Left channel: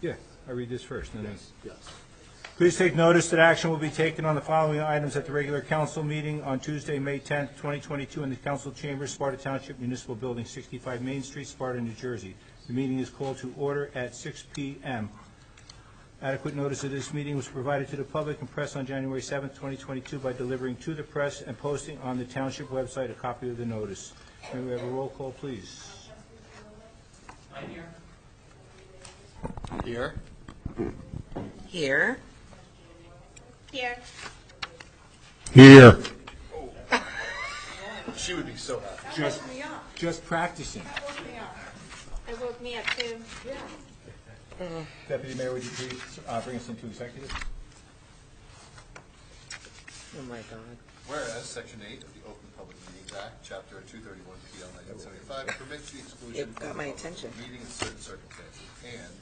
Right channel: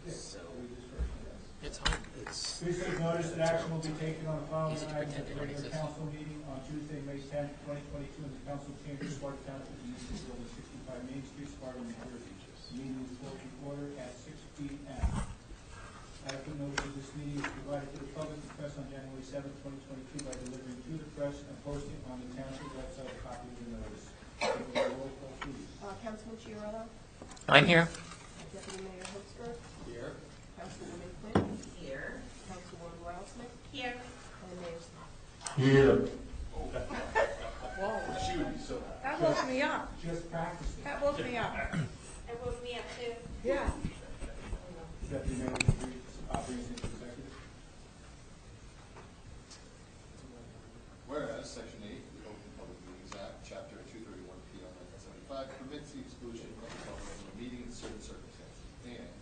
Yeah, I read this first. No, no. It's Please take notice that action will be taken on the following items at the regular council meeting on Tuesday, May 10th, 2022, in the council chambers, Sparta Township Municipal Building, 65 Main Street, Sparta, New Jersey. The meeting is called to order at 6 p.m. Adequate notice of this meeting was provided to the public and press on January 7th, 2022 by delivering to the press and posting on the township website a copy of the notice. May we have a roll call, please? Councilman Chiarella? I'm here. Deputy Mayor Holster? Here. Councilwoman Quinn? Here. Councilwoman Wildsmith? Here. And Mayor Scott? Here. She would be so happy. That woke me up. Just practicing. That woke me up. It woke me up too. Yeah. Deputy Mayor, would you please bring us into executive? Oh my God. Whereas Section 8 of the Open Public Meetings Act, Chapter 231 PL 1975 permits the exclusion It got my attention. of meeting in certain circumstances, and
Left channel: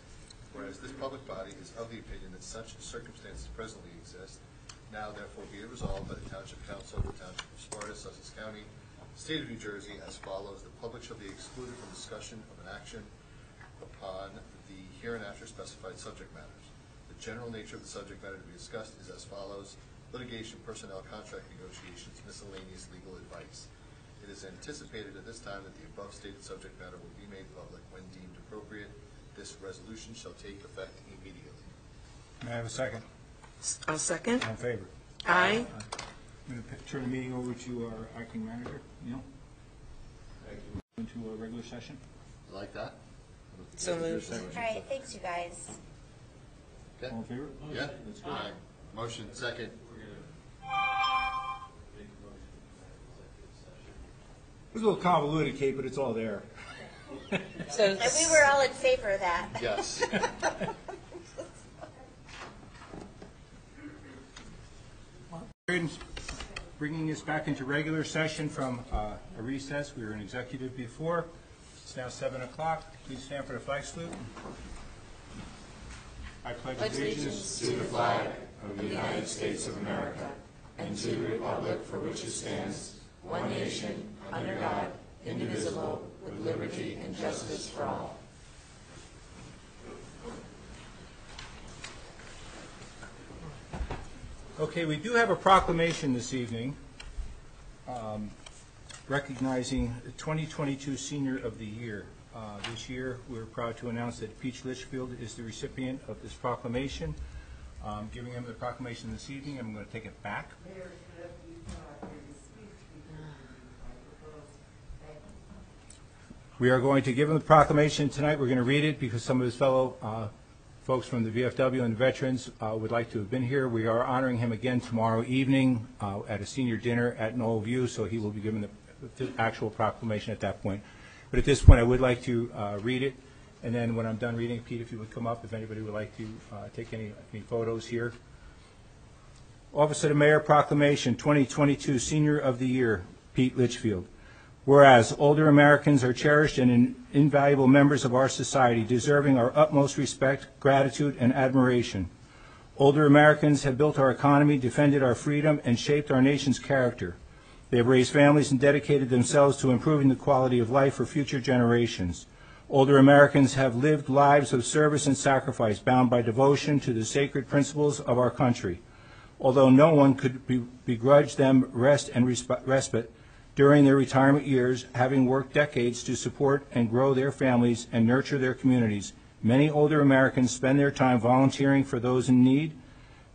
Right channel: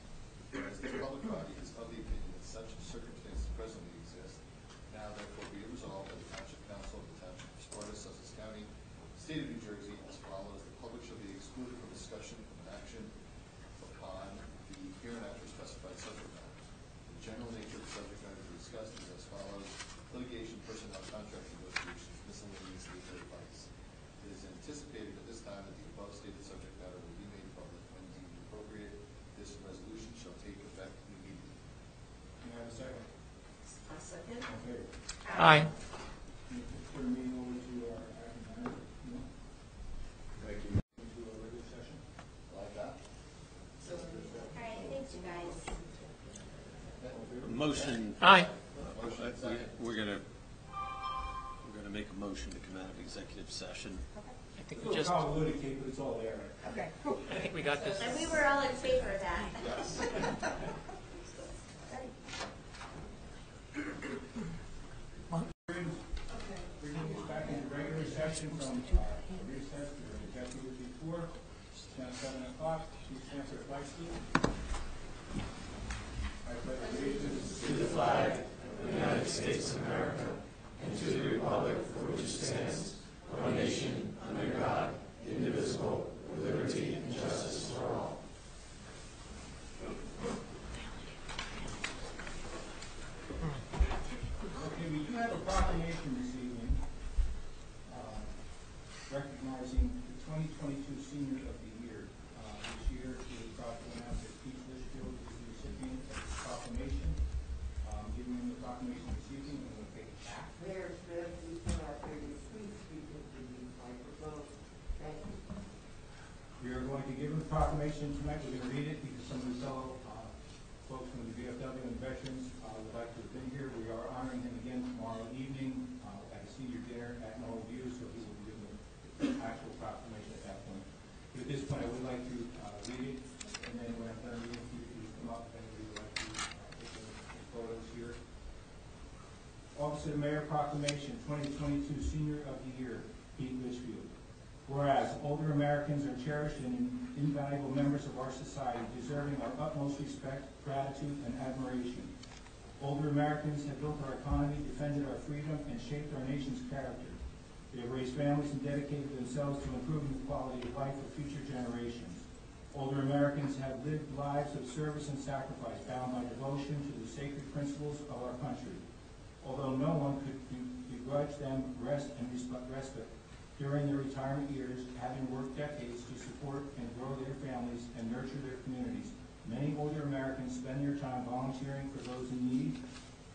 whereas this public body is of the opinion that such circumstances presently exist, now therefore be it resolved by the Township Council of the Township of Sparta, Sussex County, State of New Jersey, as follows: the public shall be excluded from discussion of an action upon the hereinafter specified subject matters. The general nature of the subject matter to be discussed is as follows: litigation, personnel, contract negotiations, miscellaneous legal advice. It is anticipated at this time that the above stated subject matter will be made public when deemed appropriate. This resolution shall take effect immediately. May I have a second? I'll second. All in favor? Aye. I'm going to turn the meeting over to our acting manager, Neil. Thank you. Into a regular session. Like that? So moved. All right, thanks, you guys. Okay. All in favor? Motion. Aye. Motion and second. We're gonna make a motion to come out of executive session. It's a little convoluted, Kate, but it's all there. I think we got So- this. And we were all in favor of that. Yes. Bringing us back into regular session from a recess. We were in executive before. It's now 7 o'clock. Please stand for the flag salute. I pledge allegiance to the flag of the United States of America and to the republic for which it stands, one nation, under God, indivisible, with liberty and justice for all. Okay, we do have a proclamation this evening recognizing the 2022 Senior of the Year. This year, we're proud to announce that Peach Litchfield is the recipient of this proclamation. Giving him the proclamation this evening, I'm going to take it back. Mayor Smith, you cannot hear you. Please speak into the microphone. Thank you. We are going to give him the proclamation tonight. We're going to read it because some of his fellow folks from the VFW and the veterans would like to have been here. We are honoring him again tomorrow evening at a senior dinner at Knoll View, so he will be given the actual proclamation at that point. But at this point, I would like to read it, and then when I'm done reading, Pete, if you would come up, if anybody would like to take any photos here. Office of the Mayor Proclamation, 2022 Senior of the Year, Pete Litchfield. Whereas older Americans are cherished and invaluable members of our society, deserving our utmost respect, gratitude, and admiration. Older Americans have built our economy, defended our freedom, and shaped our nation's character. They have raised families and dedicated themselves to improving the quality of life for future generations. Older Americans have lived lives of service and sacrifice, bound by devotion to the sacred principles of our country. Although no one could begrudge them rest and respite during their retirement years, having worked decades to support and grow their families and nurture their communities, many older Americans spend their time volunteering for those in need,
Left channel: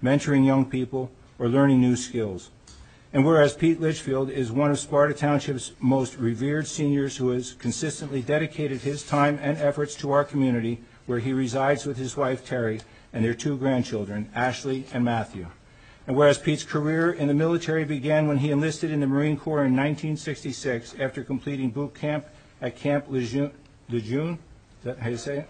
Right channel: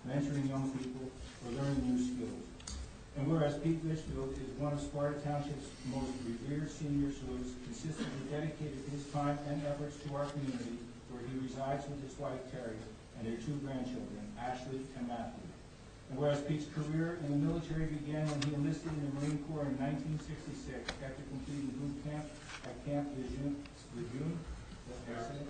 mentoring young people, or learning new skills. And whereas Pete Litchfield is one of Sparta Township's most revered seniors who has consistently dedicated his time and efforts to our community, where he resides with his wife Terry and their two grandchildren, Ashley and Matthew. And whereas Pete's career in the military began when he enlisted in the Marine Corps in 1966 after completing boot camp at Camp Lejeune, is that how you say it?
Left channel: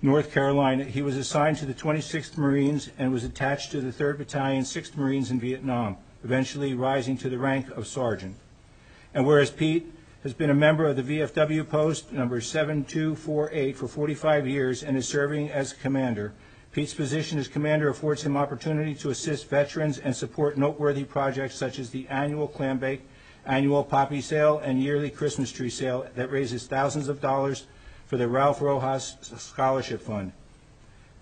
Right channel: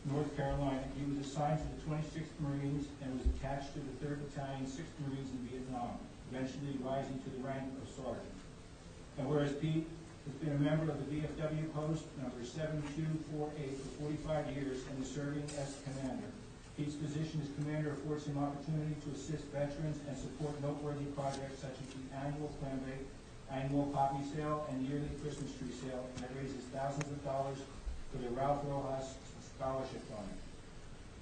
North Carolina, he was assigned to the 26th Marines and was attached to the 3rd Battalion, 6th Marines in Vietnam, eventually rising to the rank of sergeant. And whereas Pete has been a member of the VFW post number 7248 for 45 years and is serving as commander, Pete's position as commander affords him opportunity to assist veterans and support noteworthy projects such as the annual clam bake, annual poppy sale, and yearly Christmas tree sale that raises thousands of dollars for the Ralph Rojas Scholarship Fund.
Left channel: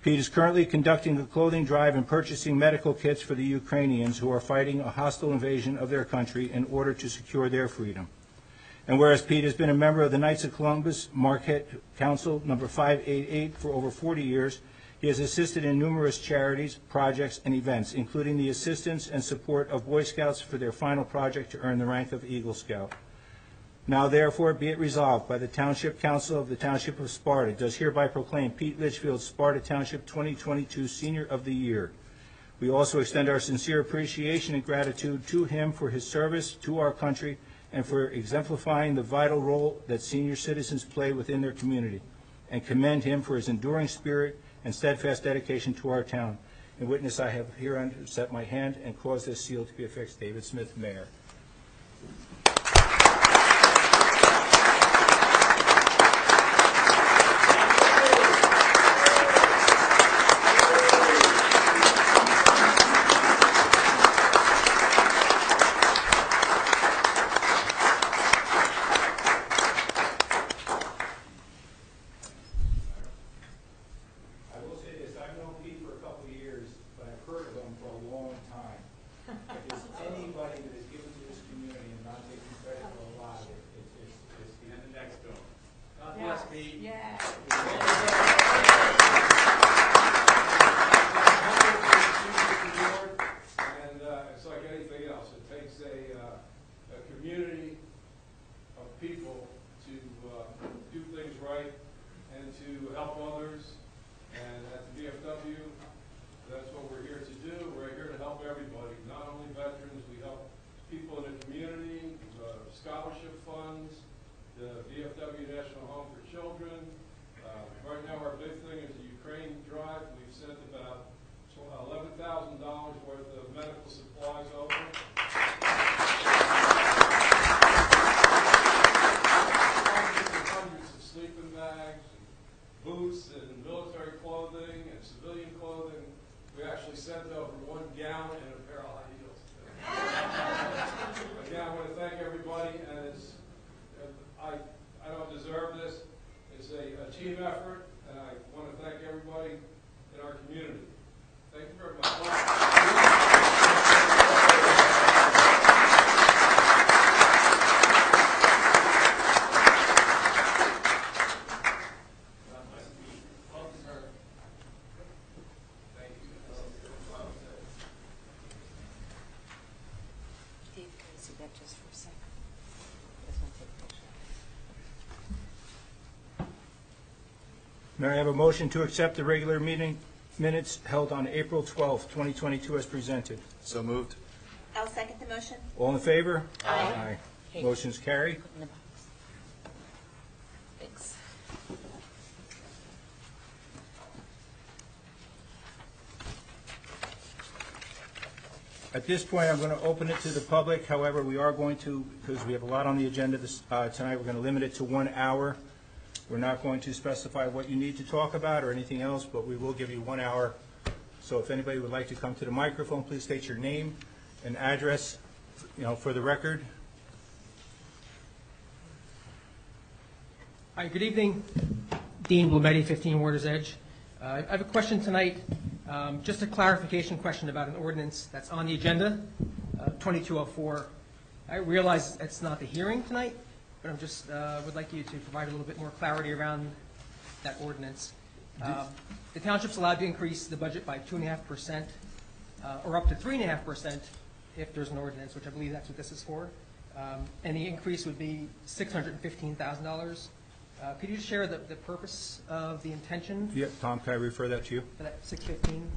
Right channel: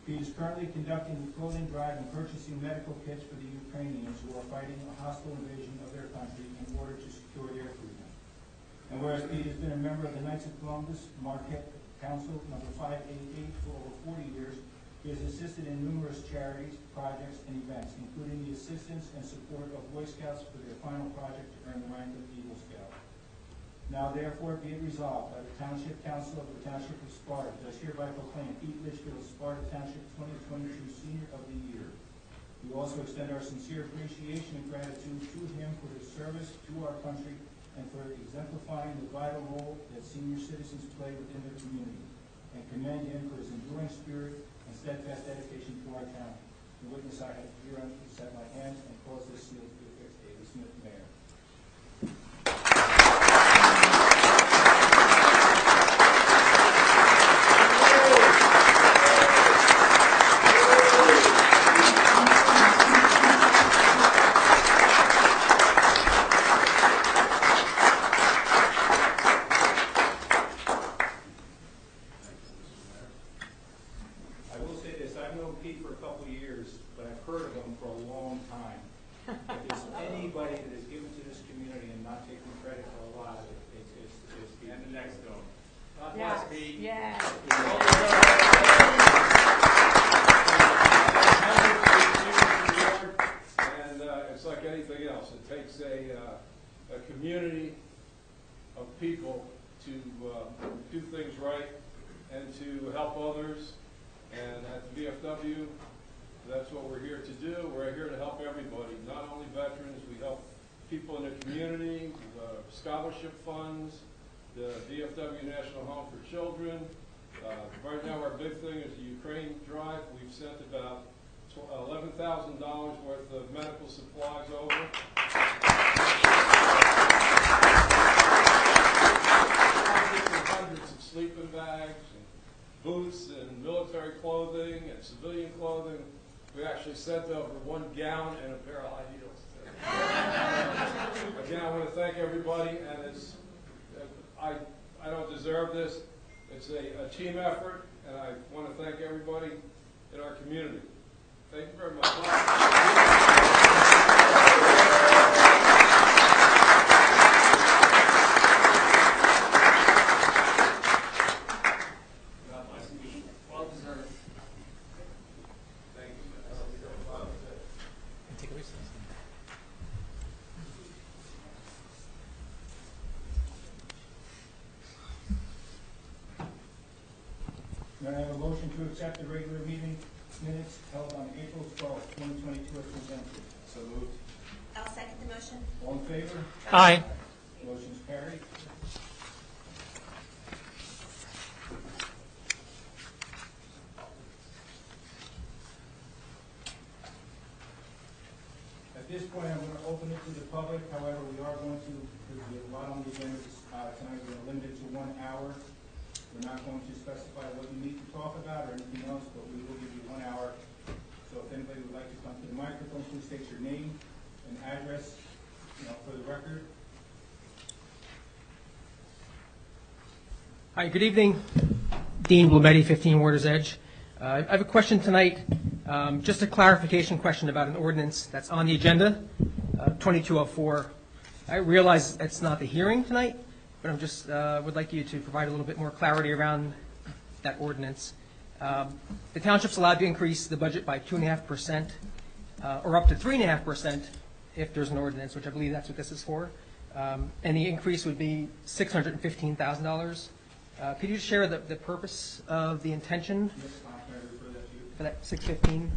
Pete is currently conducting a clothing drive and purchasing medical kits for the Ukrainians who are fighting a hostile invasion of their country in order to secure their freedom. And whereas Pete has been a member of the Knights of Columbus Marquette Council number 588 for over 40 years, he has assisted in numerous charities, projects, and events, including the assistance and support of Boy Scouts for their final project to earn the rank of Eagle Scout. Now therefore be it resolved by the Township Council of the Township of Sparta does hereby proclaim Pete Litchfield Sparta Township 2022 Senior of the Year. We also extend our sincere appreciation and gratitude to him for his service to our country and for exemplifying the vital role that senior citizens play within their community, and commend him for his enduring spirit and steadfast dedication to our town. In witness, I have hereunto set my hand and caused this seal to be affixed. David Smith, Mayor. I will say this, I've known Pete for a couple of years, but I've heard of him for a long time. If there's anybody that has given to this community and not taken credit for a lot of it, it's Pete. And the next one. God bless Pete. Yeah. And it's like anything else. It takes a community of people to do things right and to help others. And at the VFW, that's what we're here to do. We're here to help everybody, not only veterans. We help people in the community, scholarship funds, the VFW National Home for Children. Right now, our big thing is the Ukraine drive. We've sent about $11,000 worth of medical supplies over. Hundreds of sleeping bags, boots and military clothing and civilian clothing. We actually sent over 1 gown and a pair of high heels. Again, I want to thank everybody, and it's I don't deserve this. It's a team effort, and I want to thank everybody in our community. Thank you very much. May I have a motion to accept the regular meeting minutes held on April 12th, 2022 as presented? So moved. I'll second the motion. All in favor? Aye. Motion's carried. At this point, I'm going to open it to the public. However, we are going to, because we have a lot on the agenda tonight, we're going to limit it to 1 hour. We're not going to specify what you need to talk about or anything else, but we will give you 1 hour. So if anybody would like to come to the microphone, please state your name and address, for the record. Hi, good evening. Dean Blumetti, 15 Water's Edge. I have a question tonight, just a clarification question about an ordinance that's on the agenda, 2204. I realize it's not the hearing tonight, but I'm just would like you to provide a little bit more clarity around that ordinance. The township's allowed to increase the budget by 2.5%, or up to 3.5% if there's an ordinance, which I believe that's what this is for. And the increase would be $615,000. Could you share the purpose of the intention Yeah, Tom, can I refer that to you? for that 615?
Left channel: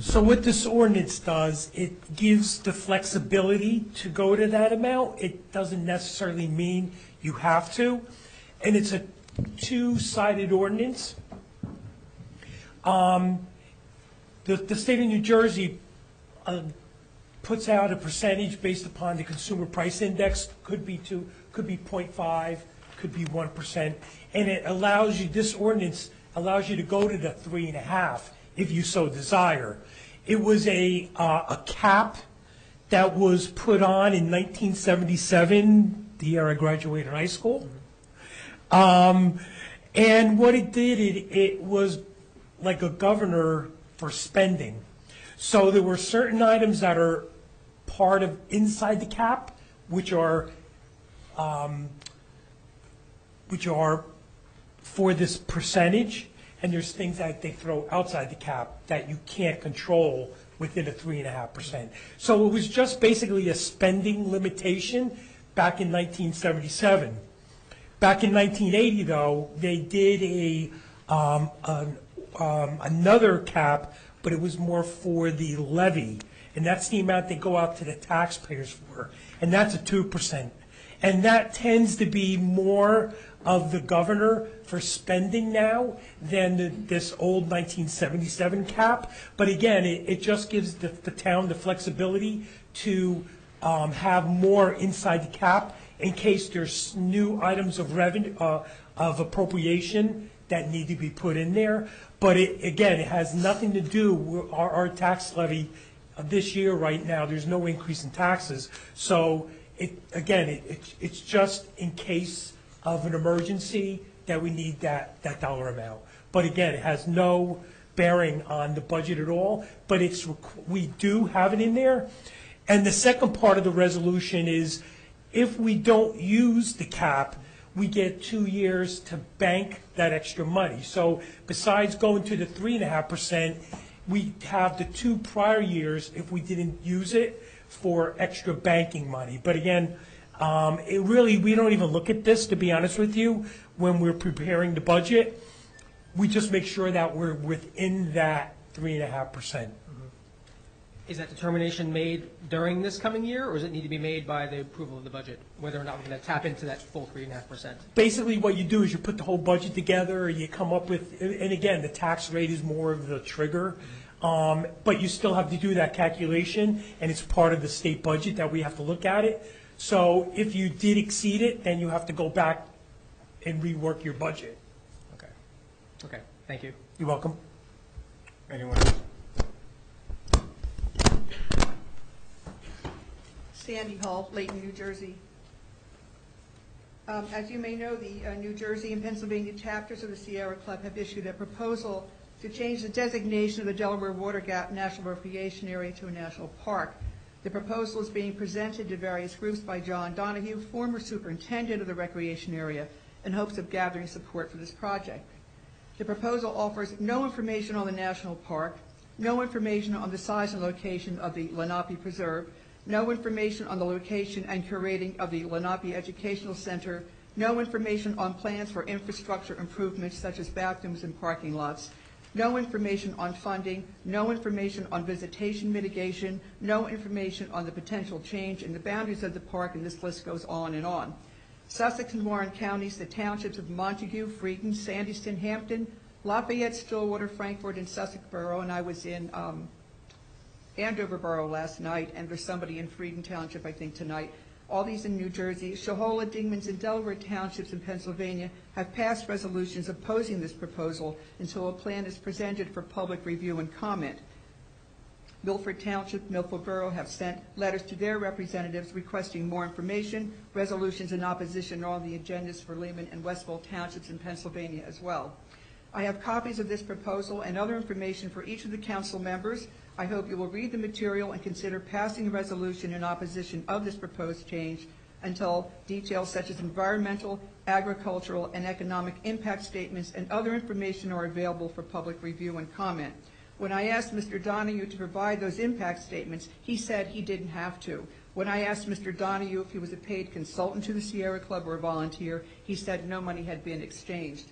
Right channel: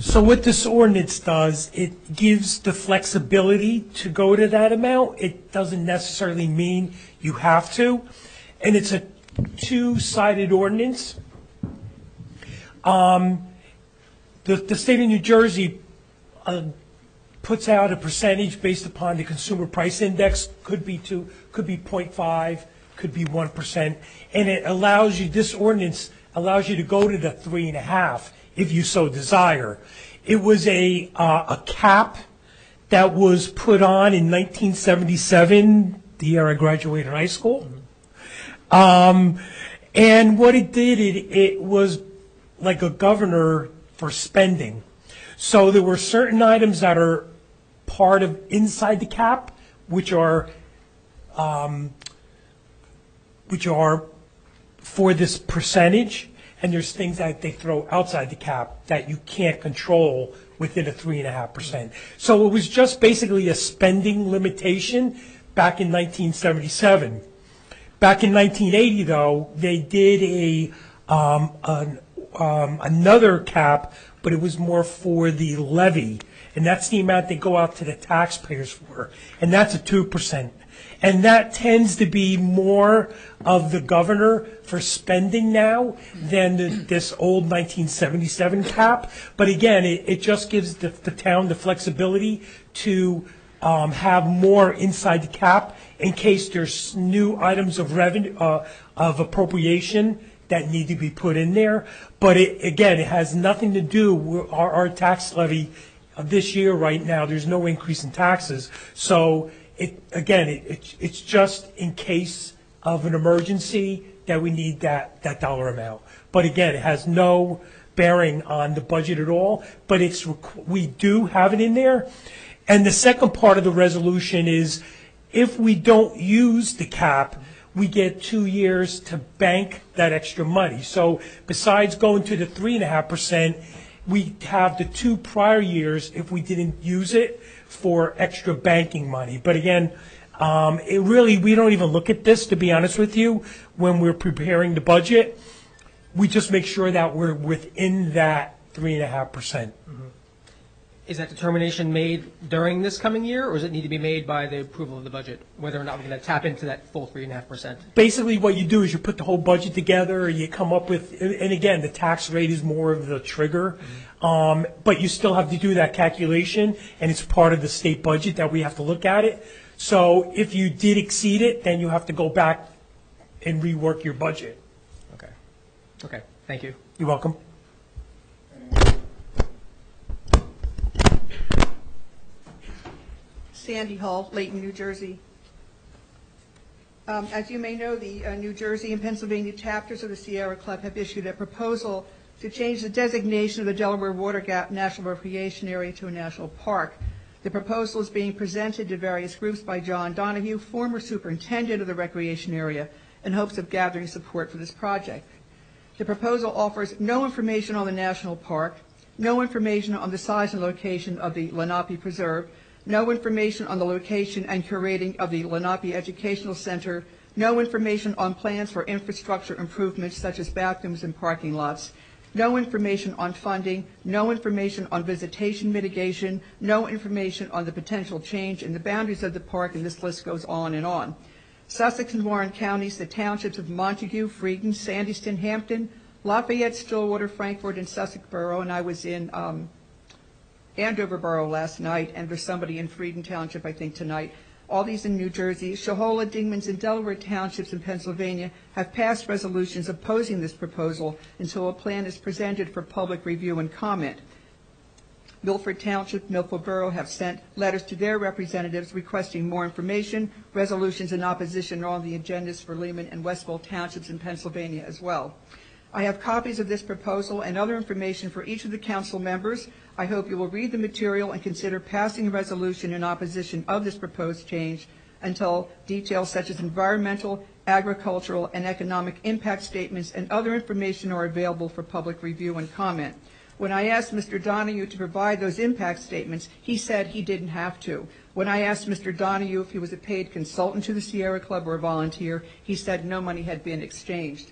So what this ordinance does, it gives the flexibility to go to that amount. It doesn't necessarily mean you have to. And it's a two-sided ordinance. The state of New Jersey puts out a percentage based upon the consumer price index, could be 0.5, could be 1%, and it allows you, this ordinance allows you to go to the 3.5 if you so desire. It was a cap that was put on in 1977, the year I graduated high school. And what it did, it was like a governor for spending. So there were certain items that are part of inside the cap, which are for this percentage, and there's things that they throw outside the cap that you can't control within a 3.5%. So it was just basically a spending limitation back in 1977. Back in 1980, though, they did another cap, but it was more for the levy, and that's the amount they go out to the taxpayers for, and that's a 2%. And that tends to be more of the governor for spending now than this old 1977 cap. But again, it just gives the town the flexibility to have more inside the cap in case there's new items of revenue, of appropriation that need to be put in there. But again, it has nothing to do with our tax levy this year right now. There's no increase in taxes. So it's just in case of an emergency that we need that dollar amount. But again, it has no bearing on the budget at all, but we do have it in there. And the second part of the resolution is if we don't use the cap, we get 2 years to bank that extra money. So besides going to the 3.5%, we have the 2 prior years if we didn't use it for extra banking money. But again, we don't even look at this, to be honest with you, when we're preparing the budget. We just make sure that we're within that 3.5%. Is that determination made during this coming year, or does it need to be made by the approval of the budget, whether or not we're going to tap into that full 3.5%? Basically, what you do is you put the whole budget together, you come up with, and again, the tax rate is more of the trigger, but you still have to do that calculation, and it's part of the state budget that we have to look at it. So if you did exceed it, then you have to go back and rework your budget. Okay, thank you. You're welcome. Anyone? Sandy Hall, Layton, New Jersey. As you may know, the New Jersey and Pennsylvania chapters of the Sierra Club have issued a proposal to change the designation of the Delaware Water Gap National Recreation Area to a national park. The proposal is being presented to various groups by John Donahue, former superintendent of the recreation area, in hopes of gathering support for this project. The proposal offers no information on the national park, no information on the size and location of the Lenape Preserve, no information on the location and curating of the Lenape Educational Center, no information on plans for infrastructure improvements such as bathrooms and parking lots, no information on funding, no information on visitation mitigation, no information on the potential change in the boundaries of the park, and this list goes on and on. Sussex and Warren counties, the townships of Montague, Freedon, Sandyston, Hampton, Lafayette, Stillwater, Frankfort, and Sussex Borough, and I was in Andover Borough last night, and there's somebody in Freedon Township, I think, tonight. All these in New Jersey. Shohola, Dingmans, and Delaware Townships in Pennsylvania have passed resolutions opposing this proposal until a plan is presented for public review and comment. Milford Township, Milford Borough have sent letters to their representatives requesting more information. Resolutions in opposition are on the agendas for Lehman and Westville Townships in Pennsylvania as well. I have copies of this proposal and other information for each of the council members. I hope you will read the material and consider passing a resolution in opposition of this proposed change until details such as environmental, agricultural, and economic impact statements and other information are available for public review and comment. When I asked Mr. Donahue to provide those impact statements, he said he didn't have to. When I asked Mr. Donahue if he was a paid consultant to the Sierra Club or a volunteer, he said no money had been exchanged.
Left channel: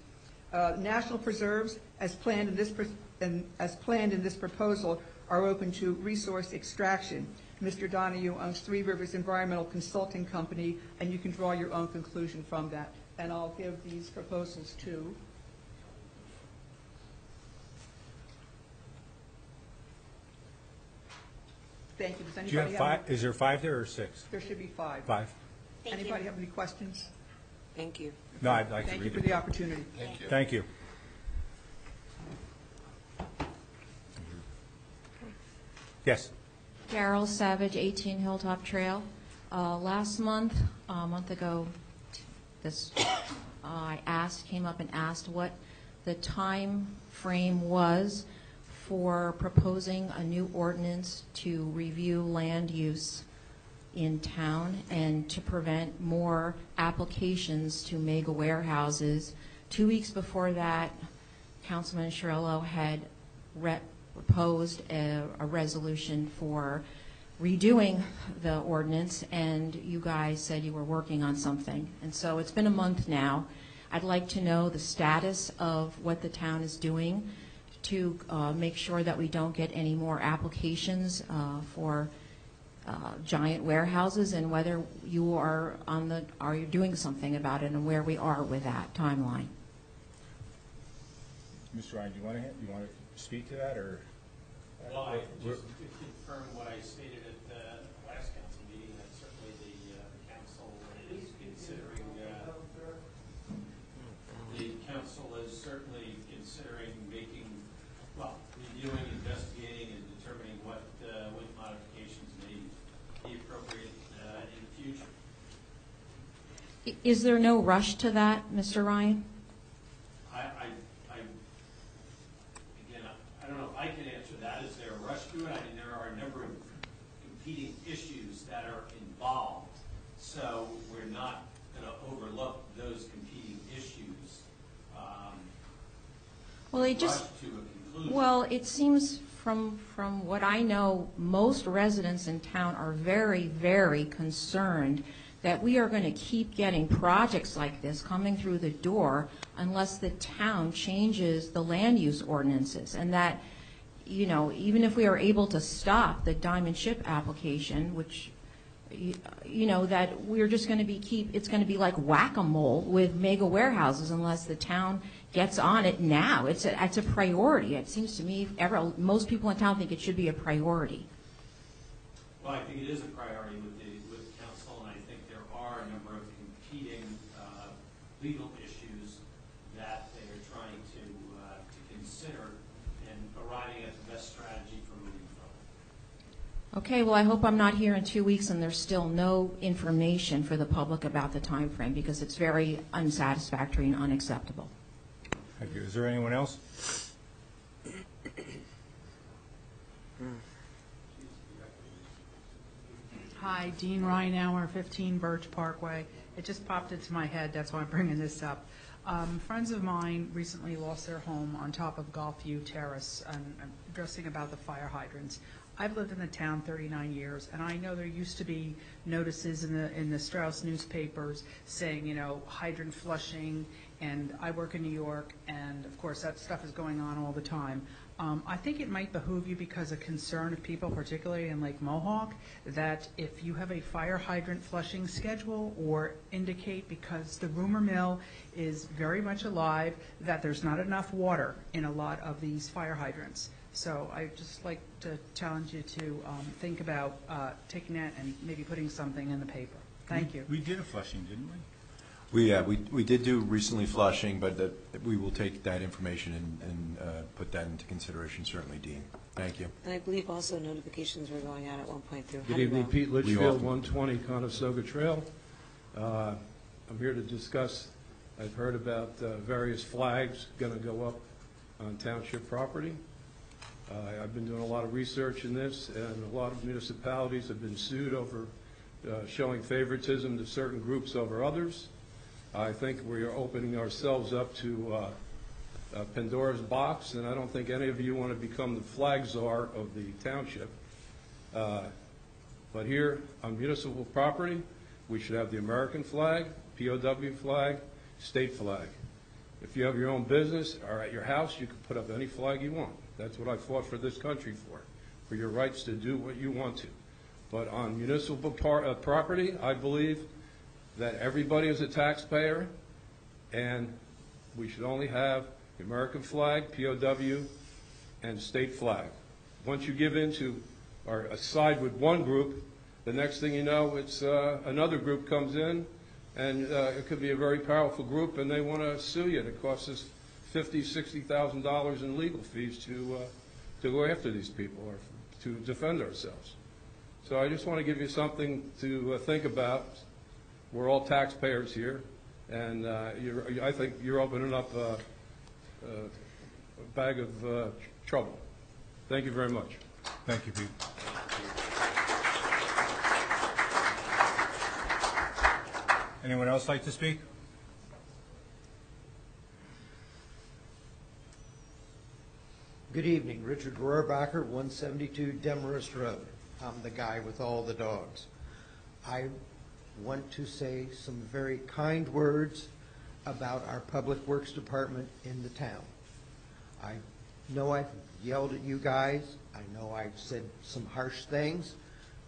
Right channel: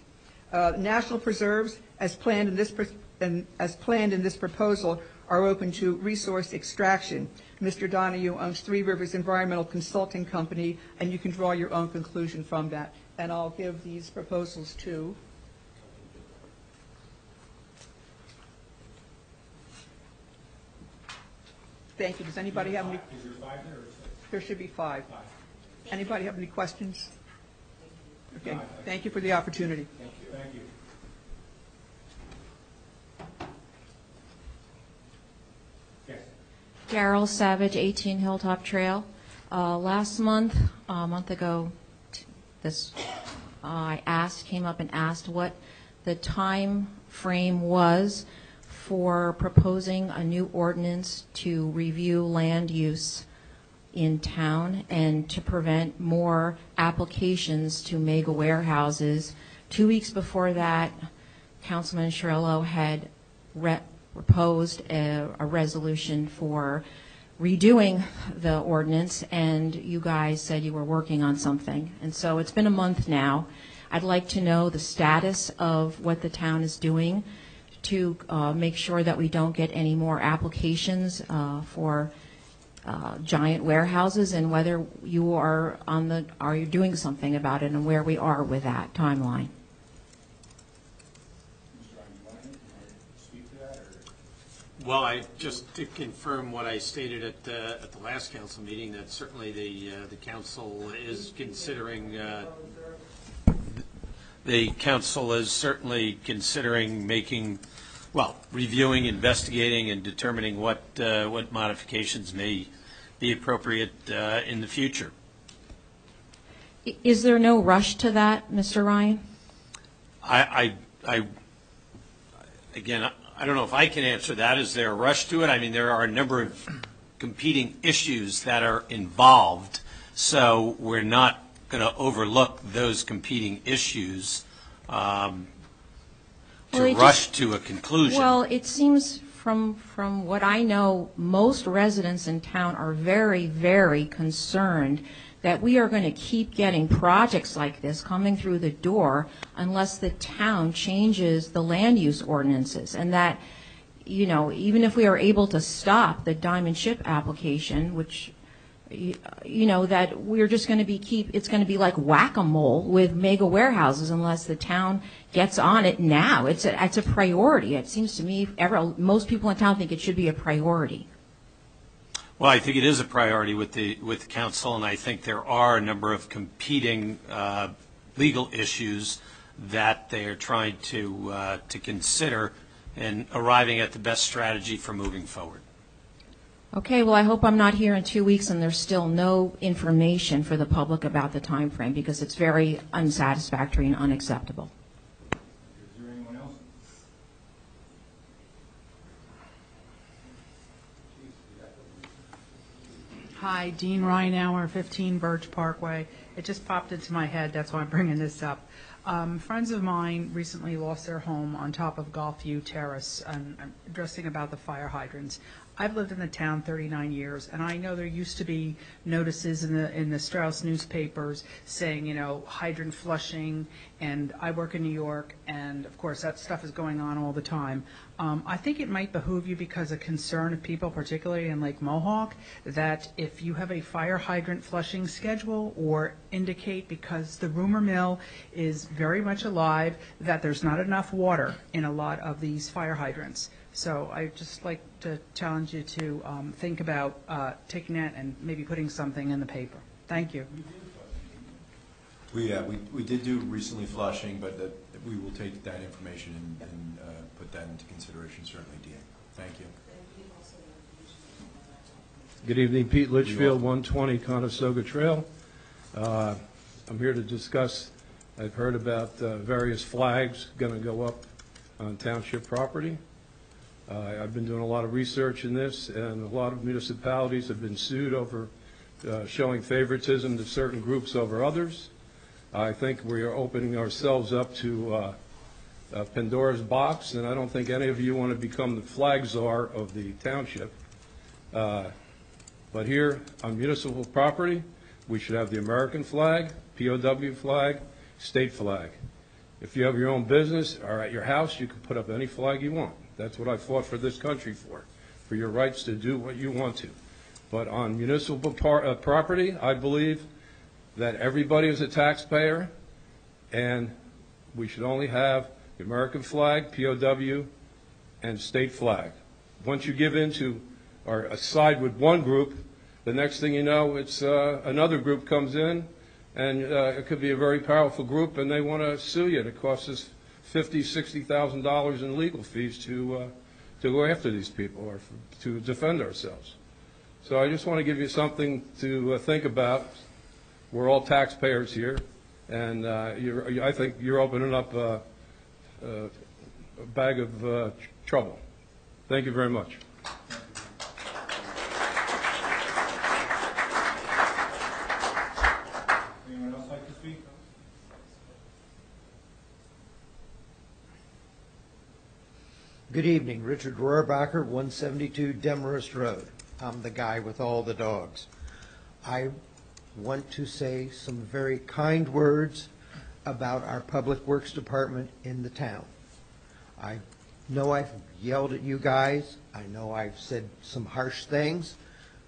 National preserves, as planned in this proposal, are open to resource extraction. Mr. Donahue owns Three Rivers Environmental Consulting Company, and you can draw your own conclusion from that. And I'll give these proposals to Thank you. Does anybody have any? Is there 5 there or 6? There should be 5. 5. Anybody have any questions? Thank you. No, I'd like to Thank you read for the opportunity. Thank you. Thank you. Yes. Daryl Savage, 18 Hilltop Trail. Last month, a month ago, this came up and asked what the time frame was for proposing a new ordinance to review land use in town and to prevent more applications to mega warehouses. 2 weeks before that, Councilman Cirillo had proposed a resolution for redoing the ordinance, and you guys said you were working on something. And so it's been a month now. I'd like to know the status of what the town is doing to make sure that we don't get any more applications for giant warehouses, and whether you are you doing something about it, and where we are with that timeline. Mr. Ryan, do you want to speak to that, or? Well, just to confirm what I stated at the last council meeting, that certainly the council is considering, reviewing, investigating, and determining what modifications may be appropriate in the future. Is there no rush to that, Mr. Ryan? Again, I don't know if I can answer that. Is there a rush to it? I mean, there are a number of competing issues that are involved, so we're not going to overlook those competing issues rush to a conclusion. Well, it seems from what I know, most residents in town are very, very concerned that we are going to keep getting projects like this coming through the door unless the town changes the land use ordinances, and that, you know, even if we are able to stop the diamond ship application, which, you know, that we're just going to be it's going to be like whack-a-mole with mega warehouses unless the town gets on it now. It's a priority. It seems to me most people in town think it should be a priority. Well, I think it is a priority with the council, and I think there are a number of competing legal issues that they are trying to consider in arriving at the best strategy for moving forward. Okay, well, I hope I'm not here in 2 weeks and there's still no information for the public about the time frame, because it's very unsatisfactory and unacceptable. Thank you. Is there anyone else? Hi, Dean Reinauer, 15 Birch Parkway. It just popped into my head, that's why I'm bringing this up. Friends of mine recently lost their home on top of Golfview Terrace, and I'm addressing about the fire hydrants. I've lived in the town 39 years, and I know there used to be notices in the Strauss newspapers saying, you know, hydrant flushing, and I work in New York, and of course that stuff is going on all the time. I think it might behoove you, because of concern of people, particularly in Lake Mohawk, that if you have a fire hydrant flushing schedule, or indicate, because the rumor mill is very much alive, that there's not enough water in a lot of these fire hydrants. So I'd just like to challenge you to think about taking that and maybe putting something in the paper. Thank you. We did a flushing, didn't we? We did do recently flushing, but we will take that information and put that into consideration, certainly, Dean. Thank you. And I believe also notifications were going out at one point through. Good evening, Pete Litchfield, 120 Conestoga Trail. I'm here to discuss, I've heard about various flags going to go up on township property. I've been doing a lot of research in this, and a lot of municipalities have been sued over showing favoritism to certain groups over others. I think we are opening ourselves up to Pandora's box, and I don't think any of you want to become the flag czar of the township. But here on municipal property, we should have the American flag, POW flag, state flag. If you have your own business or at your house, you can put up any flag you want. That's what I fought for this country for your rights to do what you want to. But on municipal property, I believe that everybody is a taxpayer, and we should only have the American flag, POW, and state flag. Once you give into or side with one group, the next thing you know, it's another group comes in, and it could be a very powerful group, and they want to sue you. It costs us $50,000, $60,000 in legal fees to go after these people or to defend ourselves. So I just want to give you something to think about. We're all taxpayers here, And I think you're opening up a bag of trouble. Thank you very much. Thank you, Pete. Anyone else like to speak? Good evening, Richard Rohrbacher, 172 Demarest Road. I'm the guy with all the dogs. I want to say some very kind words about our Public Works Department in the town. I know I've yelled at you guys. I know I've said some harsh things,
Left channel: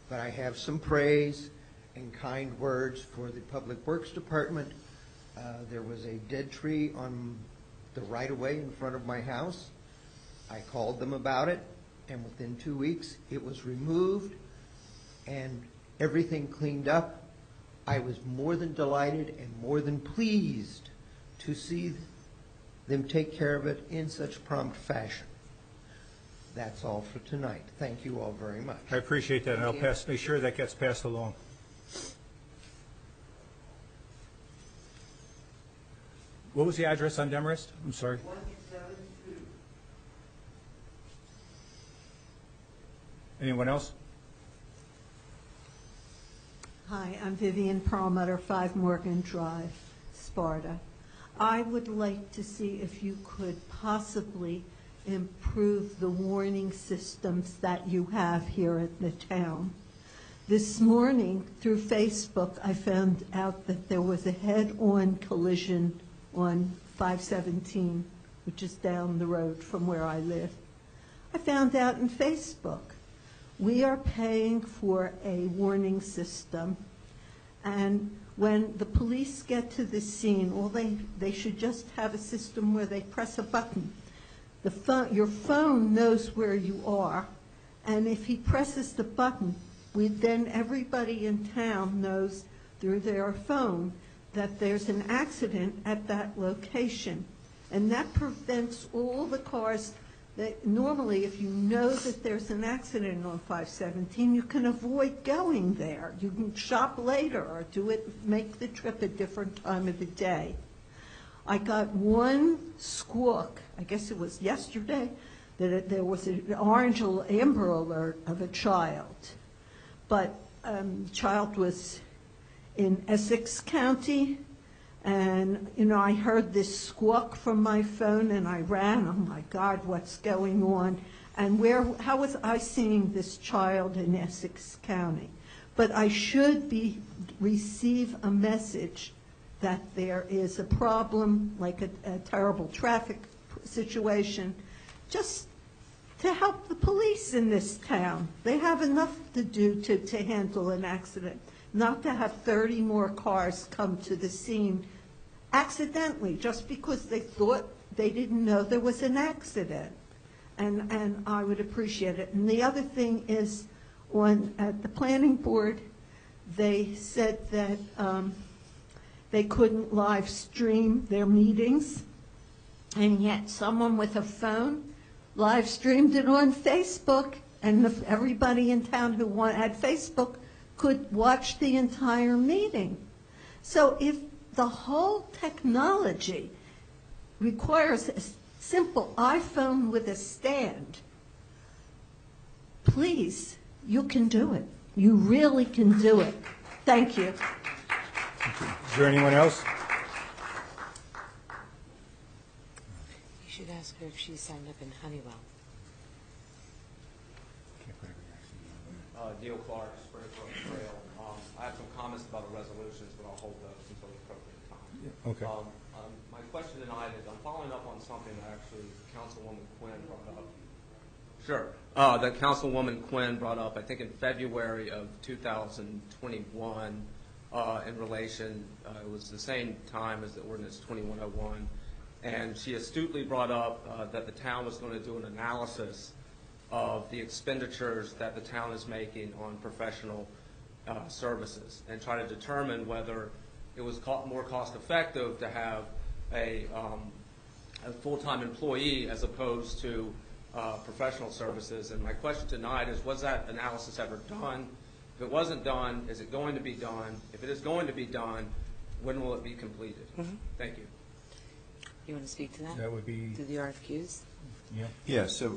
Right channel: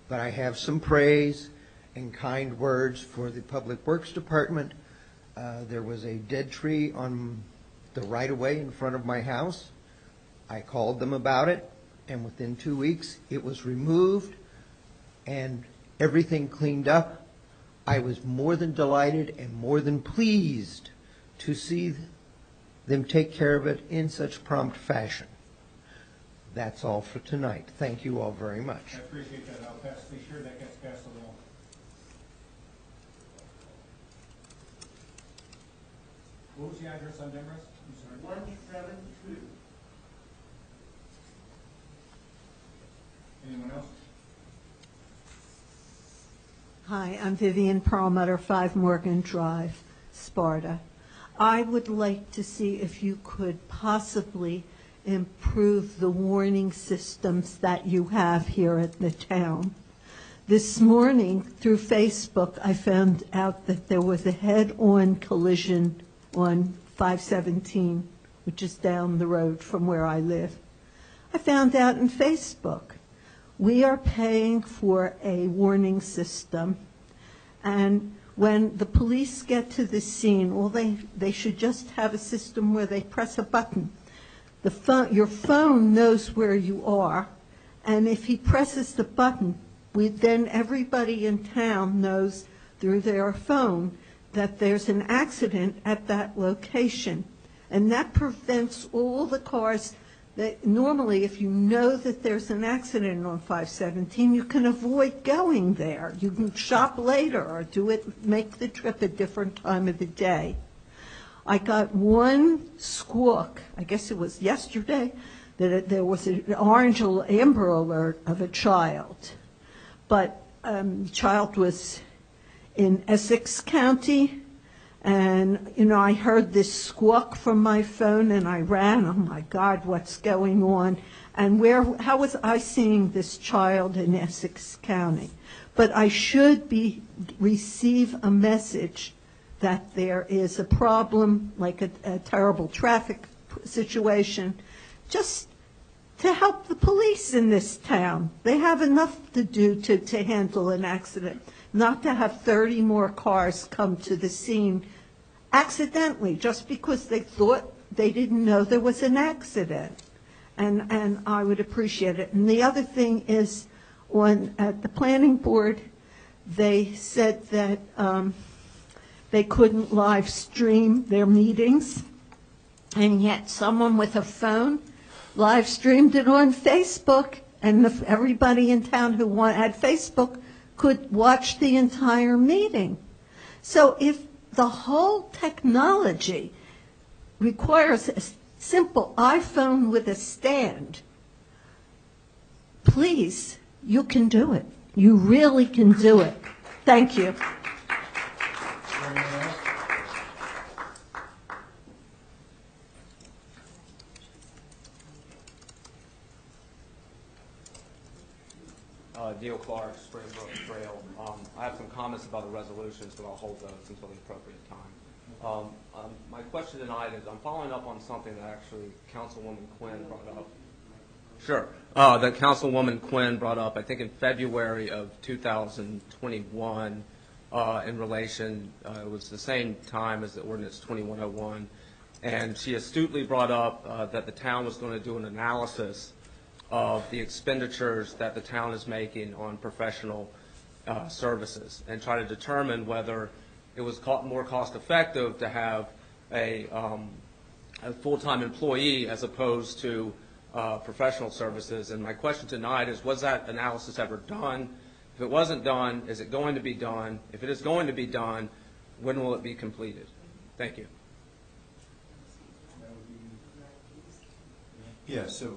but I have some praise and kind words for the Public Works Department. There was a dead tree on the right-of-way in front of my house. I called them about it, and within 2 weeks, it was removed and everything cleaned up. I was more than delighted and more than pleased to see them take care of it in such prompt fashion. That's all for tonight. Thank you all very much. I appreciate that, and I'll make sure that gets passed along. What was the address on Demarest? I'm sorry. 172. Anyone else? Hi, I'm Vivian Perlmutter, 5 Morgan Drive, Sparta. I would like to see if you could possibly improve the warning systems that you have here at the town. This morning, through Facebook, I found out that there was a head-on collision on 517, which is down the road from where I live. I found out on Facebook. We are paying for a warning system, and when the police get to the scene, well, they should just have a system where they press a button. Your phone knows where you are, and if he presses the button, then everybody in town knows through their phone that there's an accident at that location, and that prevents all the cars. That normally, if you know that there's an accident on 517, you can avoid going there. You can shop later or make the trip a different time of the day. I got one squawk, I guess it was yesterday, that there was an orange amber alert of a child. But the child was in Essex County. And, I heard this squawk from my phone, and I ran. Oh, my God, what's going on? And how was I seeing this child in Essex County? But I should receive a message that there is a problem, like a terrible traffic situation, just to help the police in this town. They have enough to do to handle an accident, not to have 30 more cars come to the scene accidentally, just because they thought they didn't know there was an accident. And I would appreciate it. And the other thing is, at the planning board, they said that they couldn't live stream their meetings, and yet someone with a phone live streamed it on Facebook, and everybody in town who had Facebook could watch the entire meeting. So if the whole technology requires a simple iPhone with a stand, please, you can do it. You really can do it. Thank you. Is there anyone else? You should ask her if she signed up in Honeywell. Neil Clark, Springbrook Trail. I have some comments about the resolutions, but I'll hold those until the appropriate time. Okay. My question tonight is, I'm following up on something that actually Councilwoman Quinn brought up. Sure. That Councilwoman Quinn brought up, I think in February of 2021, in relation, it was the same time as the ordinance 2101, and she astutely brought up that the town was going to do an analysis of the expenditures that the town is making on professional services and try to determine whether it was more cost effective to have a full-time employee as opposed to professional services. And my question tonight is, was that analysis ever done? If it wasn't done, is it going to be done? If it is going to be done, When will it be completed? Thank you. You want to speak to that? That would be, To the RFQs? Yeah, so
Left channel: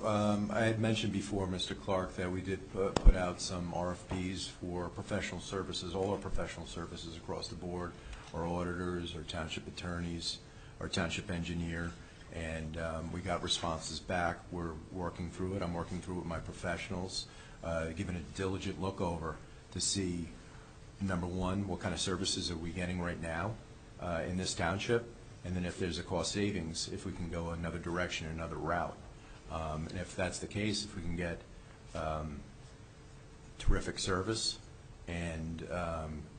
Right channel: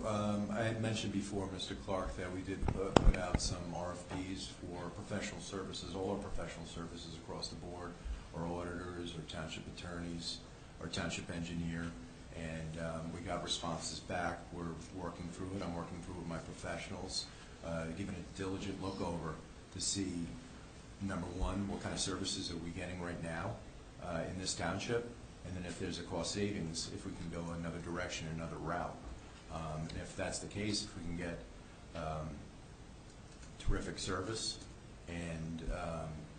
I had mentioned before, Mr. Clark, that we did put out some RFPs for professional services, all our professional services across the board, our auditors, our township attorneys, our township engineer, and we got responses back. We're working through it. I'm working through it with my professionals, giving a diligent look over to see, number one, what kind of services are we getting right now in this township, and then if there's a cost savings, if we can go another direction, another route. And if that's the case, if we can get terrific service and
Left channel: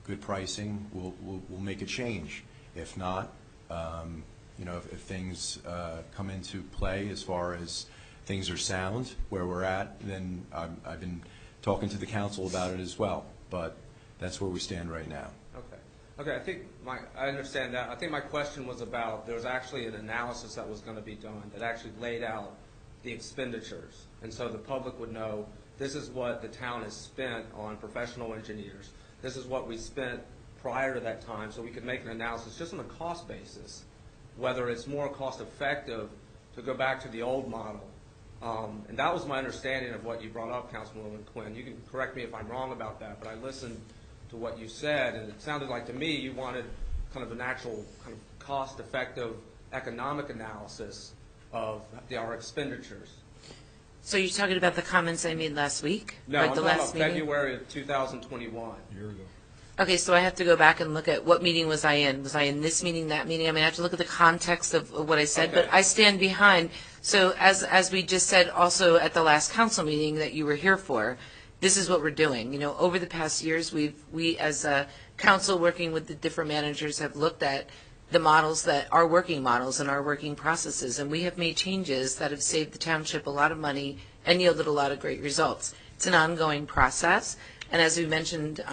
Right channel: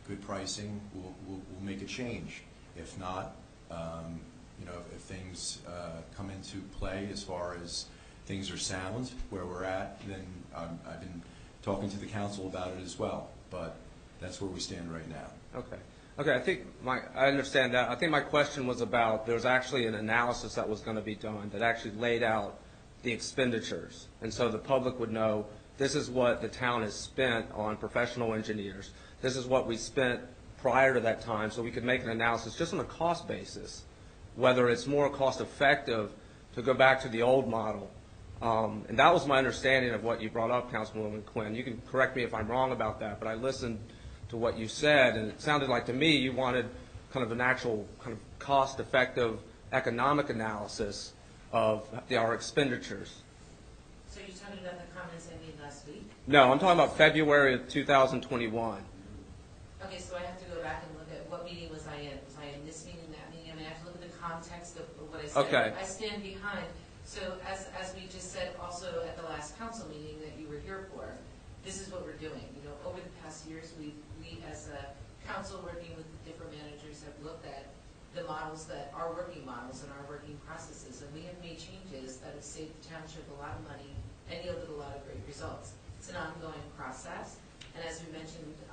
good pricing, we'll make a change. If not, if things come into play as far as things are sound where we're at, then I've been talking to the council about it as well. But that's where we stand right now. Okay, I think I understand that. I think my question was about, there's actually an analysis that was going to be done that actually laid out the expenditures. And so the public would know, this is what the town has spent on professional engineers. This is what we spent prior to that time, so we could make an analysis just on a cost basis, whether it's more cost effective to go back to the old model. And that was my understanding of what you brought up, Councilwoman Quinn. You can correct me if I'm wrong about that, but I listened to what you said, and it sounded like to me you wanted kind of an actual kind of cost-effective economic analysis of our expenditures. So you're talking about the comments I made last week? No, Like I'm the talking last about meeting? February of 2021. Okay, so I have to go back and look at what meeting was I in? Was I in this meeting, that meeting? I mean, I have to look at the context of what I said, but Okay. I stand behind. So as we just said also at the last council meeting that you were here for, this is what we're doing. You know, over the past years, we as a council working with the different managers have looked at the models that are working models and our working processes, and we have made changes that have saved the township a lot of money and yielded a lot of great results. It's an ongoing process, and as we mentioned,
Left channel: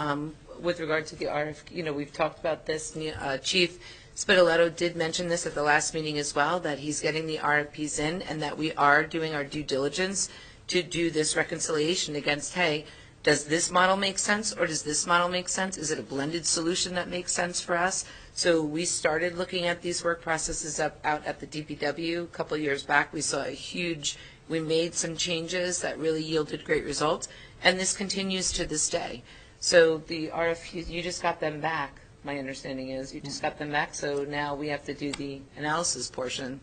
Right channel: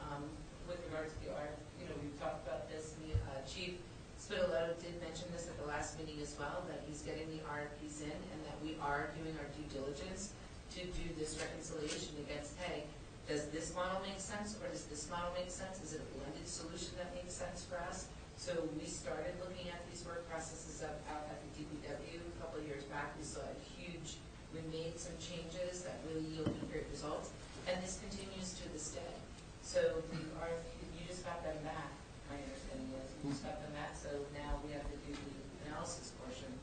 with regard to the RFQ, we've talked about this. Chief Spitaletto did mention this at the last meeting as well, that he's getting the RFPs in and that we are doing our due diligence to do this reconciliation against, hey, does this model make sense or does this model make sense? Is it a blended solution that makes sense for us? So we started looking at these work processes out at the DPW a couple of years back. We made some changes that really yielded great results, and this continues to this day. So the RFQs, you just got them back, my understanding is. You just got them back, so now we have to do the analysis portion.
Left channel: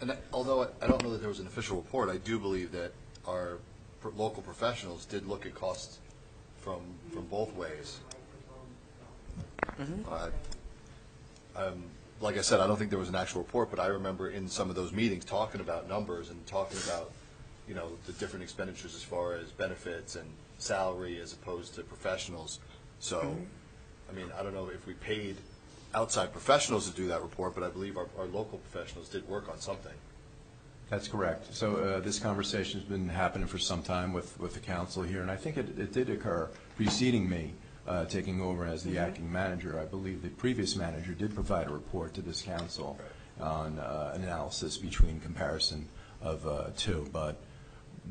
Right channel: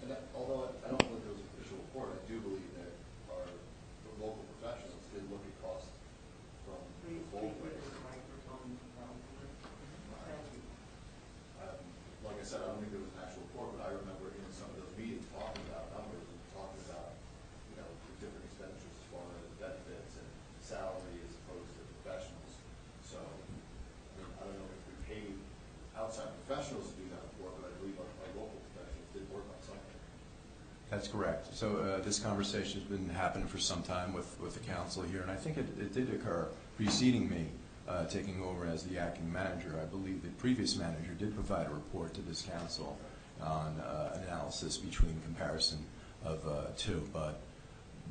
And although I don't know that there was an official report, I do believe that our local professionals did look at costs from both ways. Like I said, I don't think there was an actual report, but I remember in some of those meetings talking about numbers and talking about, the different expenditures as far as benefits and salary as opposed to professionals. So, I mean, I don't know if we paid outside professionals to do that report, but I believe our local professionals did work on something. That's correct. So this conversation's been happening for some time with the council here, and I think it did occur preceding me taking over as the acting manager. I believe the previous manager did provide a report to this council on analysis between comparison of two, but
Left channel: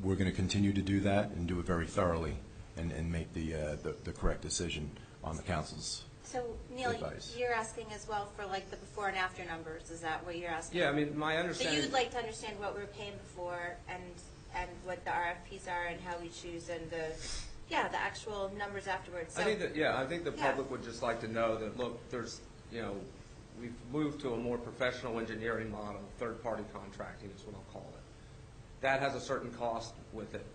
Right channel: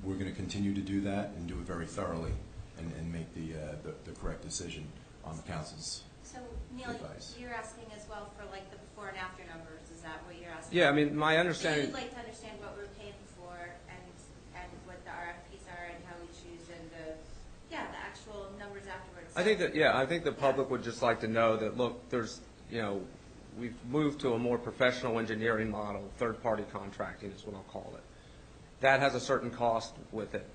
we're going to continue to do that and do it very thoroughly and make the correct decision on the council's So, Neil, advice. you're asking as well for like the before and after numbers, is that what you're asking? Yeah, I mean, my So understanding. you'd like to understand what we're paying for and what the RFPs are and how we choose and the actual numbers afterwards. I think the public would just like to know that, look, there's, we've moved to a more professional engineering model, third-party contracting is what I'll call it. That has a certain cost with it,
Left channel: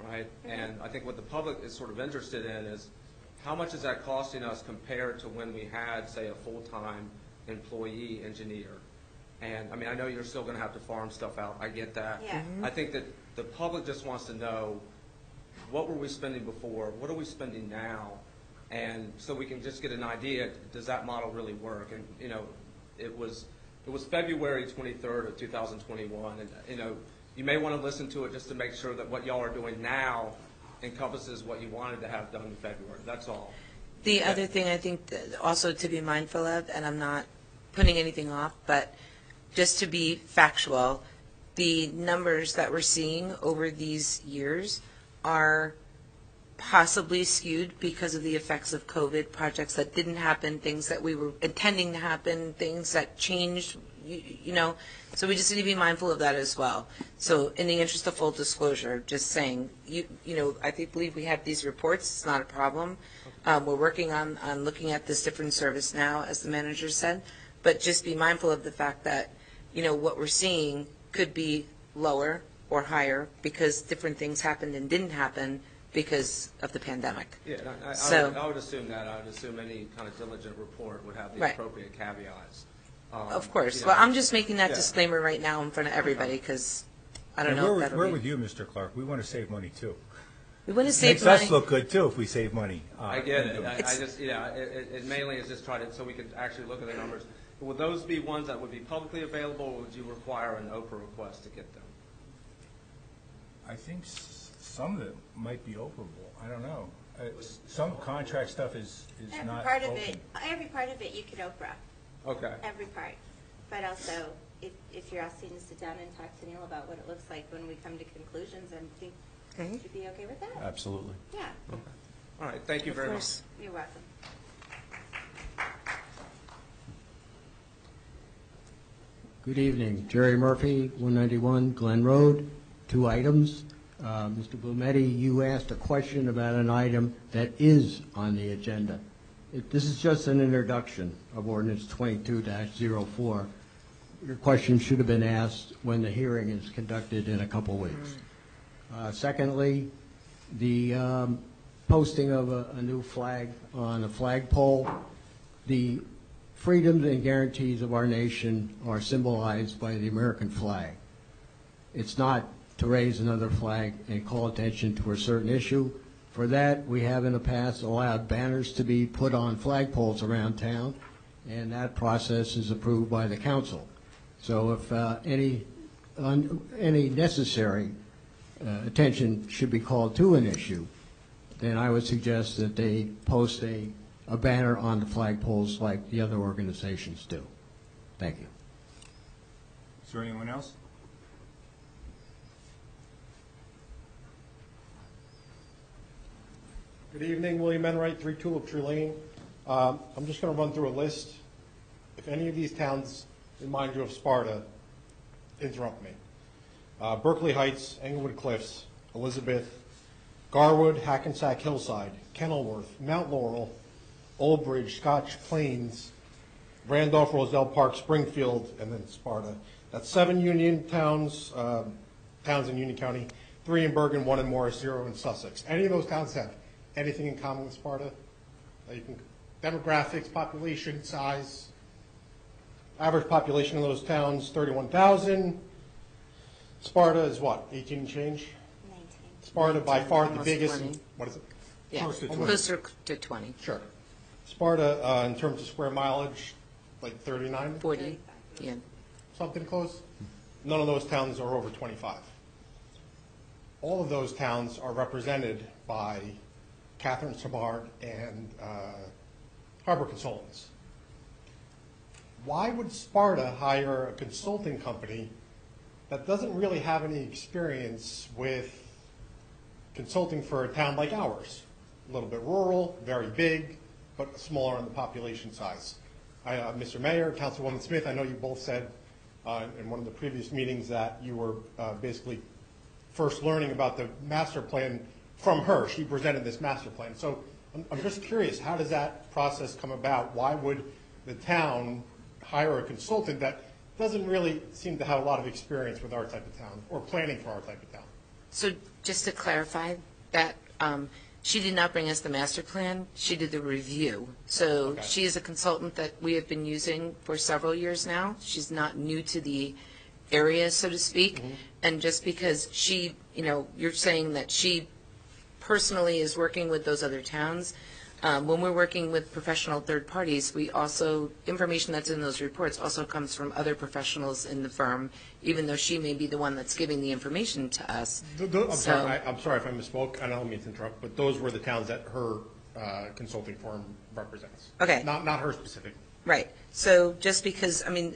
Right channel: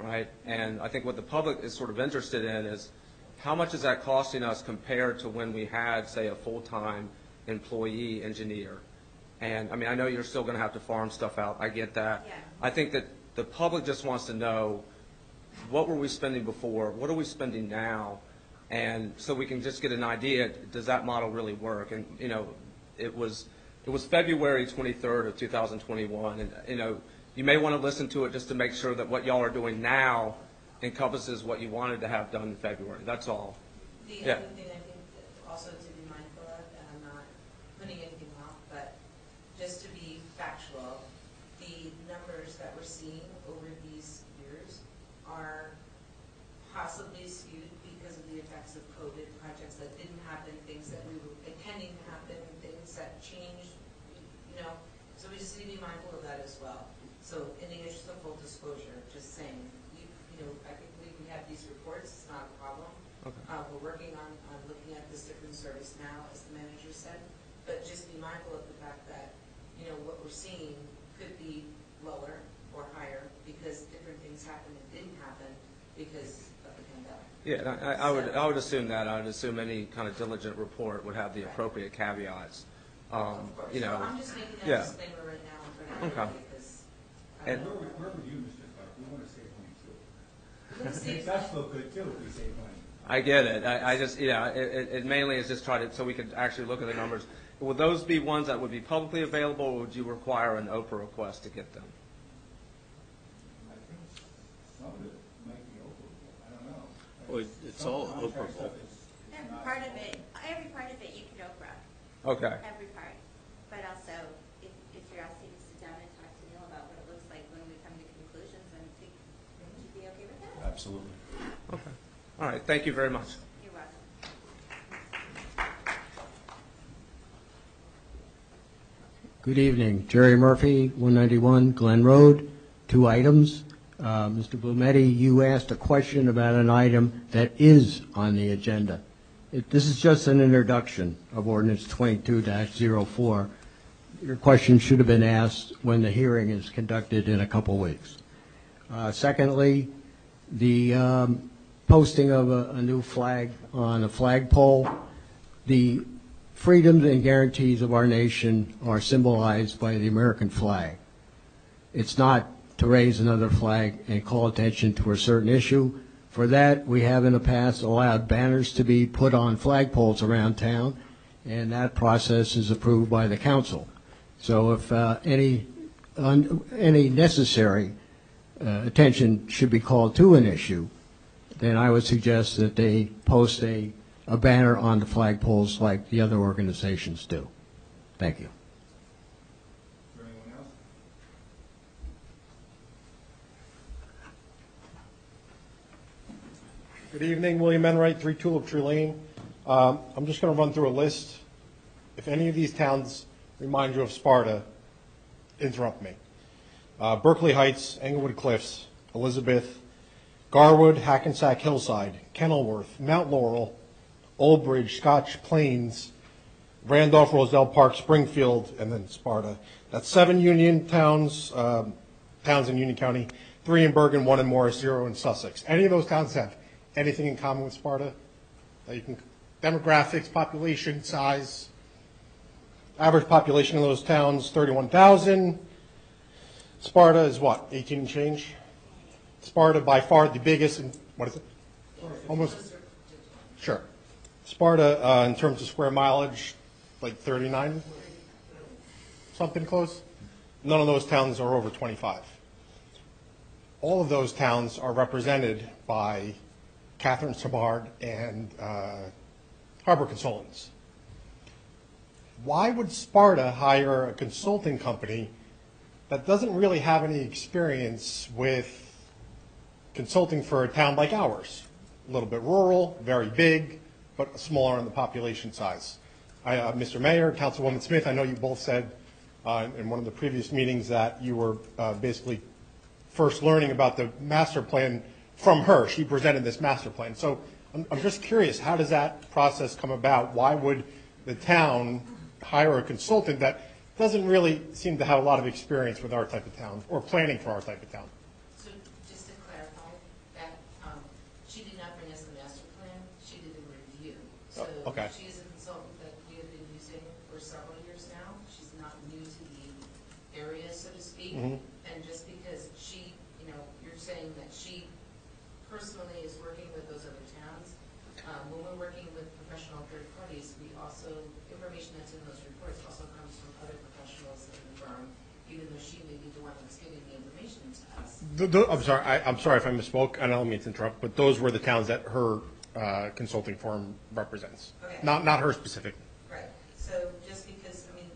right? And I think what the public is sort of interested in is how much is that costing us compared to when we had, say, a full-time employee engineer? And, I mean, I know you're still going to have to farm stuff out. I get that. Yeah. I think that the public just wants to know, what were we spending before? What are we spending now? And so we can just get an idea, does that model really work? And, it was February 23rd of 2021. And, you may want to listen to it just to make sure that what y'all are doing now encompasses what you wanted to have done in February. That's all. The other thing I think that also to be mindful of, and I'm not putting anything off, but just to be factual, the numbers that we're seeing over these years are possibly skewed because of the effects of COVID, projects that didn't happen, things that we were intending to happen, things that changed, you know, so we just need to be mindful of that as well. So in the interest of full disclosure, just saying, you know, I believe we have these reports, it's not a problem. We're working on looking at this different service now, as the manager said, but just be mindful of the fact that, you know, what we're seeing could be lower or higher because different things happened and didn't happen because of the pandemic. Yeah, and I would assume that. I would assume any kind of diligent report would have the Right. appropriate caveats. Of course. You know, Well, I'm just making that yeah. disclaimer right now in front of everybody because I don't And know if that'll we're be. with you, Mr. Clark. We want to save money, too. We want to It save makes money. us look good, too, if we save money. I get it. I just, yeah, it mainly is just try to, so we could actually look at the numbers. Would those be ones that would be publicly available, or would you require an Oprah request to get them? I think some of it might be openable. I don't know. Well, it's Some all contract open. stuff is Every not part of open. it, every part of it you could Oprah, Okay. every part. But also, if you're asking to sit down and talk to Neil about what it looks like when we come to conclusions, I think you'd be okay with that? Absolutely. Yeah, Okay. All right, thank you very much. you're welcome. Good evening. Jerry Murphy, 191 Glen Road. 2 items. Mr. Blumetti, you asked a question about an item that is on the agenda. This is just an introduction of ordinance 22-04. Your question should have been asked when the hearing is conducted in a couple weeks. Secondly, the posting of a new flag on a flagpole. The freedoms and guarantees of our nation are symbolized by the American flag. It's not to raise another flag and call attention to a certain issue. For that, we have in the past allowed banners to be put on flagpoles around town, and that process is approved by the council. So if any necessary attention should be called to an issue, then I would suggest that they post a banner on the flagpoles like the other organizations do. Thank you. Is there anyone else? Good evening, William Enright, 3 Tulip Tree Lane. I'm just going to run through a list. If any of these towns remind you of Sparta, interrupt me. Berkeley Heights, Englewood Cliffs, Elizabeth, Garwood, Hackensack Hillside, Kenilworth, Mount Laurel, Old Bridge, Scotch Plains, Randolph, Roselle Park, Springfield, and then Sparta. That's 7 Union towns, towns in Union County, 3 in Bergen, 1 in Morris, 0 in Sussex. Any of those towns have anything in common with Sparta? You can, demographics, population, size. Average population in those towns, 31,000. Sparta is what, 18 and change? Sparta by far the biggest, what is it? Yeah, Almost- closer to 20. Sure. Sparta, in terms of square mileage, like 39? 40, yeah. Something close? None of those towns are over 25. All of those towns are represented by Catherine Samard and Harbor Consultants. Why would Sparta hire a consulting company that doesn't really have any experience with consulting for a town like ours? A little bit rural, very big, but smaller in the population size. Mr. Mayor, Councilwoman Smith, I know you both said in one of the previous meetings that you were basically first learning about the master plan from her. She presented this master plan. So I'm just curious, how does that process come about? Why would the town hire a consultant that doesn't really seem to have a lot of experience with our type of town or planning for our type of town? So just to clarify that, she did not bring us the master plan, she did the review. So Okay. she is a consultant that we have been using for several years now. She's not new to the area, so to speak. And just because she, you know, you're saying that she personally is working with those other towns, when we're working with professional third parties, we also, information that's in those reports also comes from other professionals in the firm, even though she may be the one that's giving the information to us. I'm sorry if I misspoke, and I don't mean to interrupt, but those were the towns that her consulting firm represents. Okay. Not her specifically. Right. So just because, I mean,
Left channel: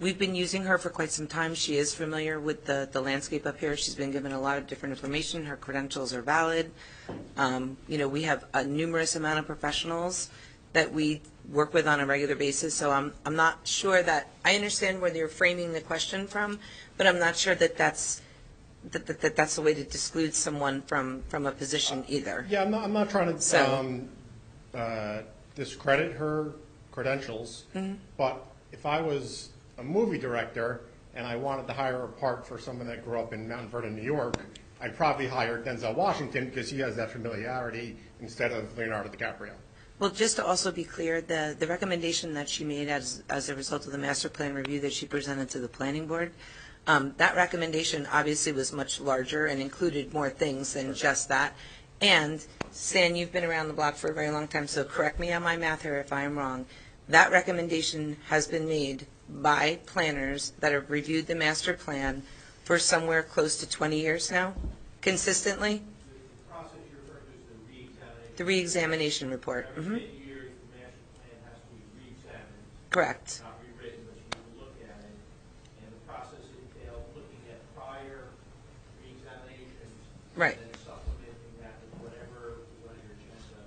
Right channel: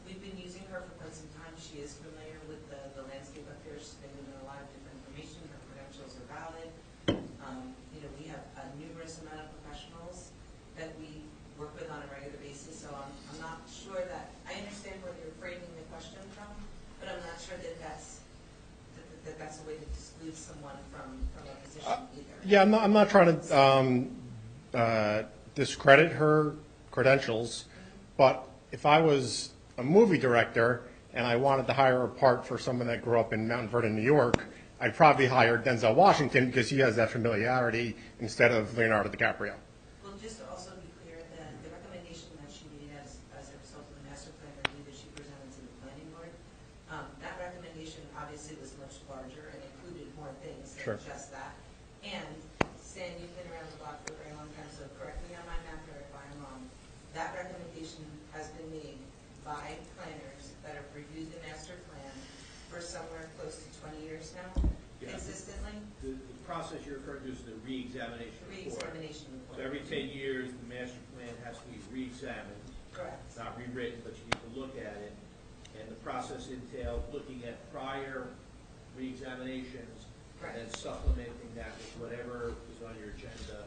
we've been using her for quite some time. She is familiar with the landscape up here. She's been given a lot of different information. Her credentials are valid. We have a numerous amount of professionals that we work with on a regular basis, so I'm not sure that, I understand where you're framing the question from, but I'm not sure that that's the way to exclude someone from a position either. Yeah, I'm not trying to discredit her credentials, but if I was a movie director and I wanted to hire a part for someone that grew up in Mount Vernon, New York, I'd probably hire Denzel Washington because he has that familiarity instead of Leonardo DiCaprio. Well, just to also be clear, the recommendation that she made as a result of the master plan review that she presented to the planning board, that recommendation obviously was much larger and included more things than just that. And Stan, you've been around the block for a very long time, so correct me on my math here if I am wrong. That recommendation has been made by planners that have reviewed the master plan for somewhere close to 20 years now, consistently? The process you're referring to is the re-examination. The re-examination report. Every 10 years, the master plan has to be re-examined. Correct. Not rewritten, but you need to look at it. And the process entailed looking at prior re-examinations. Right. And then supplementing that with whatever is on your agenda,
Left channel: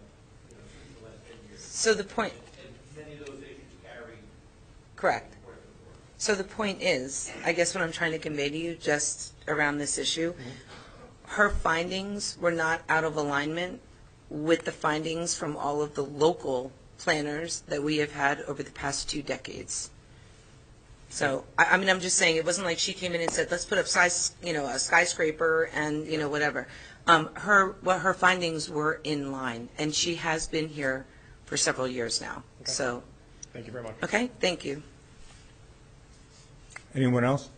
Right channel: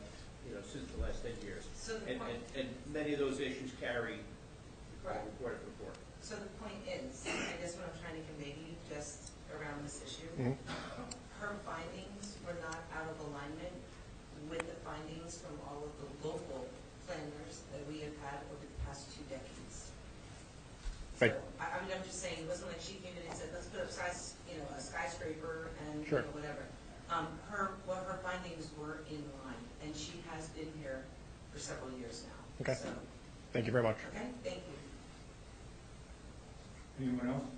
since the last 10 years. So the point. And many of those issues carry. Correct. Report to report. So the point is, I guess what I'm trying to convey to you just around this issue, her findings were not out of alignment with the findings from all of the local planners that we have had over the past 2 decades. So, I mean, I'm just saying, it wasn't like she came in and said, let's put up a skyscraper and, whatever. Her findings were in line, and she has been here for several years now. Okay. So. Thank you very much. Okay, thank you. Anyone else?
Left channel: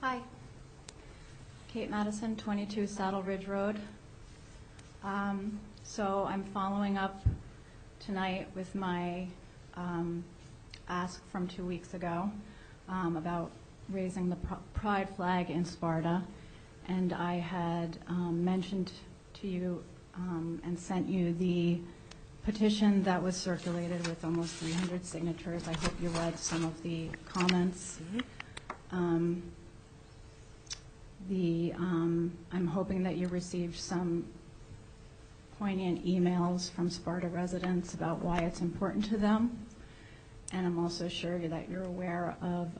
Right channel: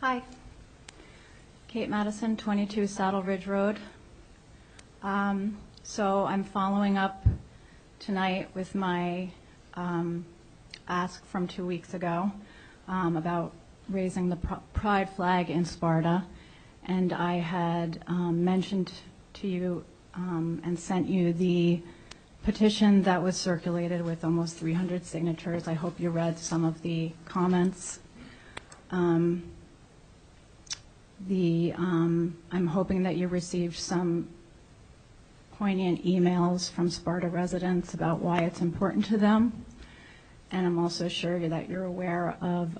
Hi. Kate Madison, 22 Saddle Ridge Road. So I'm following up tonight with my ask from 2 weeks ago about raising the pride flag in Sparta. And I had mentioned to you and sent you the petition that was circulated with almost 300 signatures. I hope you read some of the comments. I'm hoping that you received some poignant emails from Sparta residents about why it's important to them. And I'm also sure that you're aware of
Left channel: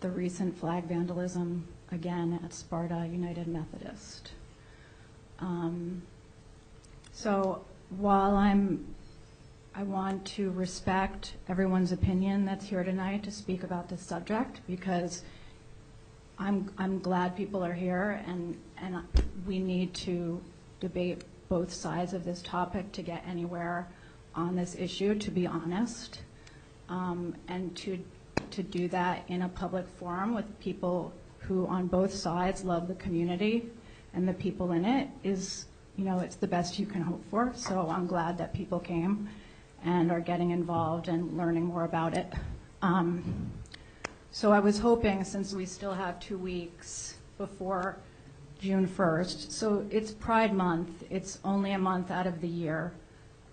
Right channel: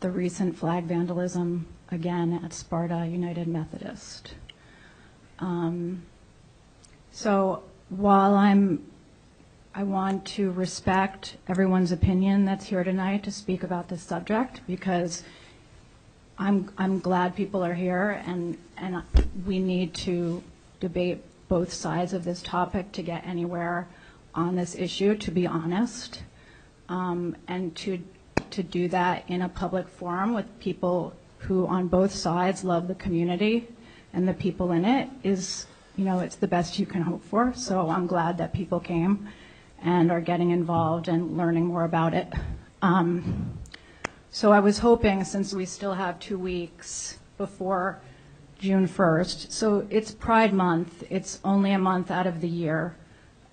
the recent flag vandalism again at Sparta United Methodist. So while I want to respect everyone's opinion that's here tonight to speak about this subject, because I'm glad people are here, and we need to debate both sides of this topic to get anywhere on this issue, to be honest, and to do that in a public forum with people who on both sides love the community and the people in it is, it's the best you can hope for. So I'm glad that people came and are getting involved and learning more about it. So I was hoping, since we still have 2 weeks before June 1st, so it's Pride Month, it's only a month out of the year,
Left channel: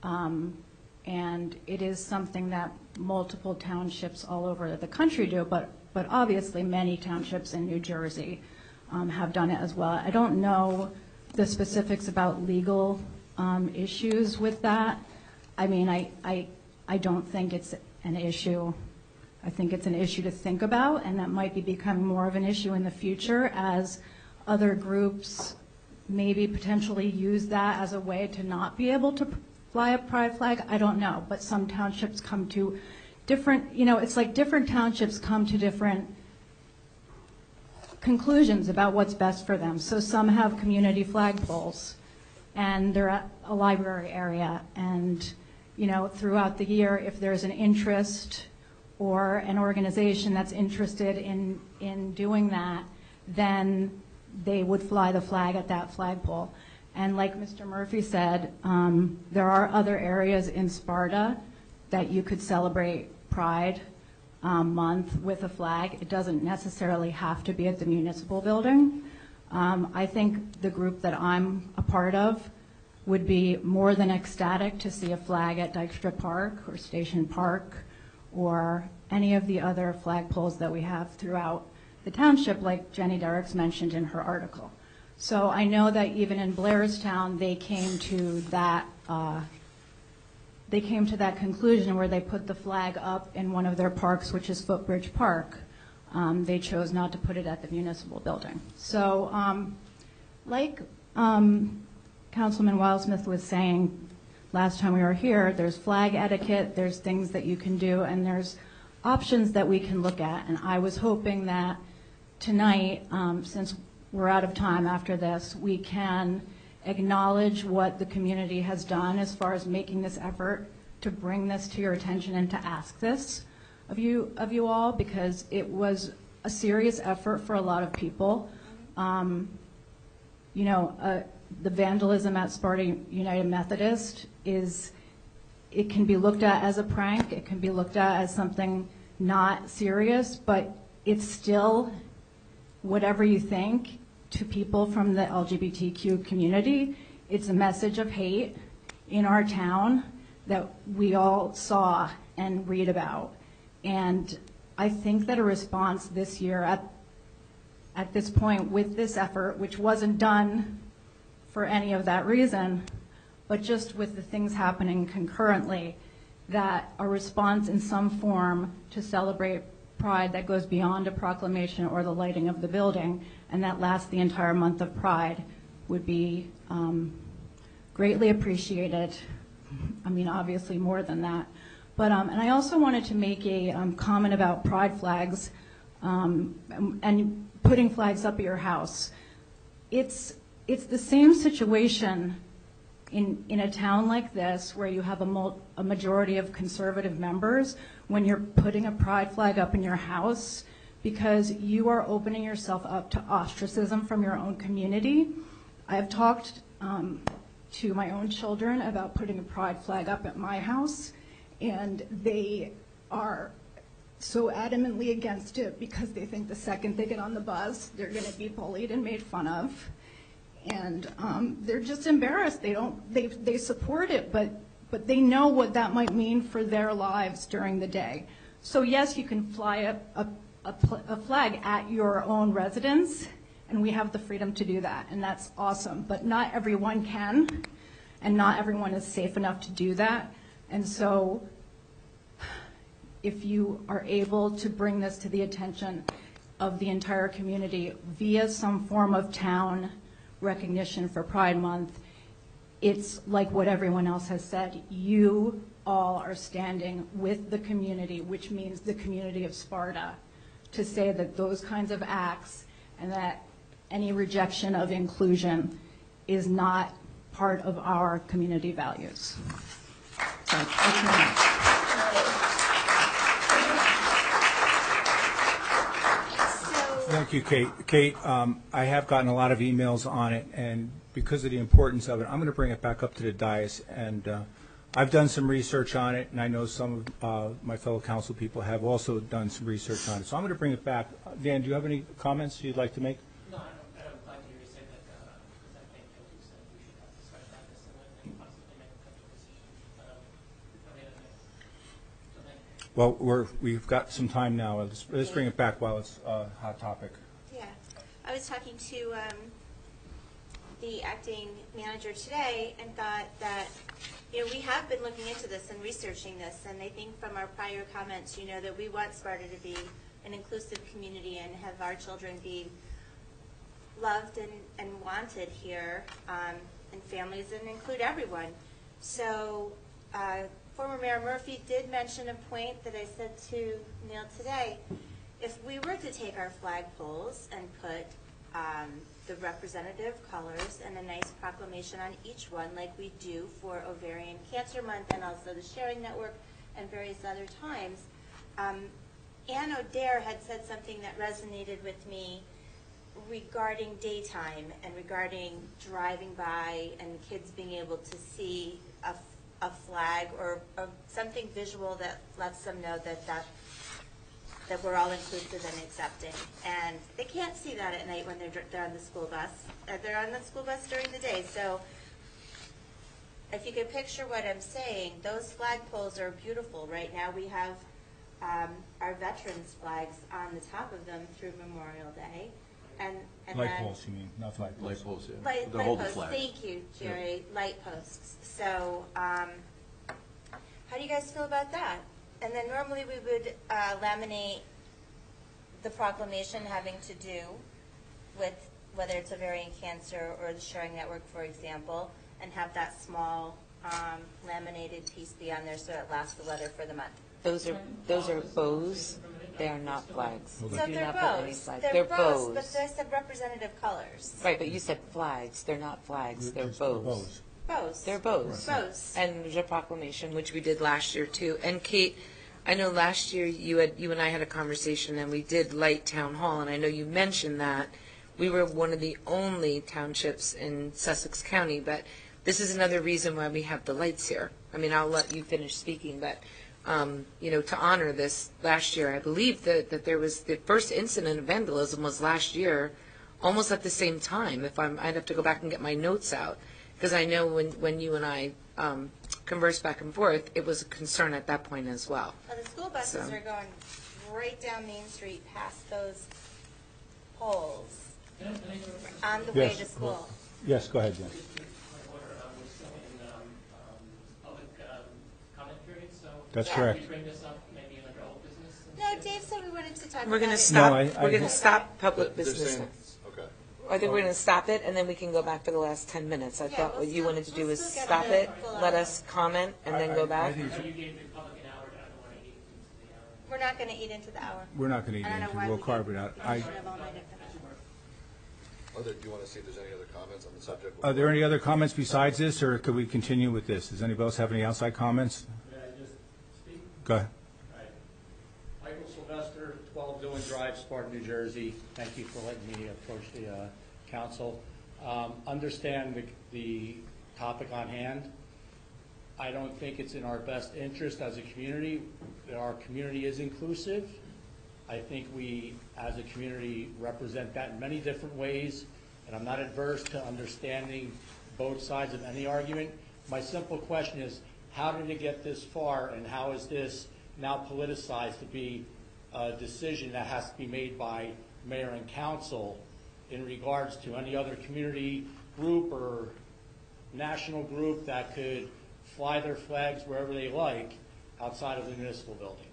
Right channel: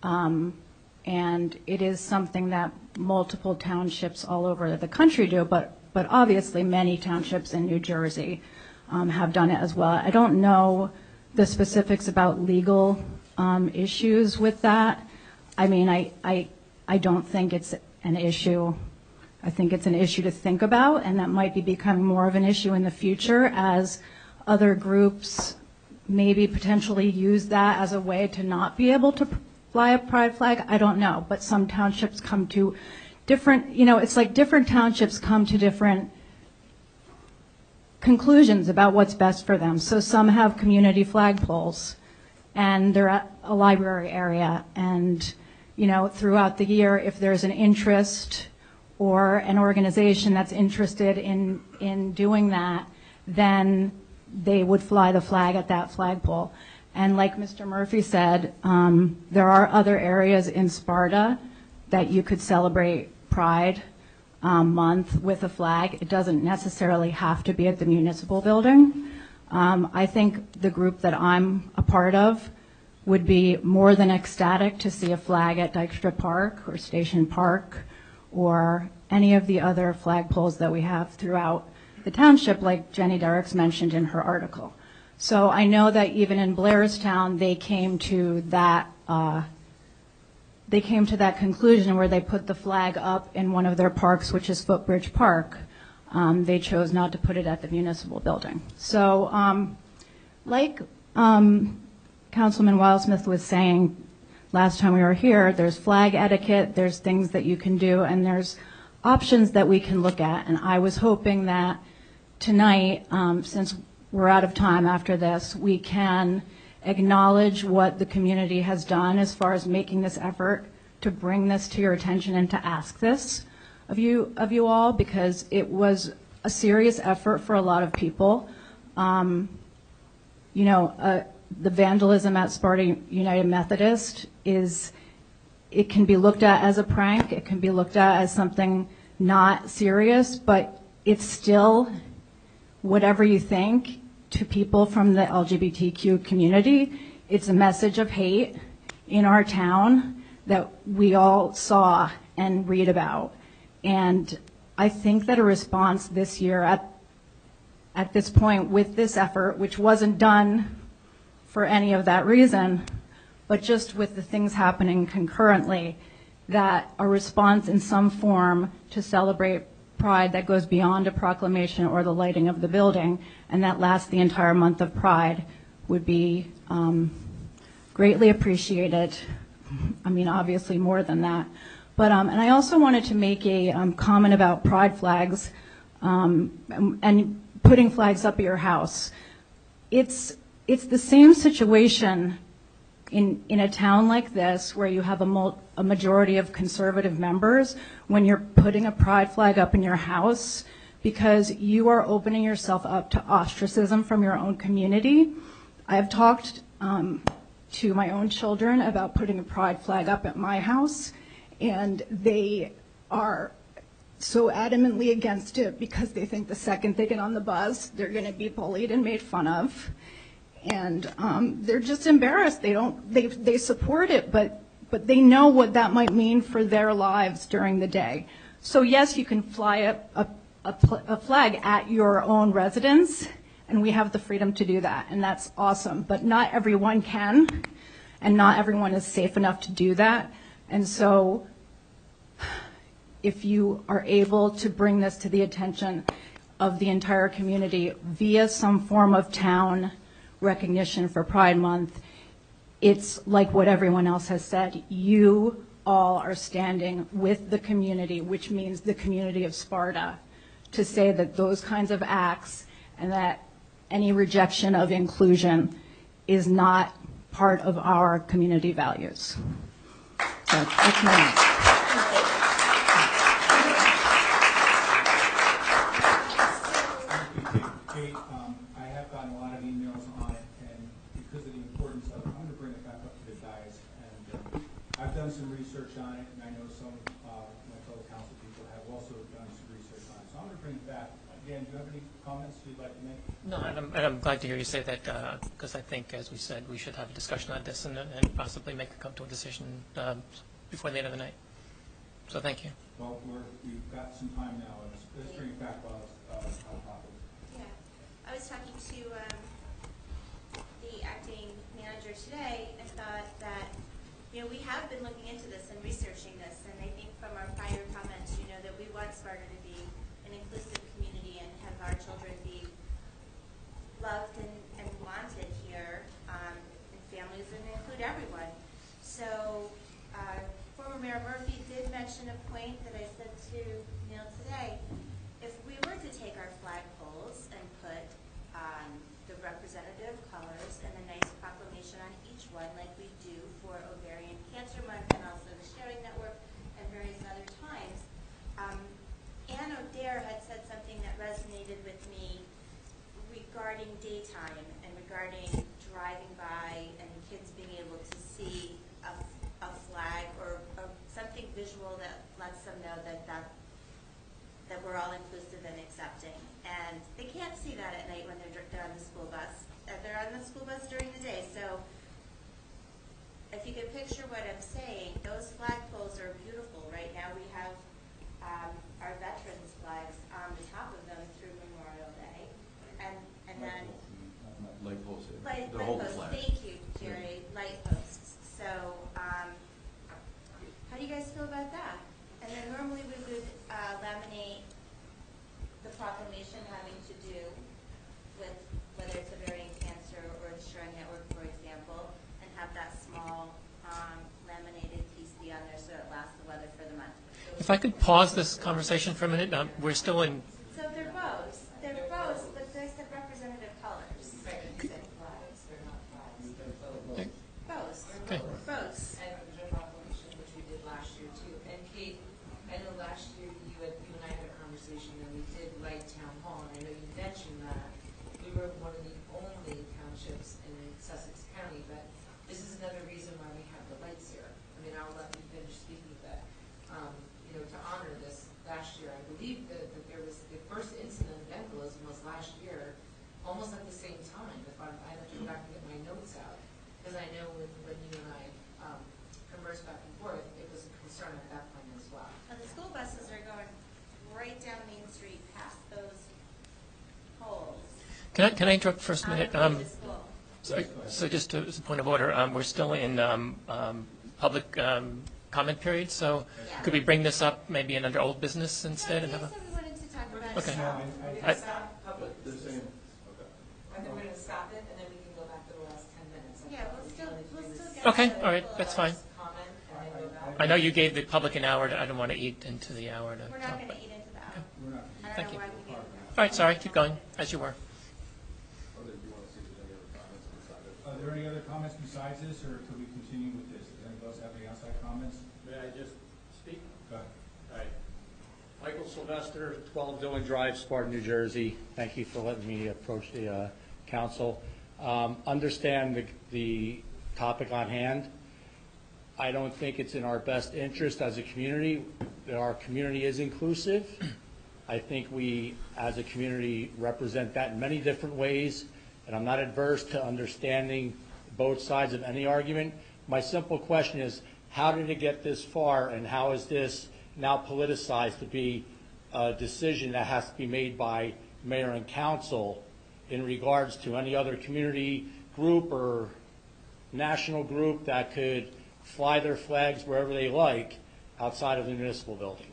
and it is something that multiple townships all over the country do, but obviously many townships in New Jersey have done it as well. I don't know the specifics about legal issues with that. I mean, I don't think it's an issue. I think it's an issue to think about, and that might be becoming more of an issue in the future as other groups maybe potentially use that as a way to not be able to fly a pride flag. I don't know, but some townships come to different, it's like different townships come to different conclusions about what's best for them. So some have community flagpoles, and they're at a library area, and throughout the year, if there's an interest or an organization that's interested in doing that, then they would fly the flag at that flagpole. And like Mr. Murphy said, there are other areas in Sparta that you could celebrate Pride. month with a flag. It doesn't necessarily have to be at the municipal building. I think the group that I'm a part of would be more than ecstatic to see a flag at Dykstra Park or Station Park or any of the other flagpoles that we have throughout the township, like Jenny Derricks mentioned in her article. So I know that even in Blairstown, they came to that conclusion where they put the flag up in one of their parks, which is Footbridge Park. They chose not to put it at the municipal building. So like Councilman Wildsmith was saying last time we were here, there's flag etiquette, there's things that you can do, and there's options that we can look at. And I was hoping that tonight, since we're out of time after this, we can acknowledge what the community has done as far as making this effort to bring this to your attention and to ask this of you all, because it was a serious effort for a lot of people. The vandalism at Sparta United Methodist it can be looked at as a prank, it can be looked at as something not serious, but it's still, whatever you think, to people from the LGBTQ community, it's a message of hate in our town that we all saw and read about. And I think that a response this year at this point with this effort, which wasn't done for any of that reason, but just with the things happening concurrently, that a response in some form to celebrate Pride that goes beyond a proclamation or the lighting of the building and that lasts the entire month of Pride would be greatly appreciated. I mean, obviously more than that. But and I also wanted to make a comment about Pride flags and putting flags up at your house. It's the same situation in a town like this where you have a majority of conservative members when you're putting a Pride flag up in your house, because you are opening yourself up to ostracism from your own community. I've talked to my own children about putting a Pride flag up at my house, and they are so adamantly against it because they think the second they get on the bus, they're going to be bullied and made fun of. And they're just embarrassed. They support it, but they know what that might mean for their lives during the day. So yes, you can fly a flag at your own residence, and we have the freedom to do that, and that's awesome. But not everyone can, and not everyone is safe enough to do that. And so if you are able to bring this to the attention of the entire community via some form of town recognition for Pride Month, it's like what everyone else has said. You all are standing with the community, which means the community of Sparta, to say that those kinds of acts and that any rejection of inclusion is not part of our community values. So that's my answer. Thank you, Kate. Kate, I have gotten a lot of emails on it, and because of the importance of it, I'm going to bring it back up to the dais. And I've done some research on it, and I know some of my fellow council people have also done some research on it. So I'm going to bring it back. Dan, do you have any comments you'd like to make? No, and I'm glad to hear you say that, because I think, as we said, we should have a discussion on this and possibly come to a decision before the end of the night. So thank you. Well, we've got some time now. Let's bring it back while it's a hot topic. Yeah. I was talking to the acting manager today and thought that, we have been looking into this and researching this, and I think from our prior comments, that we want Sparta to be an inclusive community and have our children be loved and wanted here, and families, and include everyone. So former Mayor Murphy did mention a point that I said to Neil today. If we were to take our flagpoles and put the representative colors and a nice proclamation on each one, like we do for Ovarian Cancer Month and also the Sharing Network and various other times, Ann O'Dare had said something that resonated with me regarding daytime and regarding driving by and kids being able to see a flag or something visual that lets them know that that we're all inclusive and accepting. And they can't see that at night when they're on the school bus. They're on the school bus during the day. So if you could picture what I'm saying, those flagpoles are beautiful. Right now we have our veterans flags on the top of them through Memorial Day. And Light then poles, you mean, not flagpoles. Light poles, yeah. Light posts, thank you, Jerry, light posts. So, how do you guys feel about that? And then normally we would laminate the proclamation having to do with whether it's ovarian cancer or the Sharing Network, for example, and have that small laminated piece be on there so it lasts the weather for the month. If I could pause this conversation for a minute, we're still in. So they're bows. They're bows, but I said representative colors. Right, but you said flags. They're not flags, they're bows. Bows. They're bows. Bows. And there's a proclamation, which we did last year too. And Kate, I know last year you and I had a conversation and we did light town hall, and I know you mentioned that we were one of the only townships in Sussex County, but this is another reason why we have the lights here. I mean, I'll let you finish speaking, but to honor this last year, I believe that there was the first incident of vandalism was last year, almost at the same time. I'd have to go back and get my notes out, because I know when you and I conversed back and forth, it was a concern at that point as well. Well, the school buses are going right down Main Street past those poles. Can I interrupt for a minute? On the way to school. Yes, go ahead. So just as a point of order, we're still in public comment period, so That's could we correct. bring this up maybe in under old business instead? No, Dave said we wanted to talk We're going to about stop. No, We're going to stop public They're business. saying- okay. I think we're going to stop it, and then we can go back for the last 10 minutes. I Yeah, thought we'll what you still- wanted to do we'll was still get stop Okay, it, all right, let that's us comment, and then go back. I know you gave the public an hour. I don't want to eat into the hour. We're not going to eat into the hour. We're not going to eat I don't know anything, why we'll we carve did. it out. All right, sorry, keep going, as you were. Do you want to see if there's any other comments on the subject? Are there any other comments besides this, or could we continue with this? Does anybody else have any outside comments? May I just speak? Go ahead. All right. Michael Sylvester, 12 Dillon Drive, Sparta, New Jersey. Thank you for letting me approach the council. Understand the topic on hand. I don't think it's in our best interest as a community. Our community is inclusive. I think we, as a community, represent that in many different ways, and I'm not adverse to understanding both sides of any argument. My simple question is, how did it get this far, and how is this now politicized to be a decision that has to be made by mayor and council in regards to any other community group or national group that could fly their flags wherever they like outside of the municipal building?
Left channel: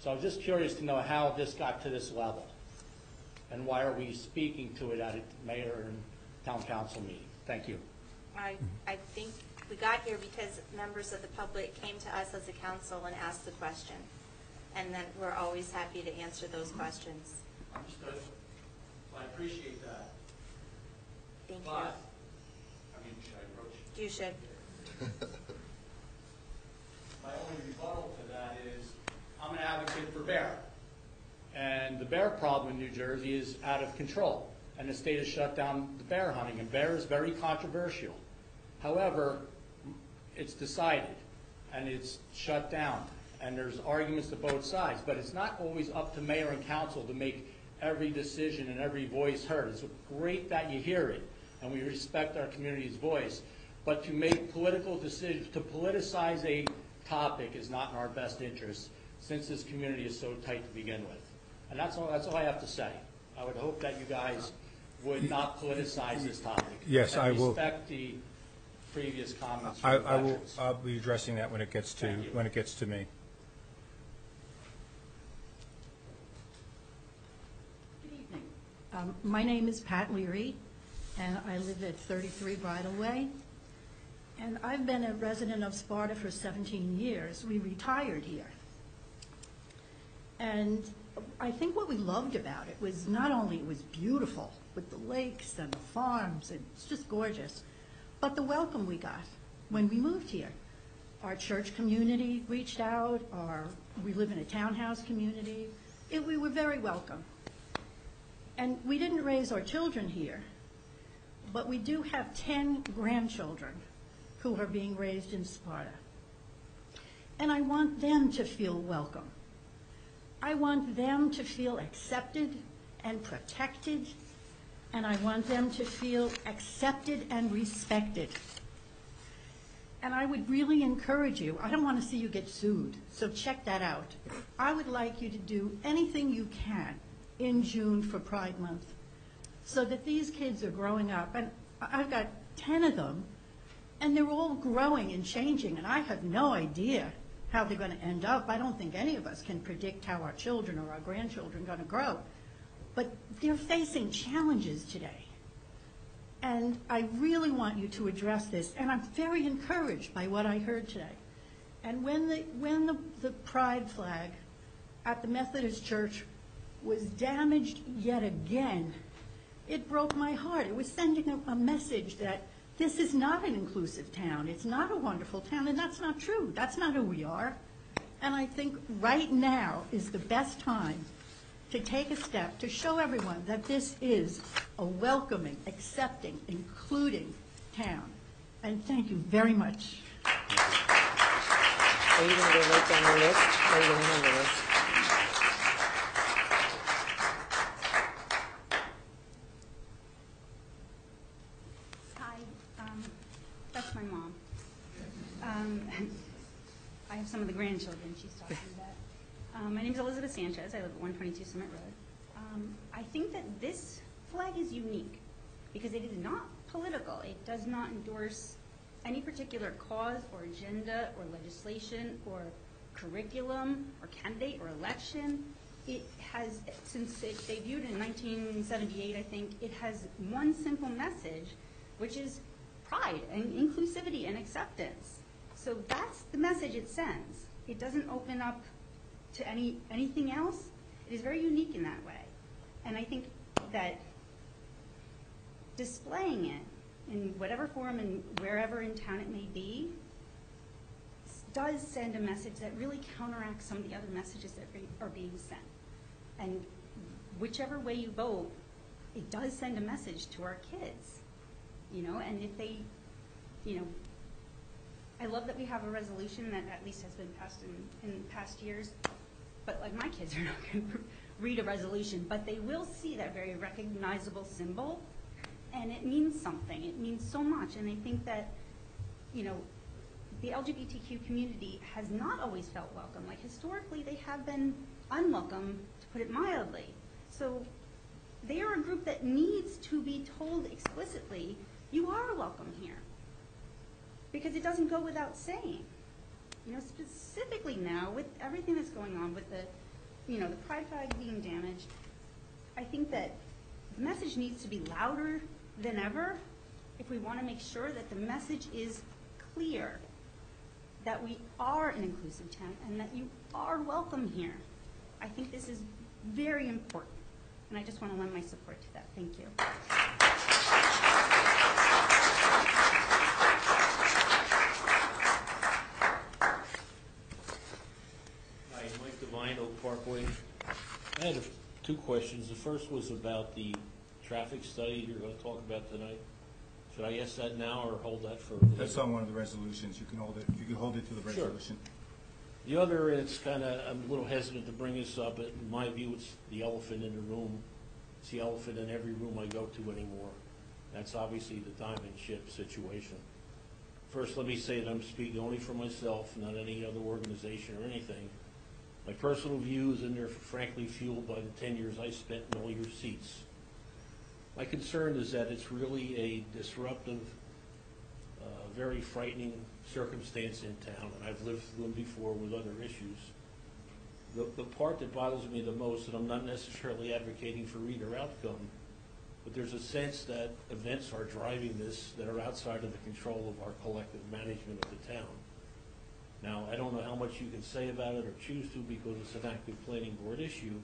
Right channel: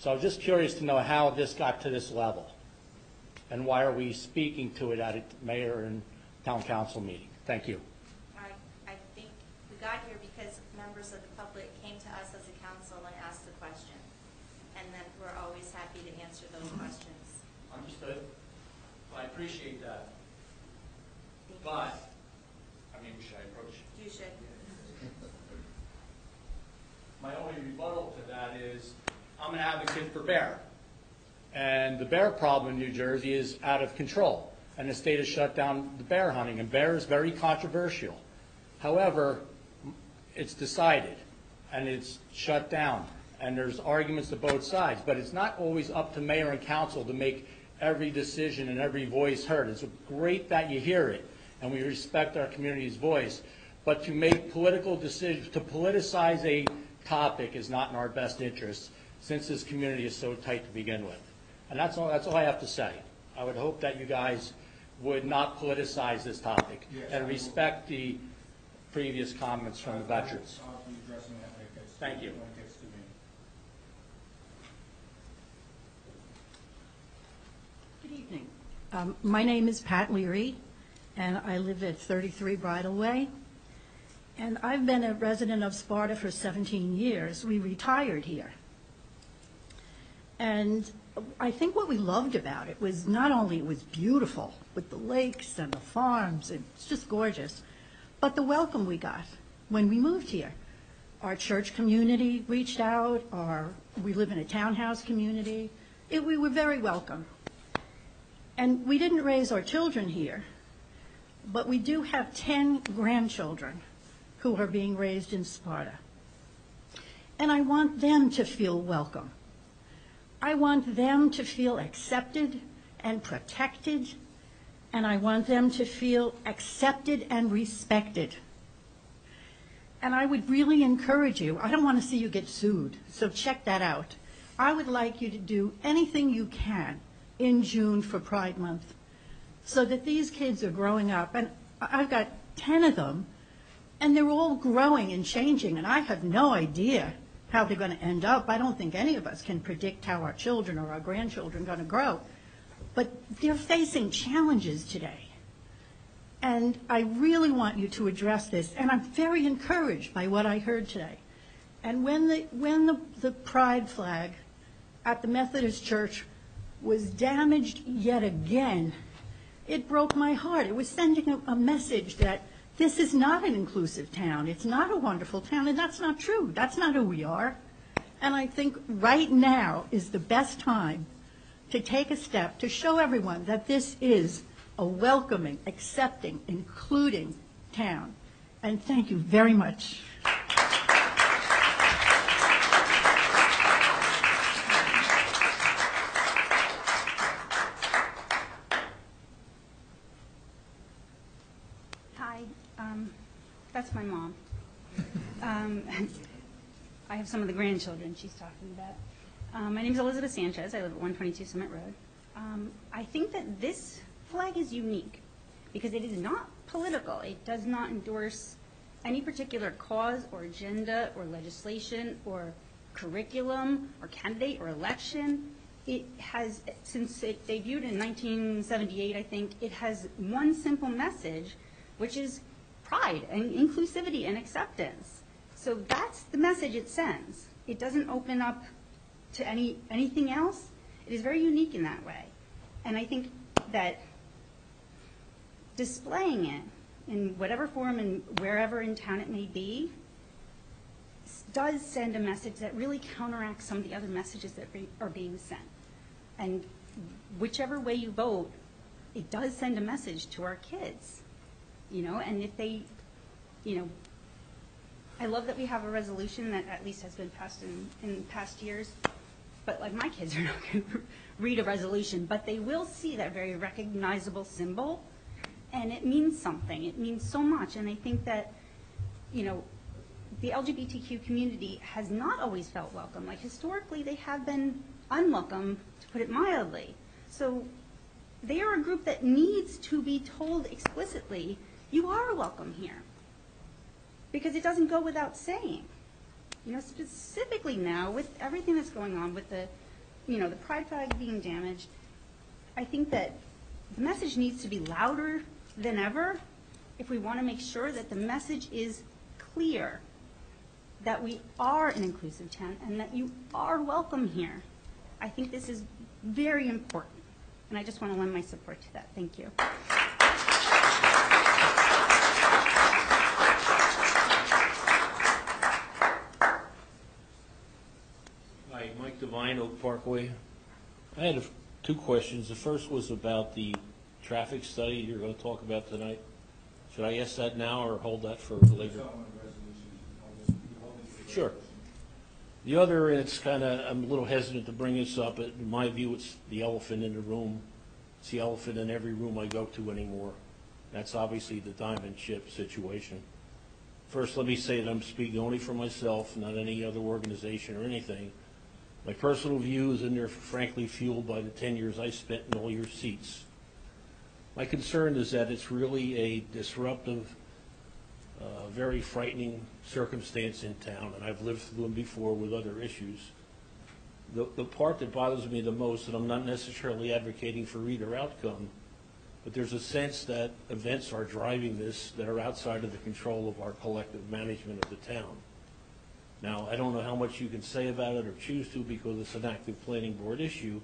So I'm just curious to know how this got to this level, and why are we speaking to it at a mayor and town council meeting? Thank you. I think we got here because members of the public came to us as a council and asked the question. And then we're always happy to answer those questions. Understood. I appreciate that. Thank you. But, I mean, should I approach? You should. My only rebuttal to that is, I'm an advocate for bear. And the bear problem in New Jersey is out of control. And the state has shut down the bear hunting, and bear is very controversial. However, it's decided, and it's shut down, and there's arguments to both sides. But it's not always up to mayor and council to make every decision and every voice heard. It's great that you hear it, and we respect our community's voice. But to make political decisions, to politicize a topic is not in our best interest, since this community is so tight to begin with. And that's all I have to say. I would hope that you guys would not politicize this topic. Yes, I will. And respect the previous comments from the veterans. I'll be addressing that when it gets to, Thank you. when it gets to me. Good evening. My name is Pat Leary, and I live at 33 Bridal Way. And I've been a resident of Sparta for 17 years. We retired here. And I think what we loved about it was not only it was beautiful with the lakes and the farms, it's just gorgeous, but the welcome we got when we moved here. Our church community reached out, we live in a townhouse community. We were very welcome. And we didn't raise our children here, but we do have 10 grandchildren who are being raised in Sparta. And I want them to feel welcome. I want them to feel accepted and protected, and I want them to feel accepted and respected. And I would really encourage you, I don't want to see you get sued, so check that out. I would like you to do anything you can in June for Pride Month so that these kids are growing up. And I've got 10 of them, and they're all growing and changing, and I have no idea how they're going to end up. I don't think any of us can predict how our children or our grandchildren are going to grow. But they're facing challenges today. And I really want you to address this, and I'm very encouraged by what I heard today. And when the pride flag at the Methodist Church was damaged yet again, it broke my heart. It was sending a message that this is not an inclusive town. It's not a wonderful town, and that's not true. That's not who we are. And I think right now is the best time to take a step to show everyone that this is a welcoming, accepting, including town. And thank you very much. Hi, that's my mom. I have some of the grandchildren she's talking about. My name is Elizabeth Sanchez. I live at 122 Summit Road. I think that this flag is unique because it is not political. It does not endorse any particular cause or agenda or legislation or curriculum or candidate or election. It has, since it debuted in 1978, I think, it has one simple message, which is pride and inclusivity and acceptance. So that's the message it sends. It doesn't open up to anything else. It is very unique in that way. And I think that displaying it in whatever form and wherever in town it may be does send a message that really counteracts some of the other messages that are being sent. And whichever way you vote, it does send a message to our kids, you know, and if they, you know, I love that we have a resolution that at least has been passed in past years, but like my kids are not going to read a resolution, but they will see that very recognizable symbol, and it means something. It means so much, and I think that, you know, the LGBTQ community has not always felt welcome. Like historically, they have been unwelcome, to put it mildly. So they are a group that needs to be told explicitly, you are welcome here. Because it doesn't go without saying. You know, specifically now, with everything that's going on with the, you know, the pride flag being damaged, I think that the message needs to be louder than ever if we want to make sure that the message is clear, that we are an inclusive town and that you are welcome here. I think this is very important, and I just want to lend my support to that. Thank you. Hi, Mike Devine, Oak Parkway. I had two questions. The first was about the traffic study you're going to talk about tonight. Should I ask that now or hold that for later? That's on one of the resolutions. You can hold it. You can hold it to the Sure. resolution. The other, and it's kind of, I'm a little hesitant to bring this up, but in my view, it's the elephant in the room. It's the elephant in every room I go to anymore. That's obviously the diamond ship situation. First, let me say that I'm speaking only for myself, not any other organization or anything. My personal views, and they're frankly fueled by the 10 years I spent in all your seats. My concern is that it's really a disruptive, very frightening circumstance in town, and I've lived through them before with other issues. The part that bothers me the most, and I'm not necessarily advocating for either outcome, but there's a sense that events are driving this that are outside of the control of our collective management of the town. Now, I don't know how much you can say about it or choose to because it's an active planning board issue,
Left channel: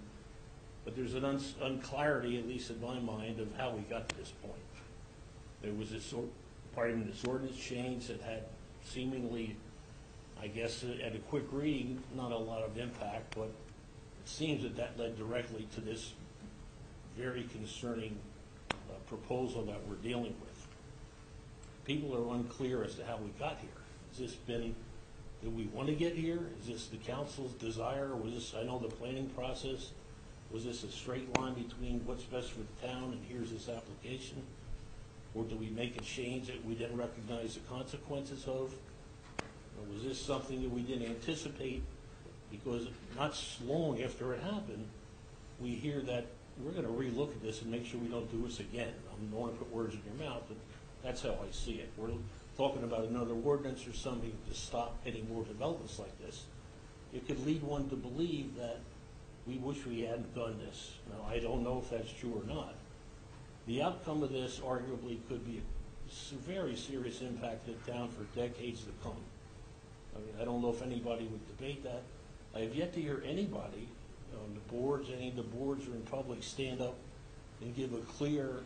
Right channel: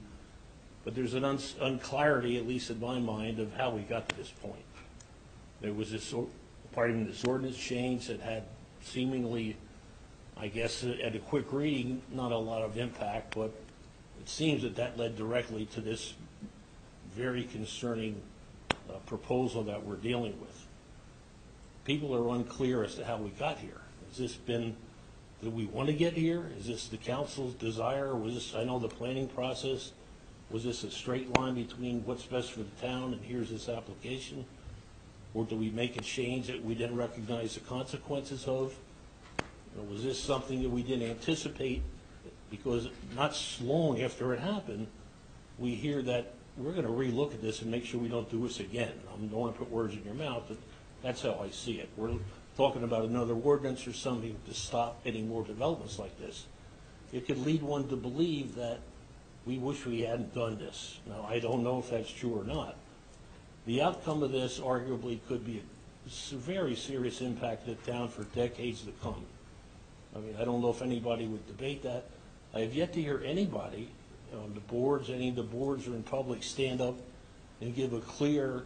but there's an unclarity, at least in my mind, of how we got to this point. There was this ordinance change that had seemingly, I guess, at a quick reading, not a lot of impact, but it seems that that led directly to this very concerning proposal that we're dealing with. People are unclear as to how we got here. Has this been do we want to get here? Is this the council's desire? Was this, I know the planning process, was this a straight line between what's best for the town and here's this application? Or do we make a change that we didn't recognize the consequences of? Or was this something that we didn't anticipate? Because not long after it happened, we hear that we're going to relook at this and make sure we don't do this again. I don't want to put words in your mouth, but that's how I see it. We're talking about another ordinance or something to stop any more developments like this. It could lead one to believe that we wish we hadn't done this. Now, I don't know if that's true or not. The outcome of this arguably could be a very serious impact to the town for decades to come. I mean, I don't know if anybody would debate that. I have yet to hear anybody on the boards, any of the boards or in public, stand up and give a clear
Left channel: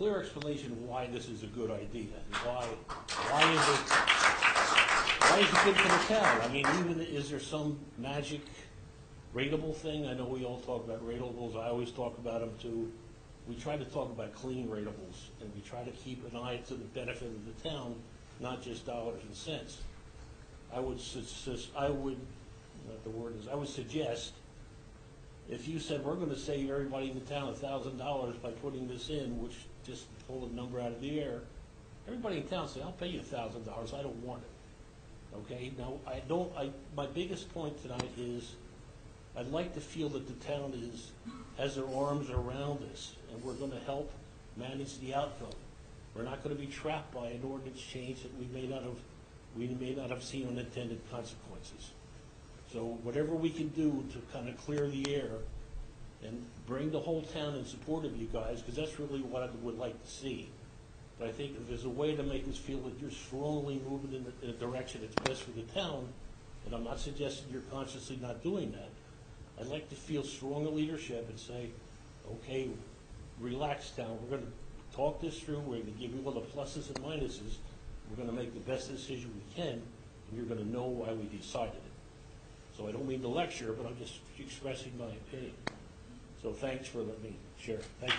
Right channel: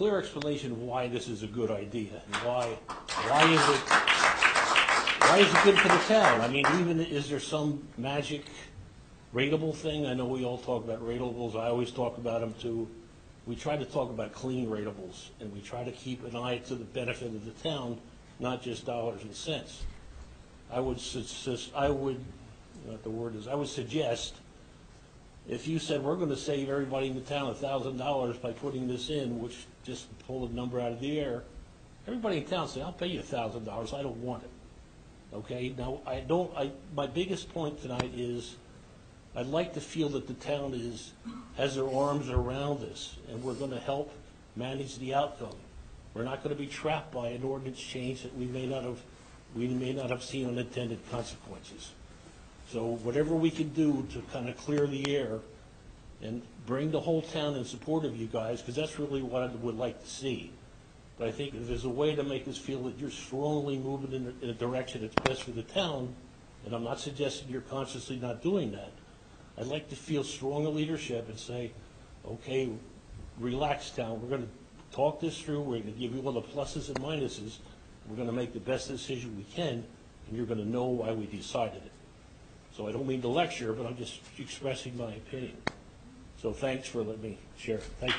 explanation of why this is a good idea and why is it good for the town? I mean, even is there some magic rateable thing? I know we all talk about ratables. I always talk about them too. We try to talk about clean ratables, and we try to keep an eye to the benefit of the town, not just dollars and cents. I would suggest if you said we're going to save everybody in the town $1,000 by putting this in, which just pulled a number out of the air, everybody in town say, I'll pay you $1,000. I don't want it. Okay? Now, my biggest point tonight is I'd like to feel that the town has their arms around this, and we're going to help manage the outcome. We're not going to be trapped by an ordinance change that we may not have seen unintended consequences. So whatever we can do to kind of clear the air and bring the whole town in support of you guys, because that's really what I would like to see. But I think if there's a way to make us feel that you're strongly moving in a direction that's best for the town, and I'm not suggesting you're consciously not doing that, I'd like to feel stronger leadership and say, okay, relax, town. We're going to talk this through. We're going to give you all the pluses and minuses. We're going to make the best decision we can, and you're going to know why we decided it. So I don't mean to lecture, but I'm just expressing my opinion. So thanks for letting me share. Thank you.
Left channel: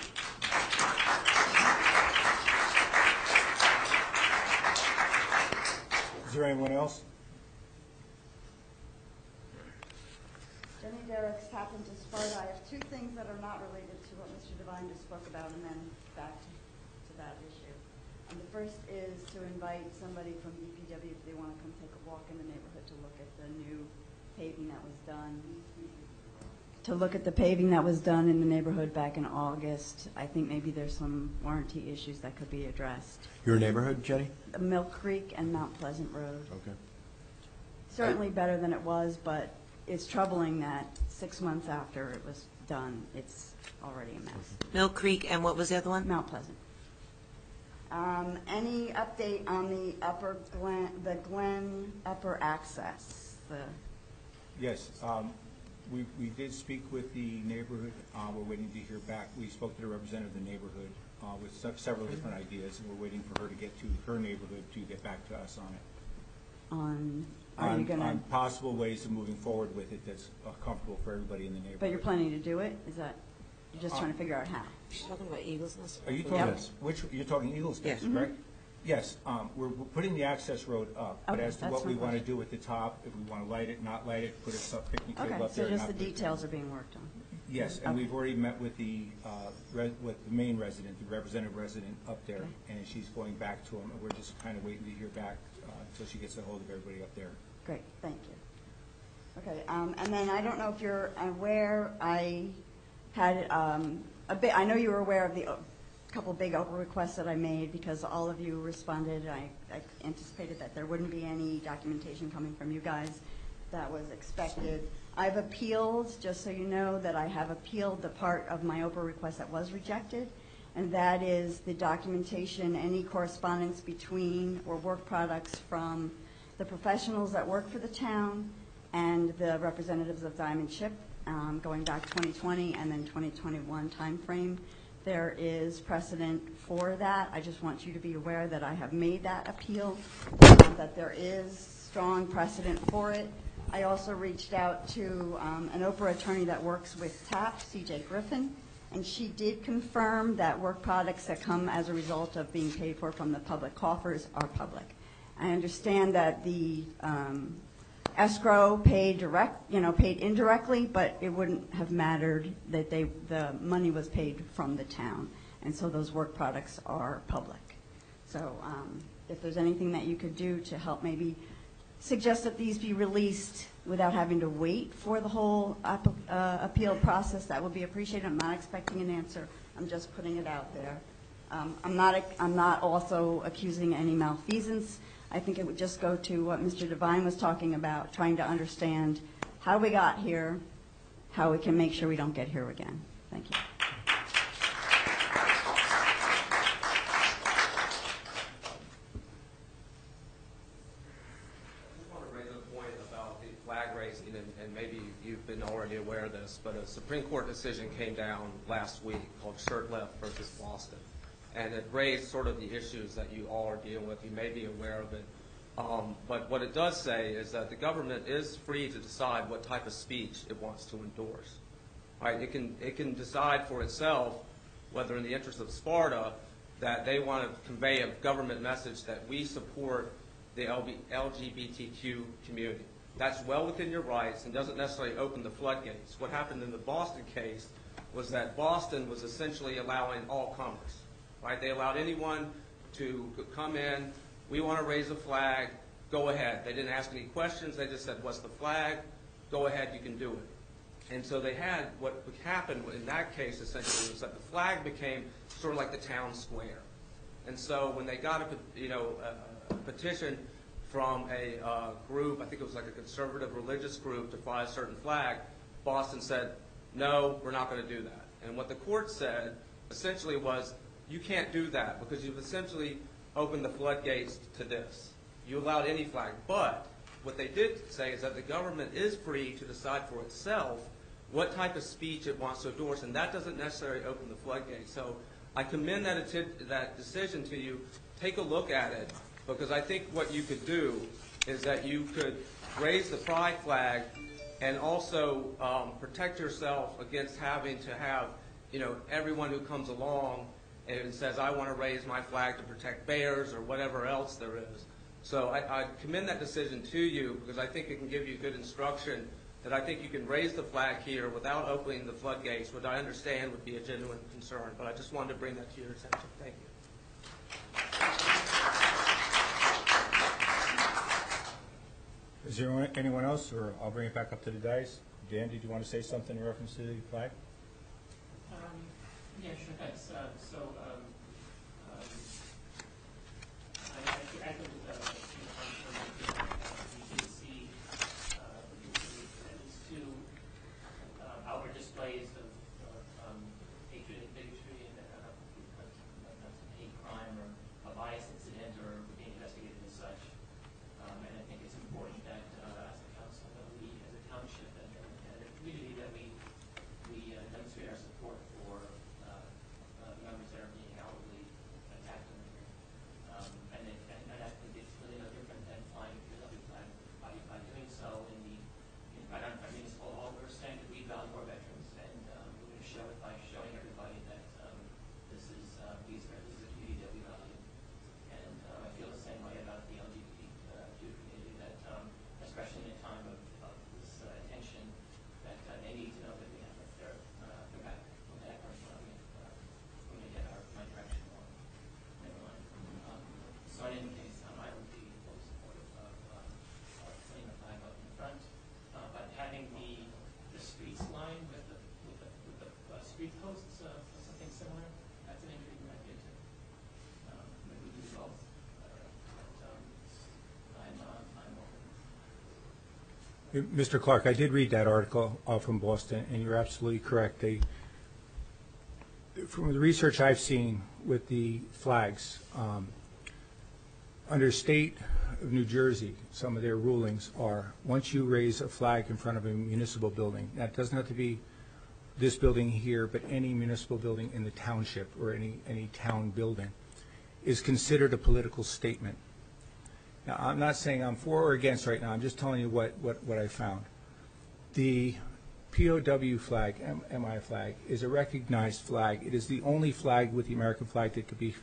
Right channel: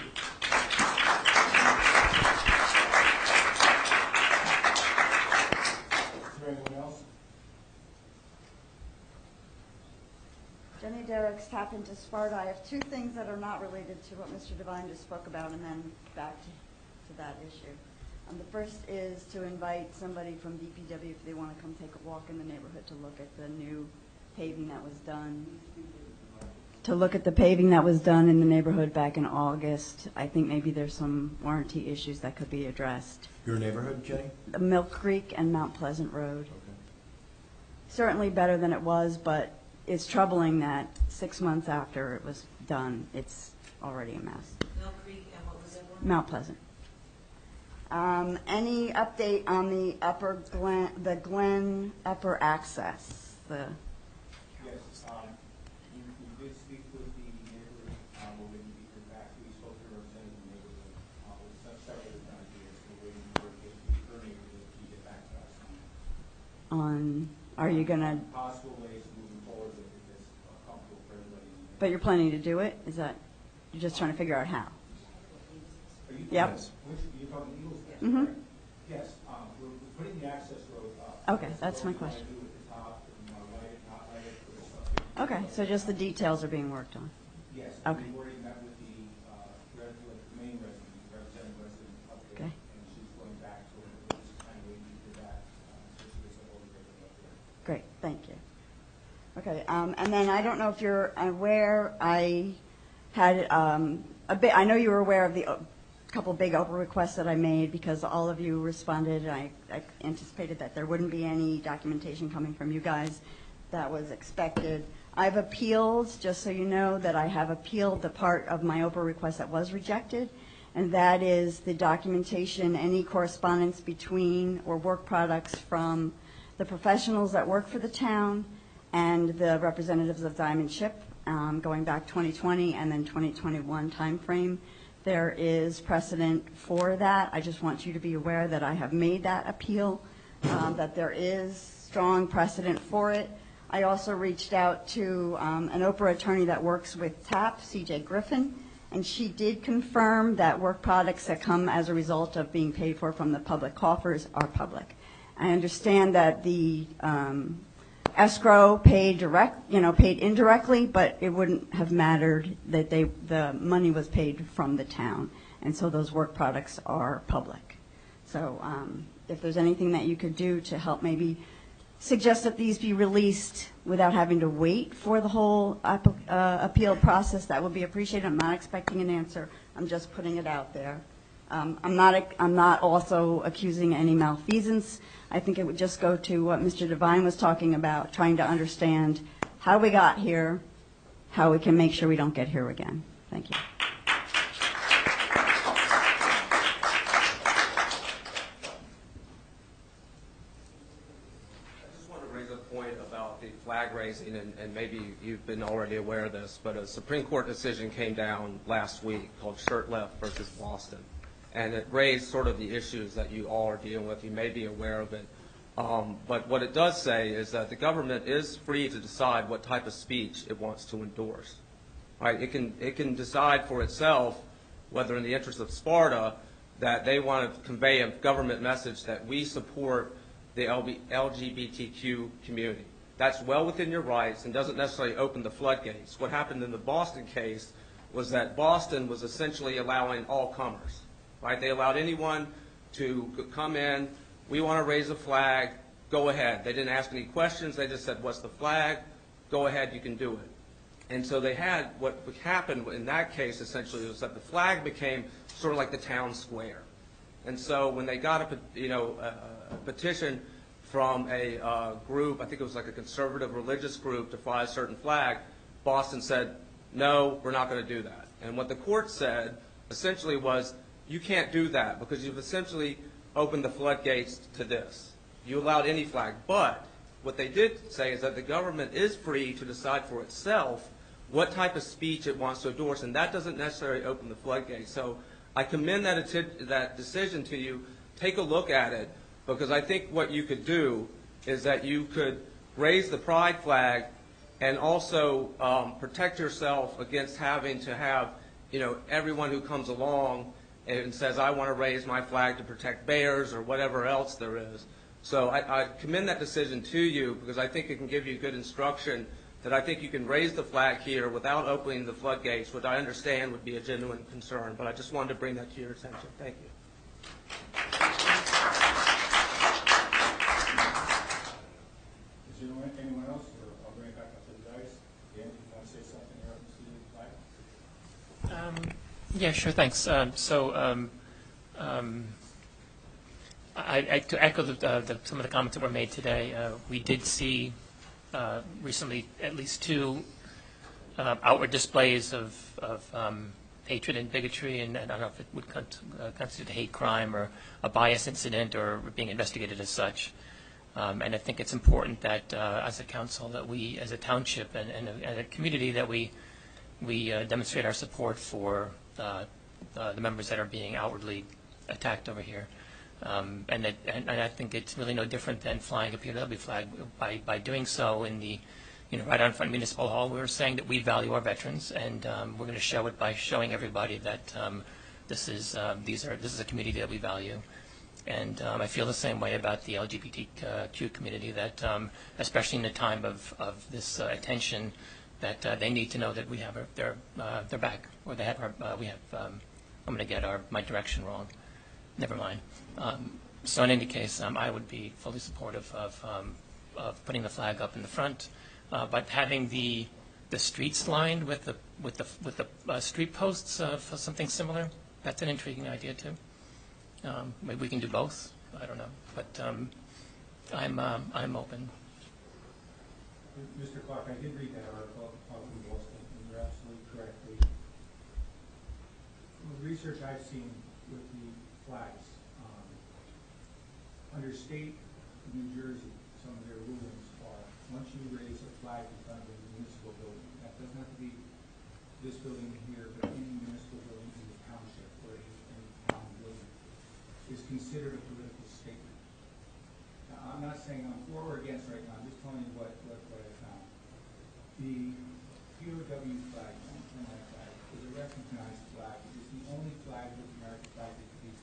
Is there anyone else? Jenny Derricks, Tap into Sparta. I have two things that are not related to what Mr. Devine just spoke about, and then back to that issue. The first is to invite somebody from DPW if they want to come take a walk in the neighborhood to look at the new paving that was done. To look at the paving that was done in the neighborhood back in August. I think maybe there's some warranty issues that could be addressed. Your neighborhood, Jenny? Milk Creek and Mount Pleasant Road. Okay. Certainly better than it was, but it's troubling that 6 months after it was done, it's already a mess. Mill Creek, and what was the other one? Mount Pleasant. Any update on the Glen upper access? Yes, we did speak with the neighborhood. We're waiting to hear back. We spoke to the representative of the neighborhood with several different ideas, and we're waiting for her to get to her neighborhood to get back to us on possible ways of moving forward with it that's comfortable for everybody in the neighborhood. But you're planning to do it? Is that, you're just trying to figure out how? You're talking about Eagles Nest? Are you talking, you're talking Eagles Nest, Yes. right? Yes, we're putting the access road up. Okay, As to that's my what we want to question. do at the top, if we want to light it, not light it, put it up 50 feet Okay, up so there, just the not- details are being worked on. Yes, and Okay. we've already met with the main resident, the representative resident up there, Okay. and she's going back to him. We're just kind of waiting to hear back until she gets a hold of everybody up there. Great, thank you. Okay, and then I don't know if you're aware, I had I know you were aware of the couple big Oprah requests that I made because all of you responded. I anticipated that there wouldn't be any documentation coming from you guys. That was expected. I've appealed, just so you know, that I have appealed the part of my Oprah request that was rejected, and that is the documentation, any correspondence between or work products from the professionals that work for the town and the representatives of Diamond Ship, going back 2020 and then 2021 timeframe. There is precedent for that. I just want you to be aware that I have made that appeal, that there is strong precedent for it. I also reached out to an Oprah attorney that works with TAP, CJ Griffin, and she did confirm that work products that come as a result of being paid for from the public coffers are public. I understand that the escrow paid paid indirectly, but it wouldn't have mattered that the money was paid from the town, and so those work products are public. So if there's anything that you could do to help maybe suggest that these be released without having to wait for the whole appeal process, that would be appreciated. I'm not expecting an answer. I'm just putting it out there. I'm not also accusing any malfeasance. I think it would just go to what Mr. Devine was talking about, trying to understand how we got here, how we can make sure we don't get here again. Thank you. Flag raising, and maybe you've been already aware of this, but a Supreme Court decision came down last week called Shurtleff versus Boston, and it raised sort of the issues that you all are dealing with. You may be aware of it, but what it does say is that the government is free to decide what type of speech it wants to endorse. Right? It can decide for itself whether, in the interest of Sparta, that they want to convey a government message that we support the LGBTQ community. That's well within your rights and doesn't necessarily open the floodgates. What happened in the Boston case was that Boston was essentially allowing all comers. Right? They allowed anyone to come in. We want to raise a flag. Go ahead. They didn't ask any questions. They just said, what's the flag? Go ahead. You can do it. And so they had, what happened in that case essentially was that the flag became sort of like the town square. And so when they got a petition from a group, I think it was like a conservative religious group, to fly a certain flag, Boston said, no, we're not going to do that. And what the court said essentially was, you can't do that because you've essentially opened the floodgates to this. You allowed any flag. But what they did say is that the government is free to decide for itself what type of speech it wants to endorse, and that doesn't necessarily open the floodgates. So I commend that decision to you. Take a look at it. Because I think what you could do is that you could raise the pride flag and also protect yourself against having to have, everyone who comes along and says, I want to raise my flag to protect bears or whatever else there is. So I commend that decision to you because I think it can give you good instruction that I think you can raise the flag here without opening the floodgates, which I understand would be a genuine concern. But I just wanted to bring that to your attention. Thank you. Is there anyone else, or I'll bring it back up to the dais? Dan, did you want to say something in reference to the flag? Yeah, sure, thanks. To echo some of the comments that were made today, we did see recently at least two outward displays of hatred and bigotry, and I don't know if it would constitute a hate crime or a bias incident or being investigated as such. And I think it's important that as a council, that we, as a township and a community, that we demonstrate our support for the members that are being outwardly attacked over here. And I think it's really no different than flying a POW flag. By doing so in the, right out in front of Municipal Hall, we were saying that we value our veterans, and we're going to show it by showing everybody that this is a community that we value. And I feel the same way about the LGBTQ community, that especially in a time of this attention, that they need to know that we have their back, or they have we have. I'm going to get my direction wrong. Never mind. So in any case, I would be fully supportive of putting the flag up in the front, but having the streets lined with the street posts for something similar. That's an intriguing idea too. Maybe we can do both. I don't know, but I'm open. Mr. Clark, I did read that article from Boston, and you're absolutely correct. From the research I've seen with the flags, under state of New Jersey, some of their rulings are, once you raise a flag in front of a municipal building, that doesn't have to be this building here, but any municipal building in the township or any town building, is considered a political statement. Now, I'm not saying I'm for or against right now. I'm just telling you what I found. The POW flag, MI flag, is a recognized flag. It is the only flag with the American flag that could be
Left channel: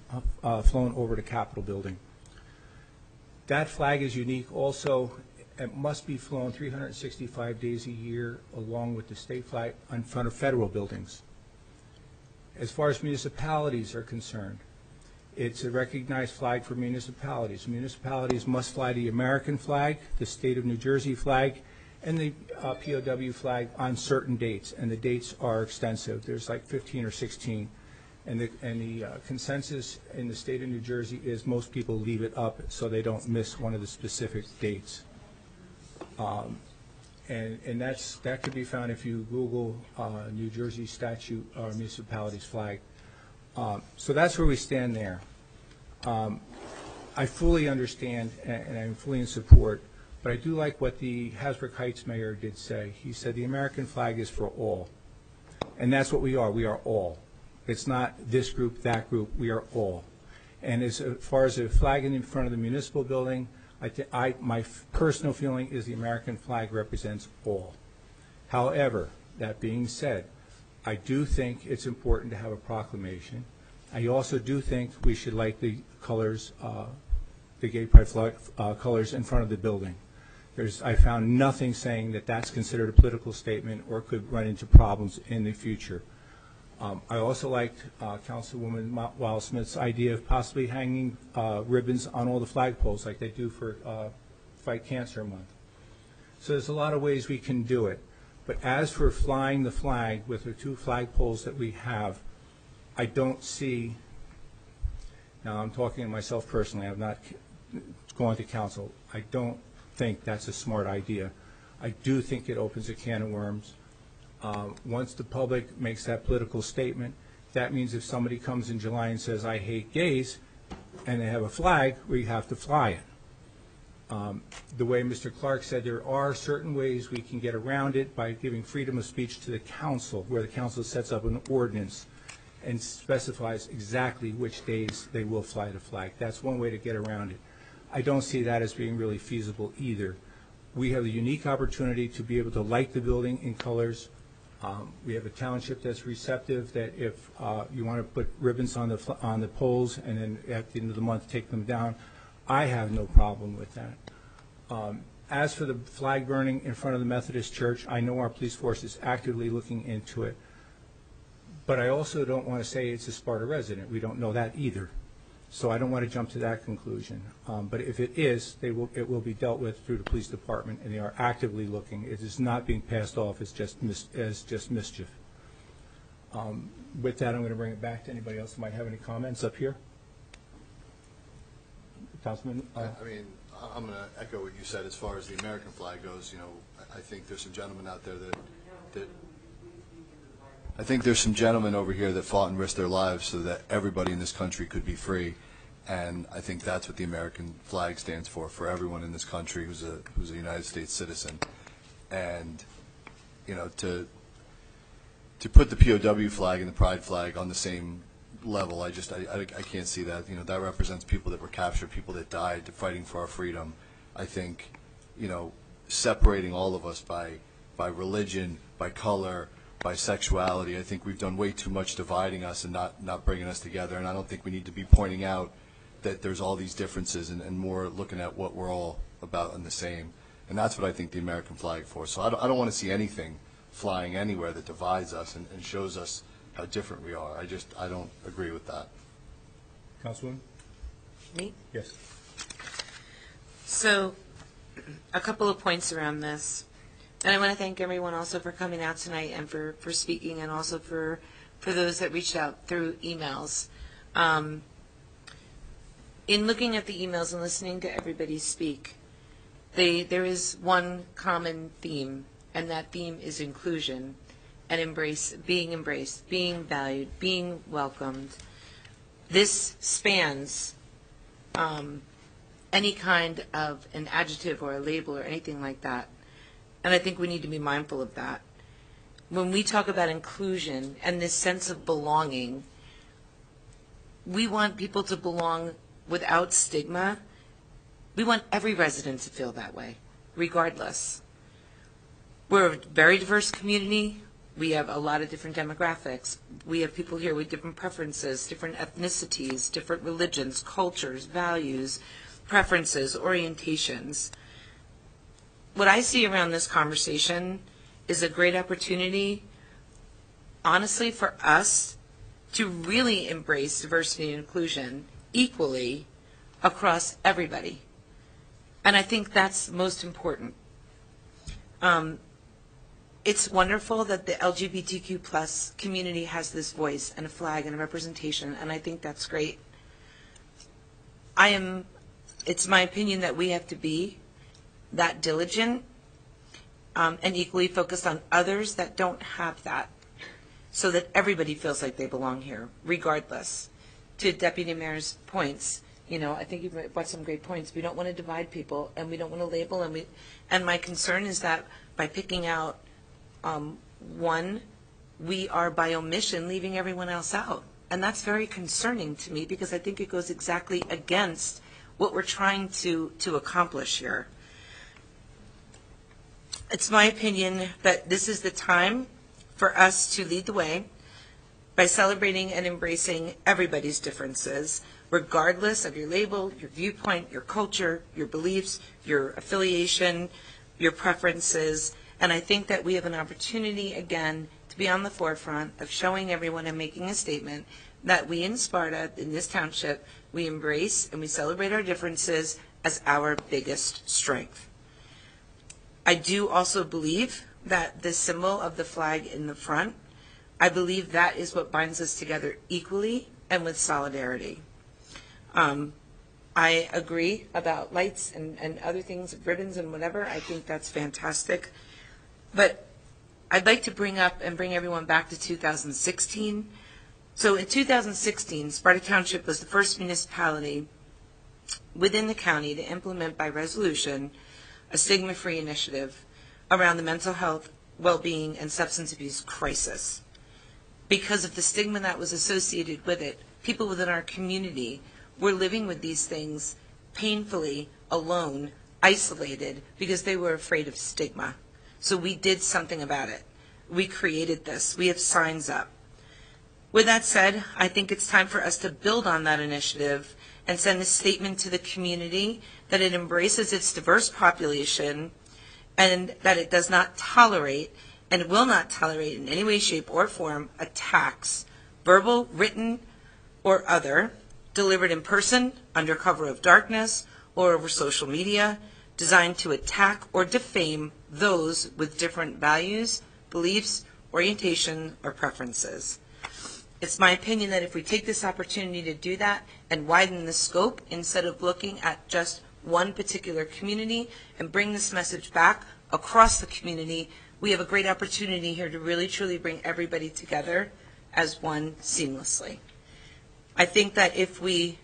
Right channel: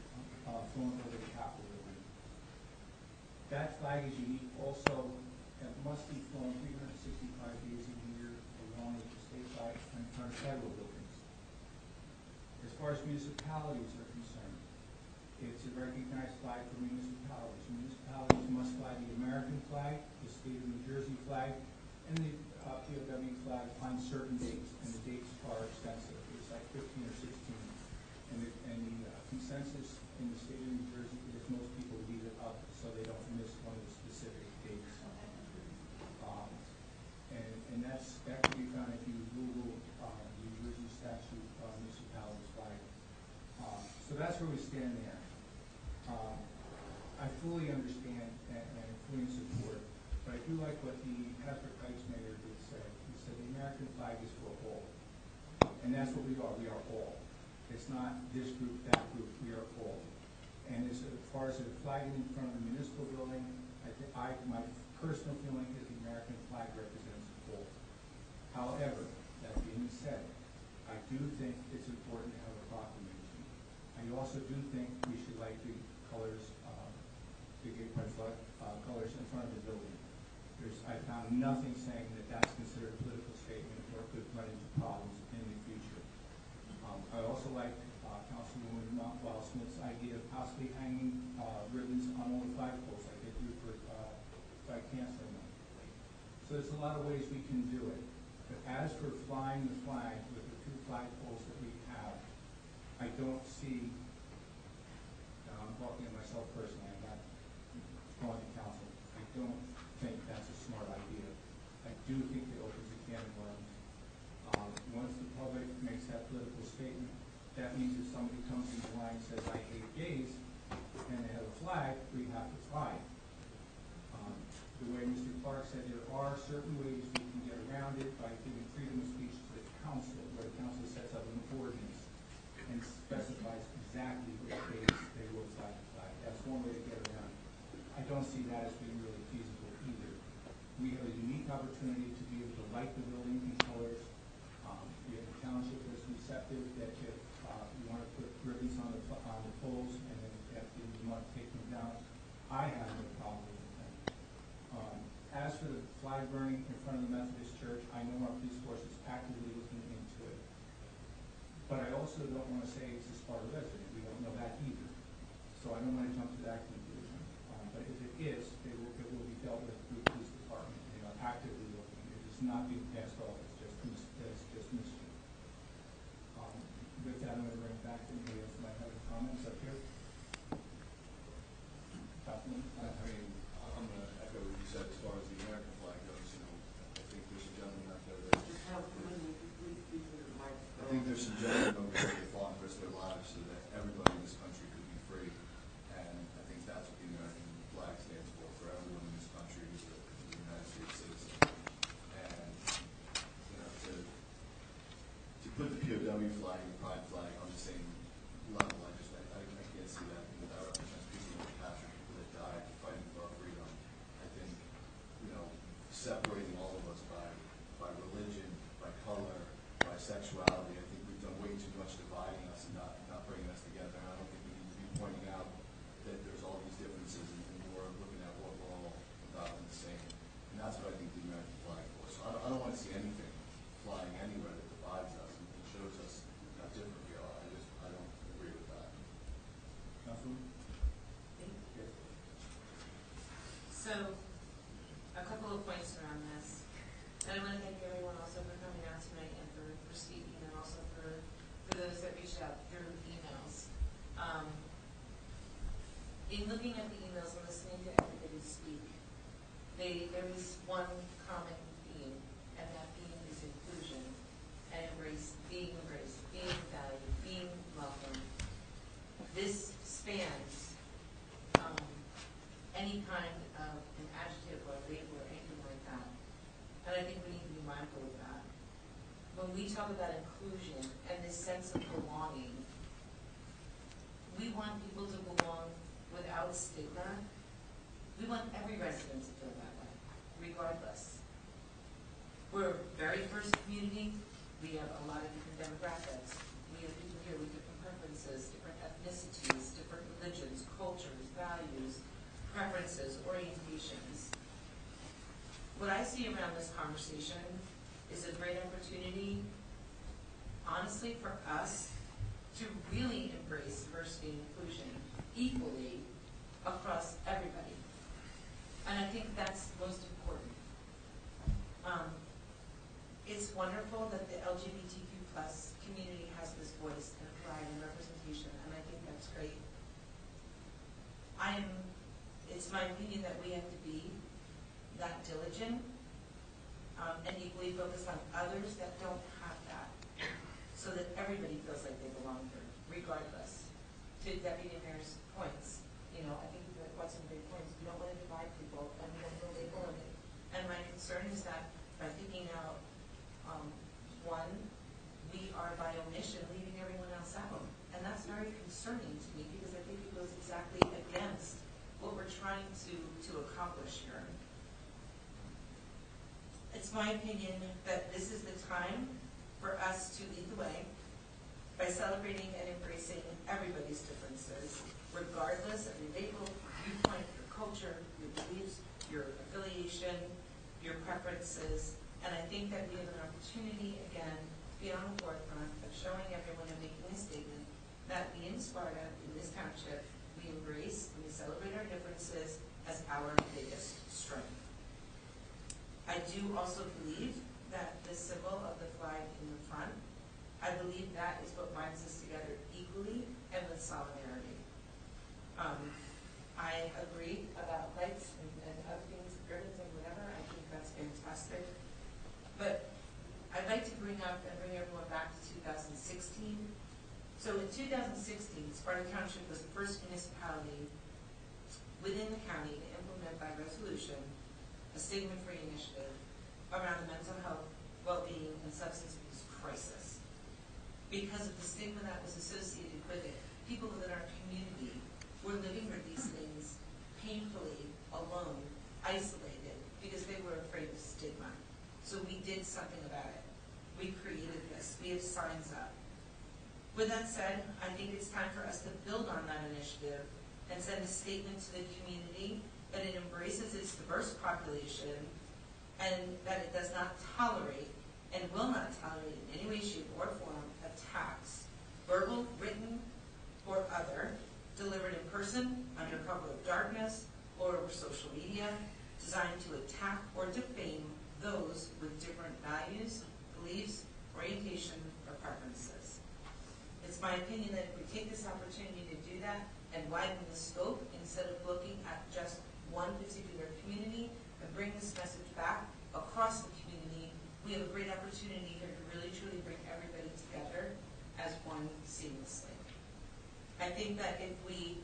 flown over the Capitol building. That flag is unique also. It must be flown 365 days a year along with the state flag in front of federal buildings. As far as municipalities are concerned, it's a recognized flag for municipalities. Municipalities must fly the American flag, the state of New Jersey flag, and the POW flag on certain dates, and the dates are extensive. There's like 15 or 16. And the consensus in the state of New Jersey is most people leave it up so they don't miss one of the specific dates. And that can be found if you Google New Jersey statute or municipalities flag. So that's where we stand there. I fully understand and I'm fully in support, but I do like what the Hasbrook Heights mayor did say. He said the American flag is for all. And that's what we are. We are all. It's not this group, that group. We are all. And as far as the flag in front of the municipal building, my personal feeling is the American flag represents all. However, that being said, I do think it's important to have a proclamation. I also do think we should light the colors, the gay pride flag colors in front of the building. I found nothing saying that that's considered a political statement or could run into problems in the future. I also liked Councilwoman Wildsmith's idea of possibly hanging ribbons on all the flagpoles like they do for Fight Cancer Month. So there's a lot of ways we can do it. But as for flying the flag with the 2 flagpoles that we have, I don't see, now I'm talking to myself personally, I'm not going to council, I don't think that's a smart idea. I do think it opens a can of worms. Once the public makes that political statement, that means if somebody comes in July and says, I hate gays, and they have a flag, we have to fly it. The way Mr. Clark said, there are certain ways we can get around it by giving freedom of speech to the council, where the council sets up an ordinance and specifies exactly which days they will fly the flag. That's one way to get around it. I don't see that as being really feasible either. We have a unique opportunity to be able to light the building in colors. We have a township that's receptive, that if you want to put ribbons on the poles and then at the end of the month take them down, I have no problem with that. As for the flag burning in front of the Methodist Church, I know our police force is actively looking into it. But I also don't want to say it's a Sparta resident. We don't know that either. So I don't want to jump to that conclusion. But if it is, it will be dealt with through the police department, and they are actively looking. It is not being passed off as just mischief. With that, I'm going to bring it back to anybody else who might have any comments up here. Councilman? I mean, I'm going to echo what you said as far as the American flag goes. You know, I think there's some gentlemen out there that I think there's some gentlemen over here that fought and risked their lives so that everybody in this country could be free. And I think that's what the American flag stands for everyone in this country who's a United States citizen. And, you know, to put the POW flag and the pride flag on the same level, I can't see that. You know, that represents people that were captured, people that died fighting for our freedom. I think, you know, separating all of us by religion, by color, by sexuality, I think we've done way too much dividing us and not bringing us together. And I don't think we need to be pointing out that there's all these differences and more looking at what we're all about and the same. And that's what I think the American flag for. So I don't want to see anything flying anywhere that divides us and shows us how different we are. I don't agree with that. Councilwoman? Me? Yes. So, a couple of points around this. And I want to thank everyone also for coming out tonight and for speaking, and also for those that reached out through emails. In looking at the emails and listening to everybody speak, there is one common theme, and that theme is inclusion and being embraced, being valued, being welcomed. This spans any kind of an adjective or a label or anything like that. And I think we need to be mindful of that. When we talk about inclusion and this sense of belonging, we want people to belong without stigma. We want every resident to feel that way, regardless. We're a very diverse community. We have a lot of different demographics. We have people here with different preferences, different ethnicities, different religions, cultures, values. preferences, orientations. What I see around this conversation is a great opportunity, honestly, for us to really embrace diversity and inclusion equally across everybody. And I think that's most important. It's wonderful that the LGBTQ plus community has this voice and a flag and a representation, and I think that's great. It's my opinion that we have to be that diligent and equally focused on others that don't have that, so that everybody feels like they belong here, regardless. To Deputy Mayor's points, I think you brought some great points. We don't want to divide people, and we don't want to label, and my concern is that by picking out one, we are by omission leaving everyone else out. And that's very concerning to me, because I think it goes exactly against what we're trying to accomplish here. It's my opinion that this is the time for us to lead the way by celebrating and embracing everybody's differences, regardless of your label, your viewpoint, your culture, your beliefs, your affiliation, your preferences. And I think that we have an opportunity, again, to be on the forefront of showing everyone and making a statement that we in Sparta, in this township, we embrace and we celebrate our differences as our biggest strength. I do also believe that the symbol of the flag in the front, I believe that is what binds us together equally and with solidarity. I agree about lights and other things, ribbons and whatever. I think that's fantastic. But I'd like to bring everyone back to 2016. So in 2016, Sparta Township was the first municipality within the county to implement by resolution a stigma-free initiative around the mental health, well-being, and substance abuse crisis. Because of the stigma that was associated with it, people within our community were living with these things painfully, alone, isolated, because they were afraid of stigma. So we did something about it. We created this. We have signs up. With that said, I think it's time for us to build on that initiative and send a statement to the community that it embraces its diverse population and that it does not tolerate and will not tolerate in any way, shape, or form attacks, verbal, written, or other, delivered in person, under cover of darkness, or over social media, designed to attack or defame those with different values, beliefs, orientation, or preferences. It's my opinion that if we take this opportunity to do that and widen the scope instead of looking at just one particular community and bring this message back across the community, we have a great opportunity here to really truly bring everybody together as one seamlessly. I think that if we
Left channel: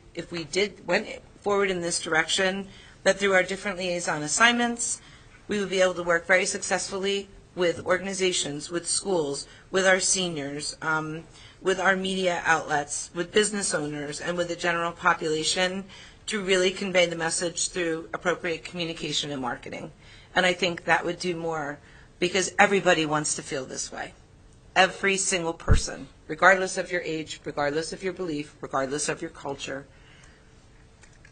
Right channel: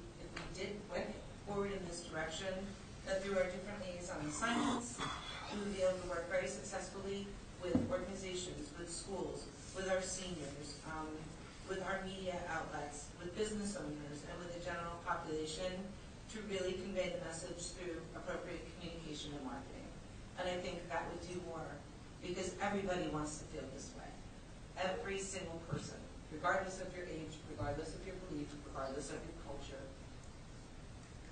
went forward in this direction, that through our different liaison assignments, we would be able to work very successfully with organizations, with schools, with our seniors, with our media outlets, with business owners, and with the general population to really convey the message through appropriate communication and marketing. And I think that would do more, because everybody wants to feel this way. Every single person, regardless of your age, regardless of your belief, regardless of your culture.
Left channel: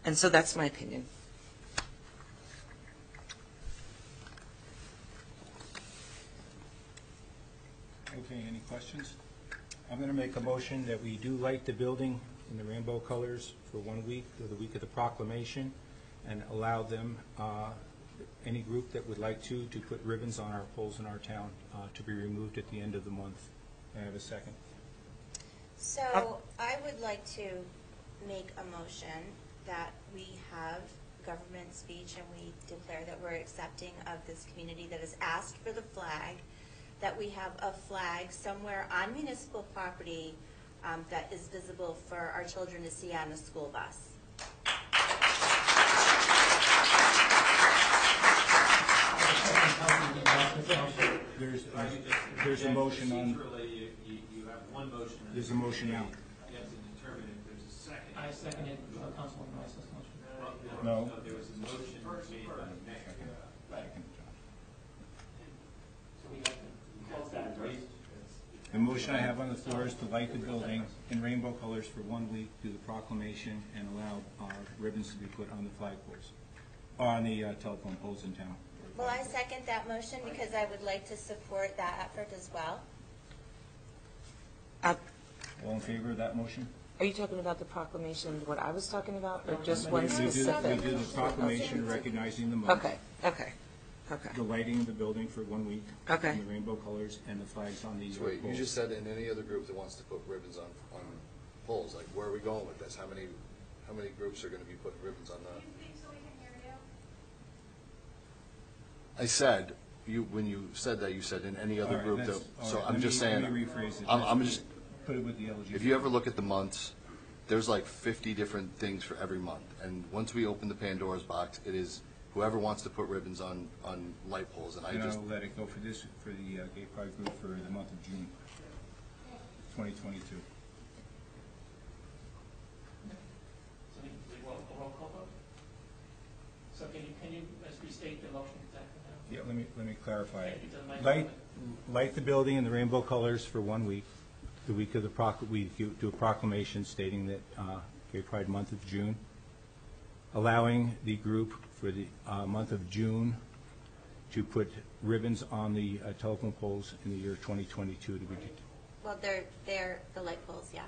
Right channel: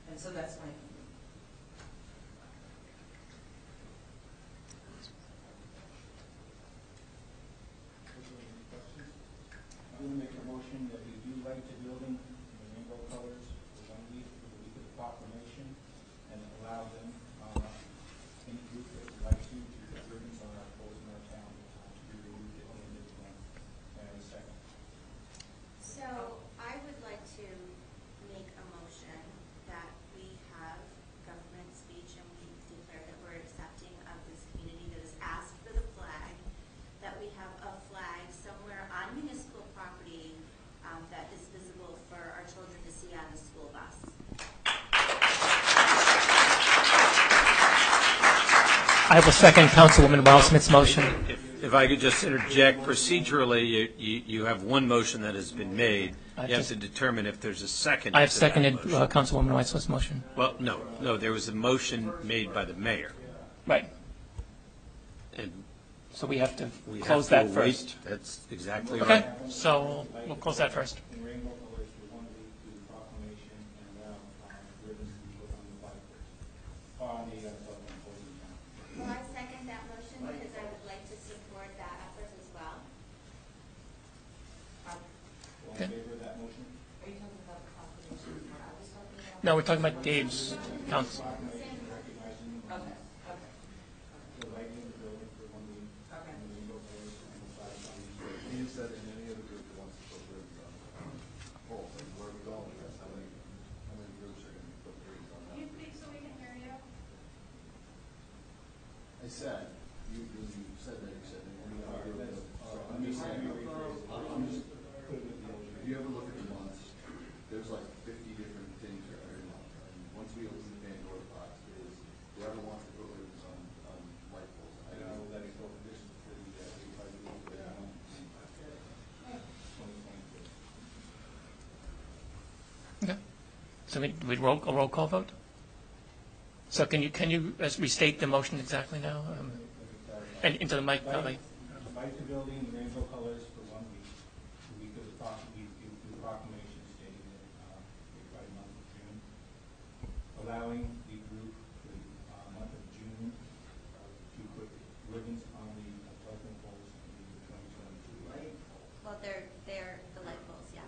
And so that's my opinion. Okay, any questions? I'm going to make a motion that we do light the building in the rainbow colors for 1 week, for the week of the proclamation, and allow them, any group that would like to put ribbons on our poles in our town to be removed at the end of the month. May I have a second? So I would like to make a motion that we have government speech and we declare that we're accepting of this community that has asked for the flag, that we have a flag somewhere on municipal property that is visible for our children to see on a school bus. I will second Councilwoman Wildsmith's motion. If I could just interject, procedurally, you have one motion that has been made. You have to determine if there's a second. I have seconded Councilwoman Wildsmith's motion. Well, no, there was a motion made by the mayor. Right. And So we have to We close have that to wait. first. That's The exactly motion right. I have on the So floor is to light we'll the close that building first. in rainbow colors for 1 week, do the proclamation, and allow ribbons to be put on the flagpoles, or on the telephone poles in town. Well, I second that motion because I would like to support that effort as well. All in favor of that motion? Are you talking about the proclamation, what I was talking about? No, we're talking about the Just one names. specific? We do the proclamation recognizing the moment. Okay. The lighting of the building for 1 week. Okay. And the rainbow colors and the flags on these Wait, poles. you just said in any other group that wants to put ribbons on poles, like, where are we going with this? How many groups are gonna be putting ribbons on that? Can you speak so we can hear you? I said, when you said that, you said in any other All right, group, that's- that- all so right, I'm let just me- saying, let me rephrase it. I'm just, Put it with the LGBT. if you ever look at the months, there's like 50 different things for every month. And once we open the Pandora's box, it is whoever wants to put ribbons on light poles, and I And just, I'll let it go for this, for the gay pride group for the month of June, 2022. Okay. So we a roll call vote? So can you restate the motion exactly now? Yeah, let me clarify. And into the mic, Light the building in the rainbow colors for 1 week. The week of we do a proclamation stating that Gay Pride month of June, allowing the group for the month of June to put ribbons on the telephone poles in the year 2022 to begin. Well, they're the light poles, yeah.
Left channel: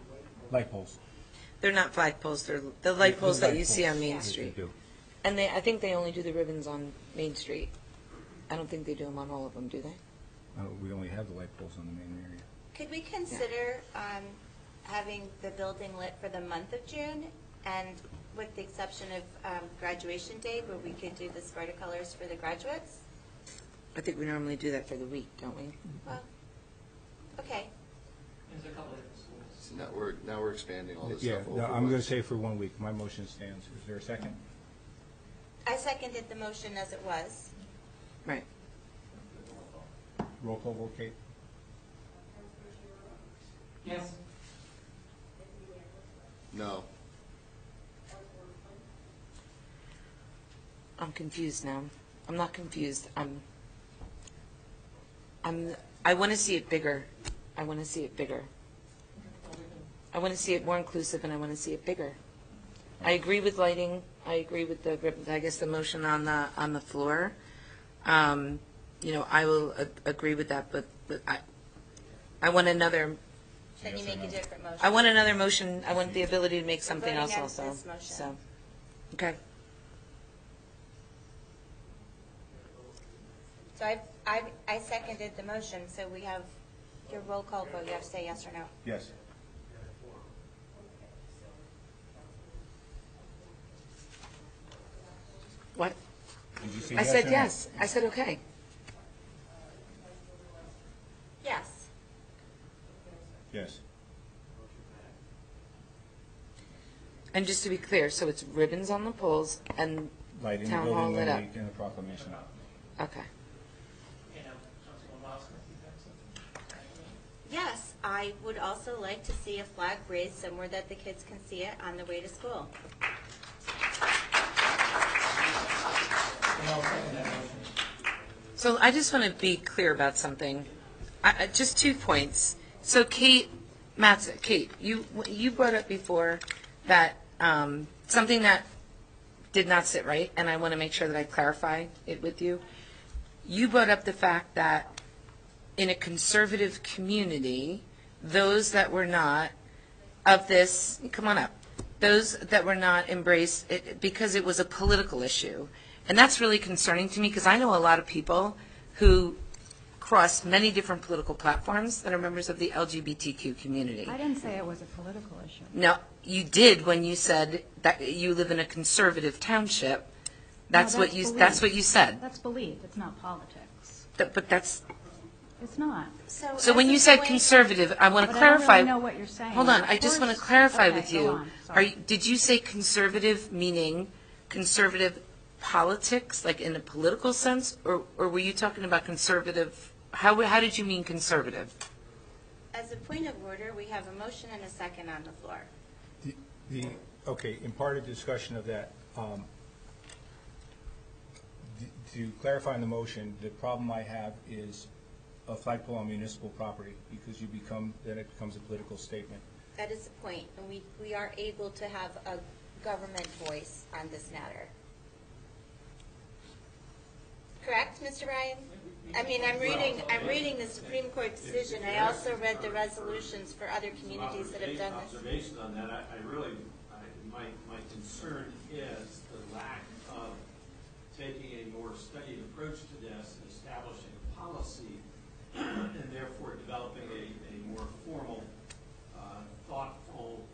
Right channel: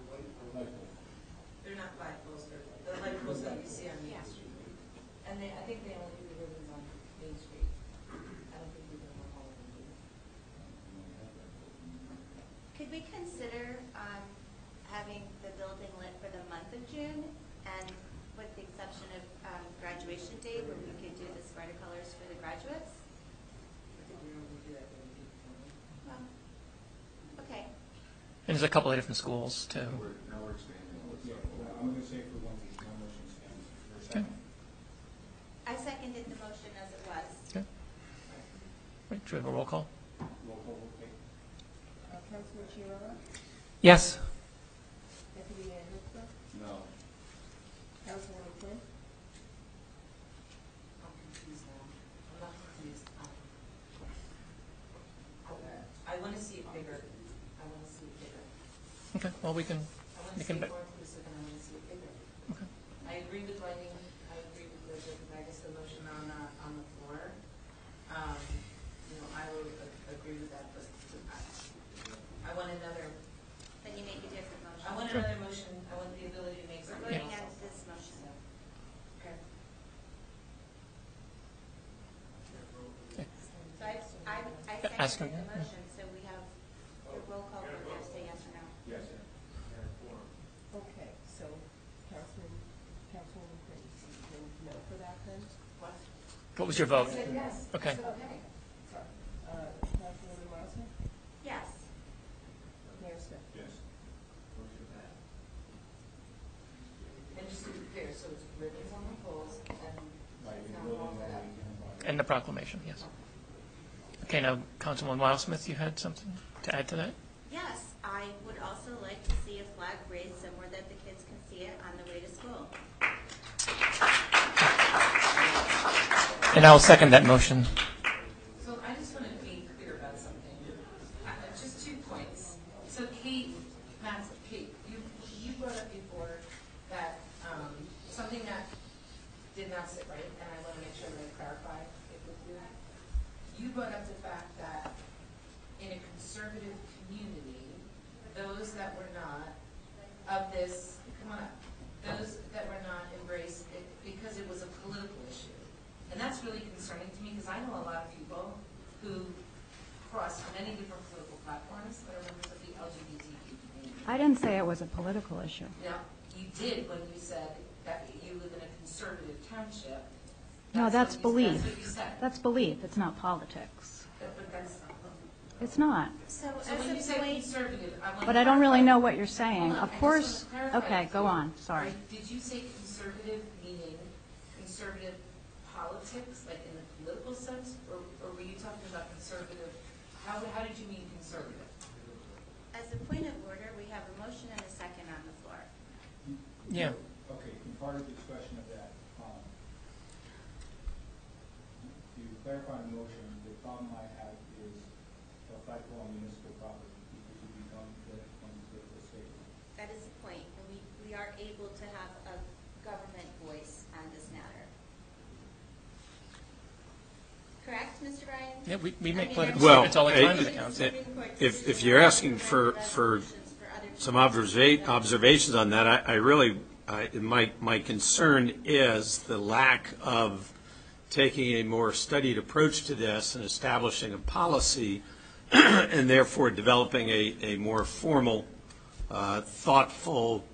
Light poles. They're not flagpoles, they're the light poles that you see on Main Yeah. Street. They do. And I think they only do the ribbons on Main Street. I don't think they do them on all of them, do they? We only have the light poles in the main area. Could we consider having the building lit for the month of June, and with the exception of graduation day, where we could do the Sparta colors for the graduates? I think we normally do that for the week, don't we? Well, okay. And there's a couple of different schools, too. now we're expanding all this Yeah, stuff no, over. I'm going to say for 1 week. My motion stands. Is there a second? I seconded the motion as it was. Okay. Right. Should we have a roll call? Roll call, roll, Kate. Councilor Chiarella? Yes. Deputy Mayor Lipscomb? No. Councilwoman Quinn? I'm confused now. I'm not confused. I want to see it bigger. I want to see it bigger. Okay, well, we can. I want to see it more inclusive, and I want to see it bigger. I agree with lighting. I agree with the, I guess, the motion on the floor. I will agree with that, but I want another. Then you make a different motion. I want another motion. I want the ability to make something Voting else out also. this motion. So, okay. So I seconded the motion, so we have your roll call vote, you have to say yes or no. Yes. Okay, so Councilwoman Quinn, no for that then? What? What was your vote? I said yes. I Okay. said okay. Councilwoman Rosner? Yes. Mayor Smith? Yes. And just to be clear, so it's ribbons on the poles and Lighting the town building hall 1 lit up. week and the proclamation. And the proclamation, yes. Okay. Okay, now, Councilwoman Wildsmith, you had something to add to that? Yes, I would also like to see a flag raised somewhere that the kids can see it on the way to school. And I'll second that motion. So I just want to be clear about something. Just 2 points. So Kate, you brought up before that something that did not sit right, and I want to make sure that I clarify it with you. You brought up the fact that in a conservative community, those that were not of this, come on up, those that were not embraced it because it was a political issue. And that's really concerning to me because I know a lot of people who cross many different political platforms that are members of the LGBTQ community. I didn't say it was a political issue. No, you did when you said that you live in a conservative township. That's No, what you. belief. That's what you said. That's belief. It's not politics. But that's. It's not. So when you said conservative, I want to But clarify. I don't really know what you're saying. Hold on, Of I just want to course- clarify okay, with you. go on. Sorry. Did you say conservative meaning conservative politics, like in a political sense, or were you talking about conservative? How did you mean conservative? As a point of order, we have a motion and a second on the floor. Yeah. Okay, in part of the discussion of that, to clarify the motion, the problem I have is a flagpole on municipal property, because then it becomes a political statement. That is the point, and we are able to have a government voice on this matter. Correct, Mr. Ryan? Yeah, we I make mean, political Well, statements all the time. I'm reading the Supreme Court decision. if you're I asking also read for the resolutions for other some communities that have done it. observations on that, my concern is the lack of taking a more studied approach to this and establishing a policy and therefore developing a more formal, thoughtful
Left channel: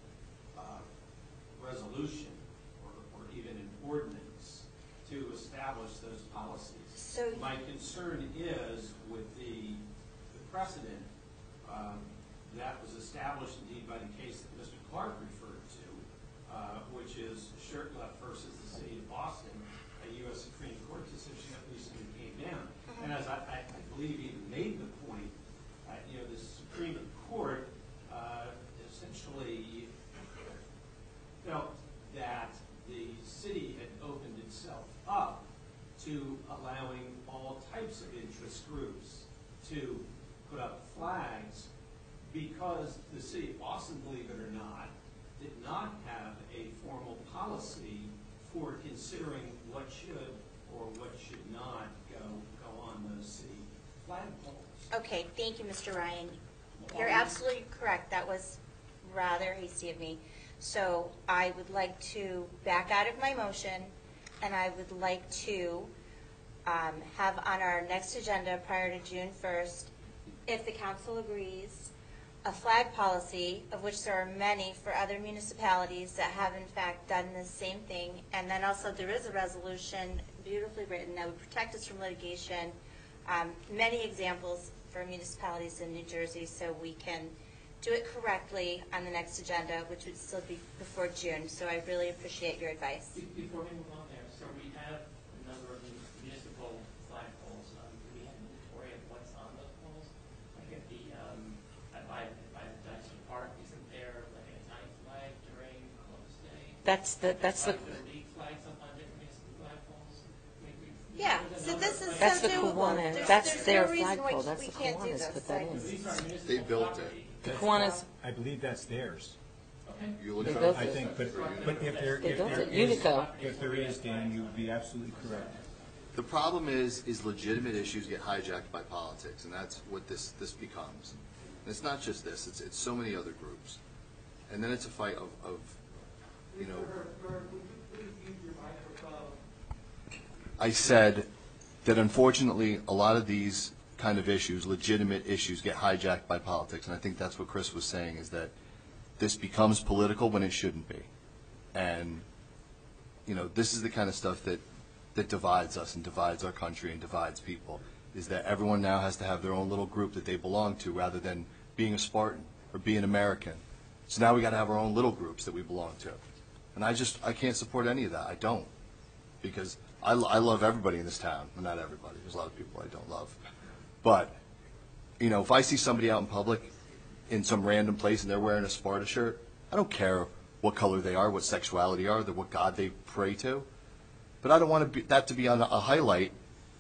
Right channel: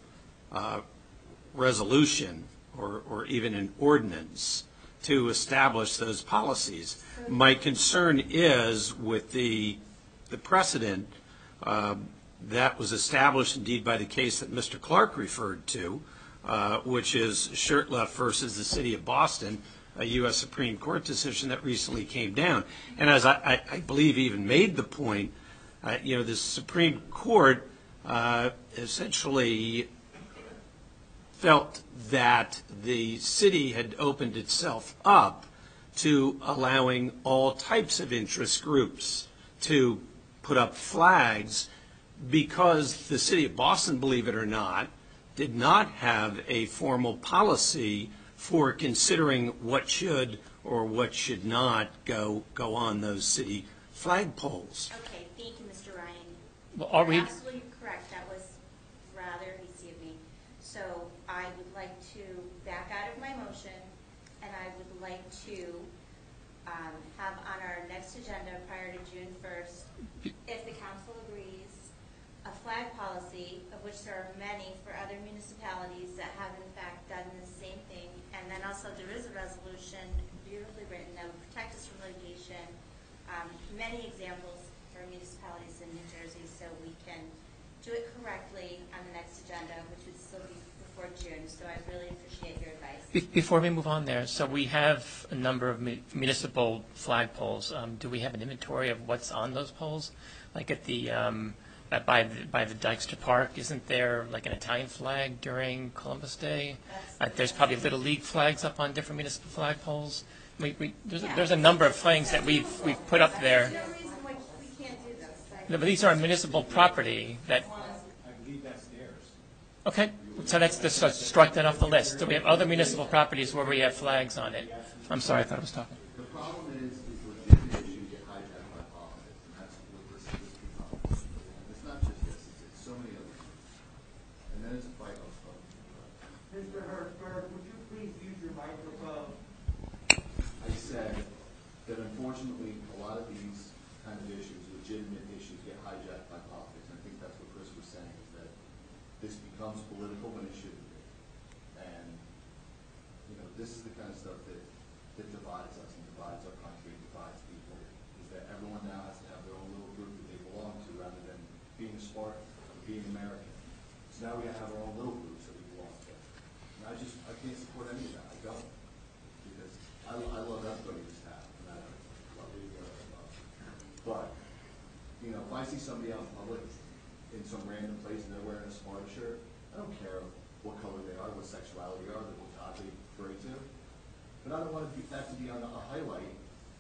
resolution or even an ordinance to establish those policies. So- My concern is with the precedent that was established indeed by the case that Mr. Clark referred to, which is Shurtleff versus the City of Boston, a U.S. Supreme Court decision that recently came down. And as I believe even made the point, the Supreme Court essentially felt that the city had opened itself up to allowing all types of interest groups to put up flags because the City of Boston, believe it or not, did not have a formal policy for considering what should or what should not go on those city flagpoles. Okay, thank you, Mr. Ryan. Well, You're absolutely correct. That was rather hasty of me. So I would like to back out of my motion, and I would like to have on our next agenda prior to June 1st, if the council agrees, a flag policy, of which there are many for other municipalities that have in fact done the same thing. And then also there is a resolution, beautifully written, that would protect us from litigation. Many examples for municipalities in New Jersey, so we can do it correctly on the next agenda, which would still be before June. So I really appreciate your advice. Before we move on there, so we have a number of municipal flagpoles. Do we have an inventory of what's on those poles? Like at the by the Dykstra Park, isn't there like an Italian flag during Columbus Day? There's probably Little League flags up on different municipal flagpoles. There's a number of things that we put up there. There's no reason why we can't do those. No, but these are on municipal property. I believe that's theirs. Okay, so let's just strike that off the list. So we have other municipal properties where we have flags on it. I'm sorry, I thought I was talking. The problem is legitimate issues get hijacked by politics, and that's what this becomes. And it's not just this, it's so many other groups. And then it's a fight of you know. Would you please use your microphone? I said that unfortunately a lot of these kind of issues, legitimate issues, get hijacked by politics, and I think that's what Chris was saying, is that this becomes political when it shouldn't be. And this is the kind of stuff that divides us and divides our country and divides people, is that everyone now has to have their own little group that they belong to rather than being a Spartan or being American. So now we got to have our own little groups that we belong to. And I can't support any of that. I don't. Because I love everybody in this town. Well, not everybody. There's a lot of people I don't love. But, if I see somebody out in public in some random place and they're wearing a Sparta shirt, I don't care what color they are, what sexuality are, what God they pray to. But I don't want that to be on a highlight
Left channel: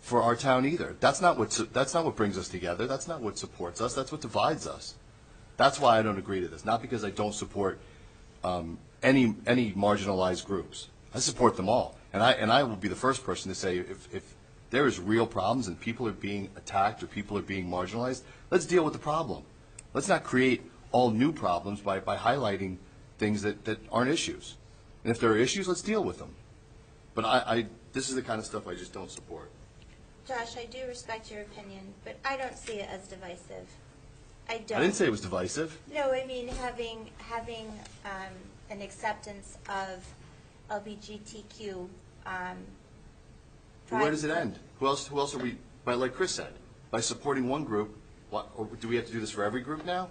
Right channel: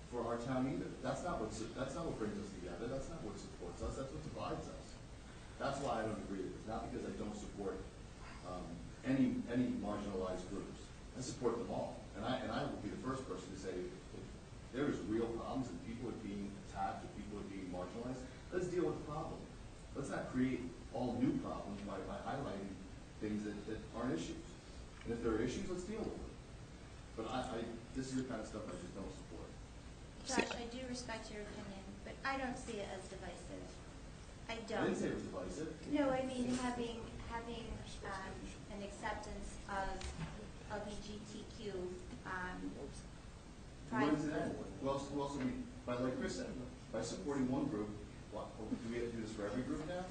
for our town either. That's not what brings us together. That's not what supports us. That's what divides us. That's why I don't agree to this. Not because I don't support any marginalized groups. I support them all. And I will be the first person to say if there is real problems and people are being attacked or people are being marginalized, let's deal with the problem. Let's not create all new problems by highlighting things that aren't issues. And if there are issues, let's deal with them. But this is the kind of stuff I just don't support. Josh, I do respect your opinion, but I don't see it as divisive. I don't. I didn't say it was divisive. No, I mean having an acceptance of LGBTQ. Where does it end? Who else are we? Like Chris said, by supporting one group, or do we have to do this for every group now?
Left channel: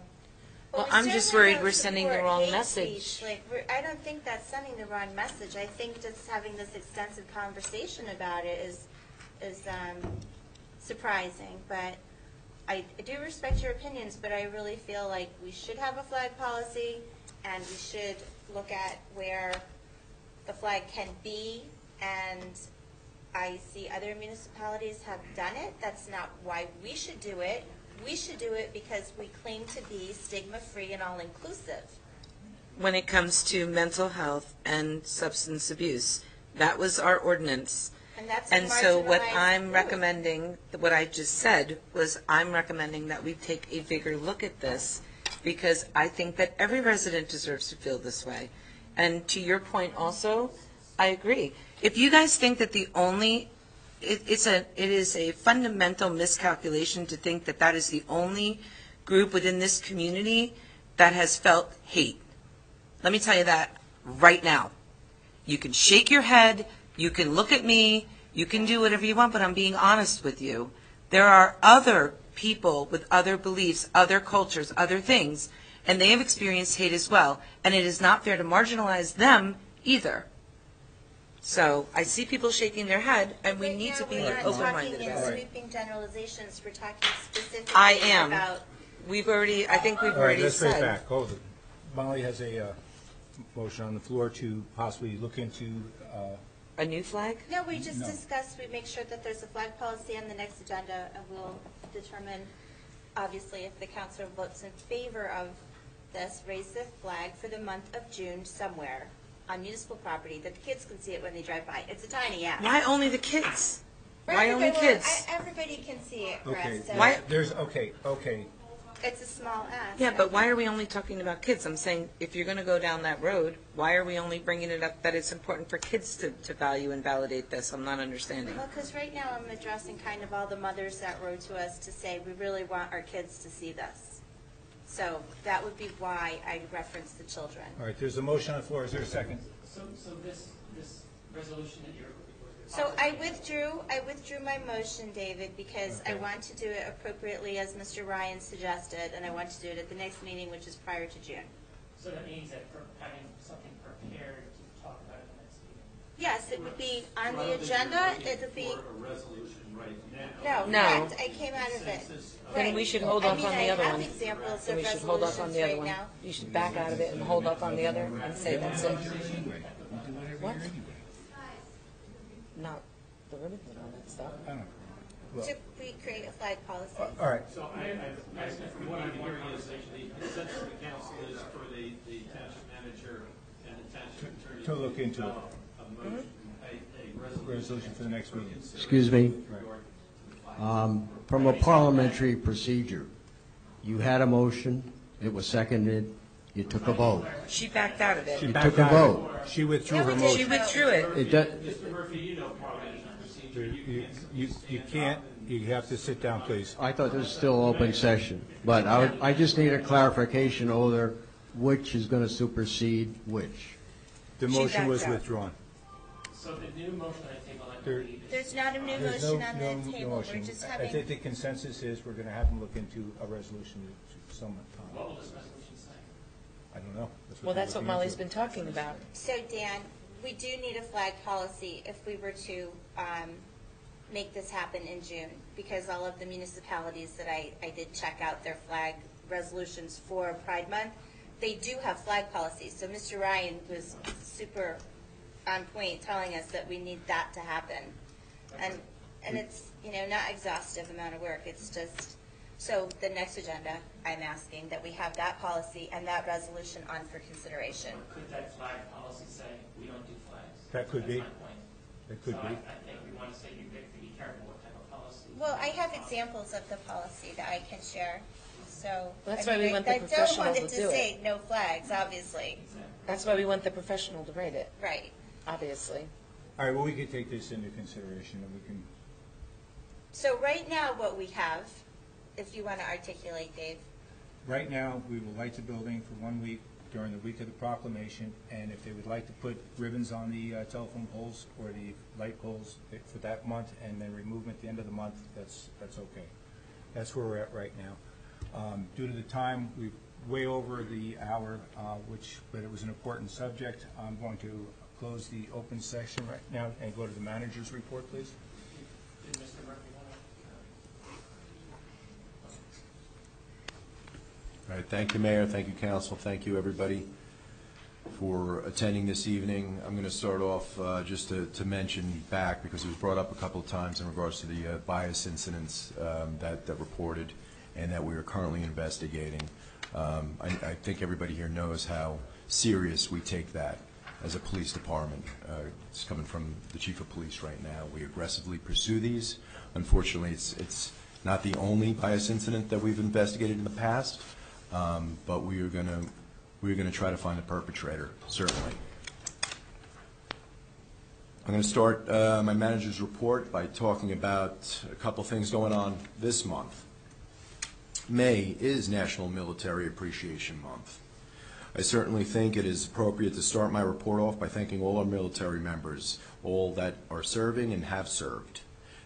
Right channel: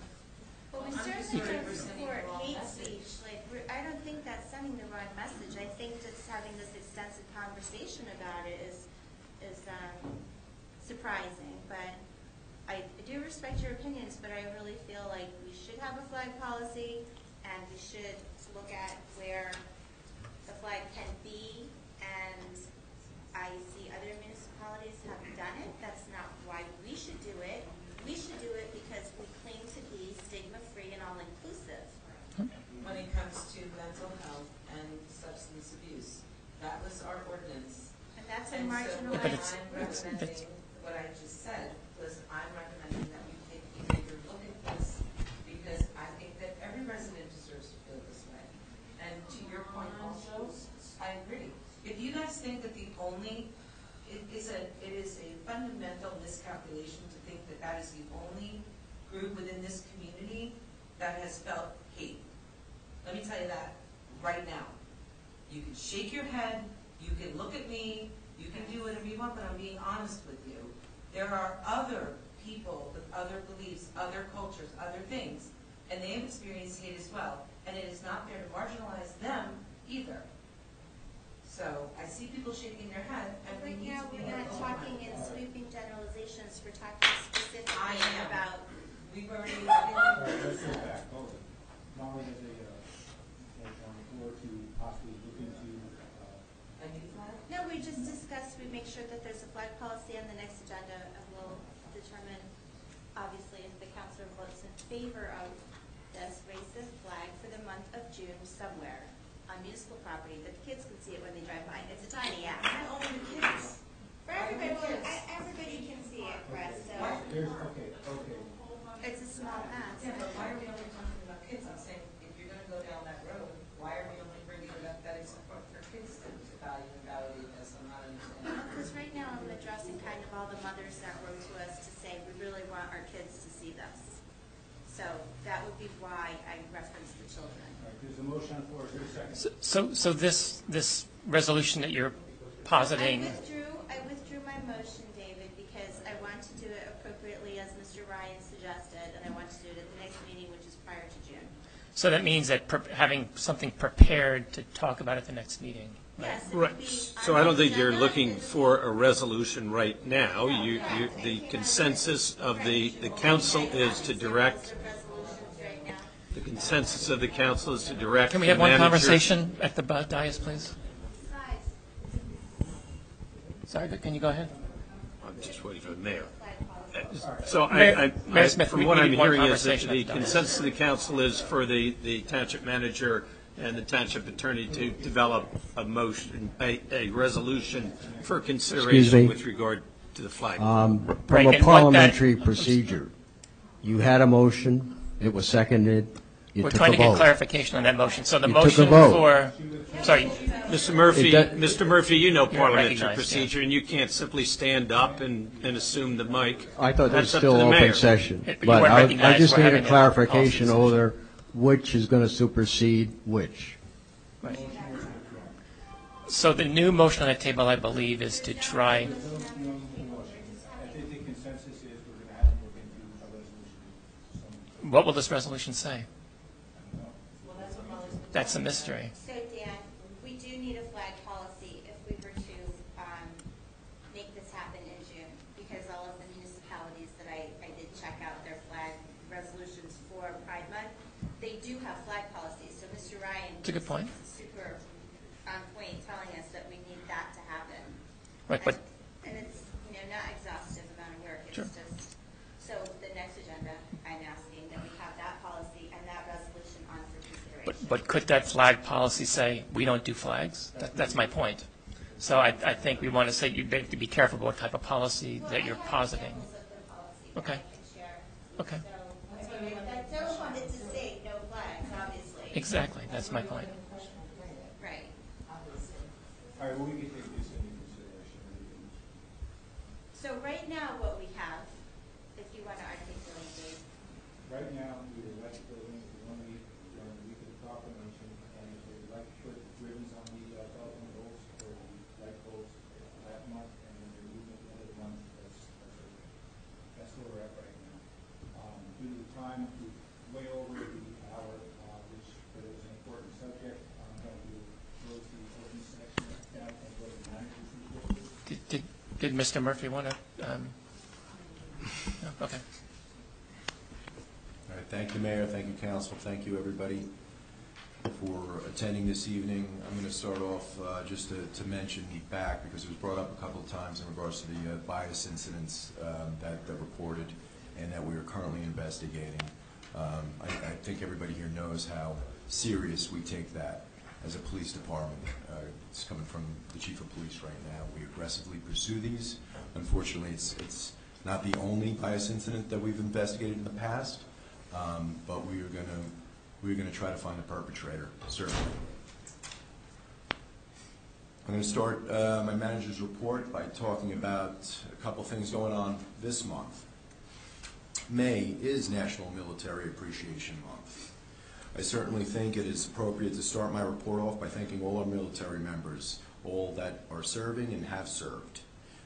Well, I'm just worried we're sending the wrong message. I don't think that's sending the wrong message. I think just having this extensive conversation about it is surprising. But I do respect your opinions, but I really feel like we should have a flag policy, and we should look at where the flag can be. And I see other municipalities have done it. That's not why we should do it. We should do it because we claim to be stigma-free and all-inclusive. When it comes to mental health and substance abuse, that was our ordinance. And that's a And so what marginalized I'm group. recommending, what I just said, was I'm recommending that we take a bigger look at this, because I think that every resident deserves to feel this way. And to your point also, I agree. If you guys think that the only, it is a fundamental miscalculation to think that that is the only group within this community that has felt hate. Let me tell you that right now. You can shake your head, you can look at me, you can do whatever you want, but I'm being honest with you. There are other people with other beliefs, other cultures, other things, and they have experienced hate as well, and it is not fair to marginalize them either. So I see people shaking their head, and we need to be We're not open-minded talking in about it. sweeping generalizations, we're talking specifically I am. about. I think we've All right, already let's bring it said. back. Hold it. Molly has a motion on the floor to possibly look into, A new flag? No, we just discussed, we make sure that there's a flag policy on the next agenda, and we'll determine, obviously, if the council votes in favor of this, raise the flag for the month of June somewhere on municipal property, that the kids can see it when they drive by. It's a tiny ask. Why only the kids? For Why only everybody- kids? Everybody can see it, Chris. okay, So Why- okay. it's a small ask. Yeah, but why are we only talking about kids? I'm saying, if you're going to go down that road, why are we only bringing it up that it's important for kids to value and validate this? I'm not understanding. Well, because right now I'm addressing kind of all the mothers that wrote to us to say, we really want our kids to see this. So that would be why I referenced the children. All right, there's a motion on the floor. Is there a second? So this resolution that you're So I positing, withdrew my motion, David, because I want to do it appropriately as Mr. Ryan suggested, and I want to do it at the next meeting, which is prior to June. so that means that having something prepared to talk about at the next meeting. Yes, it Right. would be on So I don't the think you're agenda. looking It would for be- a resolution right now. No, You- no. you- It came out The of consensus it. of Right. We the should hold council on to the is other to one. direct, Examples of We should hold up on the other resolutions one. right now. You should the back out of consensus it of the and hold up council on is the to other one. direct Can we the have one manager. conversation at the dais, please? No. The ribbon? Sorry, but can you go ahead? I'm just waiting for the Create mayor. a flag policy. All right. So Mayor Smith, from we what need I'm one hearing is that conversation the at the dais. consensus of the council is for the township manager and the township attorney to develop a motion, a resolution for Excuse consideration me. with regard to the flag. From Right, a and what that- parliamentary procedure, you had a motion, it was seconded, you We're took trying a to get vote. clarification on that motion. So the You took a motion vote. for. She withdrew her Sorry, motion. She withdrew Mr. it. Murphy, It does- Mr. Murphy, you know parliamentary recognized, procedure, and you can't simply stand You up can't. and You and have to sit assume the down, mic. please. I thought this was That's up still to the open mayor. session, You but weren't I recognized just for need a having a clarification policy over which is going to supersede which. The motion was withdrawn. So the new motion on the table, I believe, is to There's not a try. motion No on the table, we're motion. just I having. think the consensus is we're going to have to look into a resolution somewhere. What will this resolution say? I don't know. Well, that's what Molly's been That's a talking about. mystery. So Dan, we do need a flag policy if we were to make this happen in June, because all of the municipalities that I did check out their flag resolutions for Pride Month, they do have flag policies. So Mr. Ryan That's a good was point. super on point telling us that we need that to happen. Right, but And it's, not exhaustive amount of work, it's just, so the next agenda, I'm asking that we have that policy and that resolution on for consideration. But could that flag policy say, we don't do flags? That could That's be. my point. So I think we want to say, you have to be careful what type of policy Well, I that you're have positing. examples of the policy that Okay. I can share. Okay. So, That's I why we mean, want the I don't professional want it to to do it. say no flags, obviously. Exactly. That's why my we want the point. professional to write it, Right. obviously. All right, well, we could take this into consideration and we can, So right now, what we have, if you want to articulate, Dave. right now, we will light the building for 1 week during the week of the proclamation, and if they would like to put ribbons on the telephone poles or the light poles for that month and then remove them at the end of the month, that's okay. That's where we're at right now. Due to the time, we're way over the hour, but it was an important subject. I'm going to close the open session right now and go to the manager's report, please. Did Mr. Murphy want to? Okay. All right, thank you, Mayor, thank you, Council, thank you, everybody, for attending this evening. I'm going to start off just to mention back, because it was brought up a couple of times in regards to the bias incidents that reported. and that we are currently investigating. I think everybody here knows how serious we take that as a police department. It's coming from the chief of police right now. We aggressively pursue these. Unfortunately, it's not the only bias incident that we've investigated in the past, but we're going to try to find the perpetrator, certainly. I'm going to start my manager's report by talking about a couple things going on this month. May is National Military Appreciation Month. I certainly think it is appropriate to start my report off by thanking all our military members, all that are serving and have served.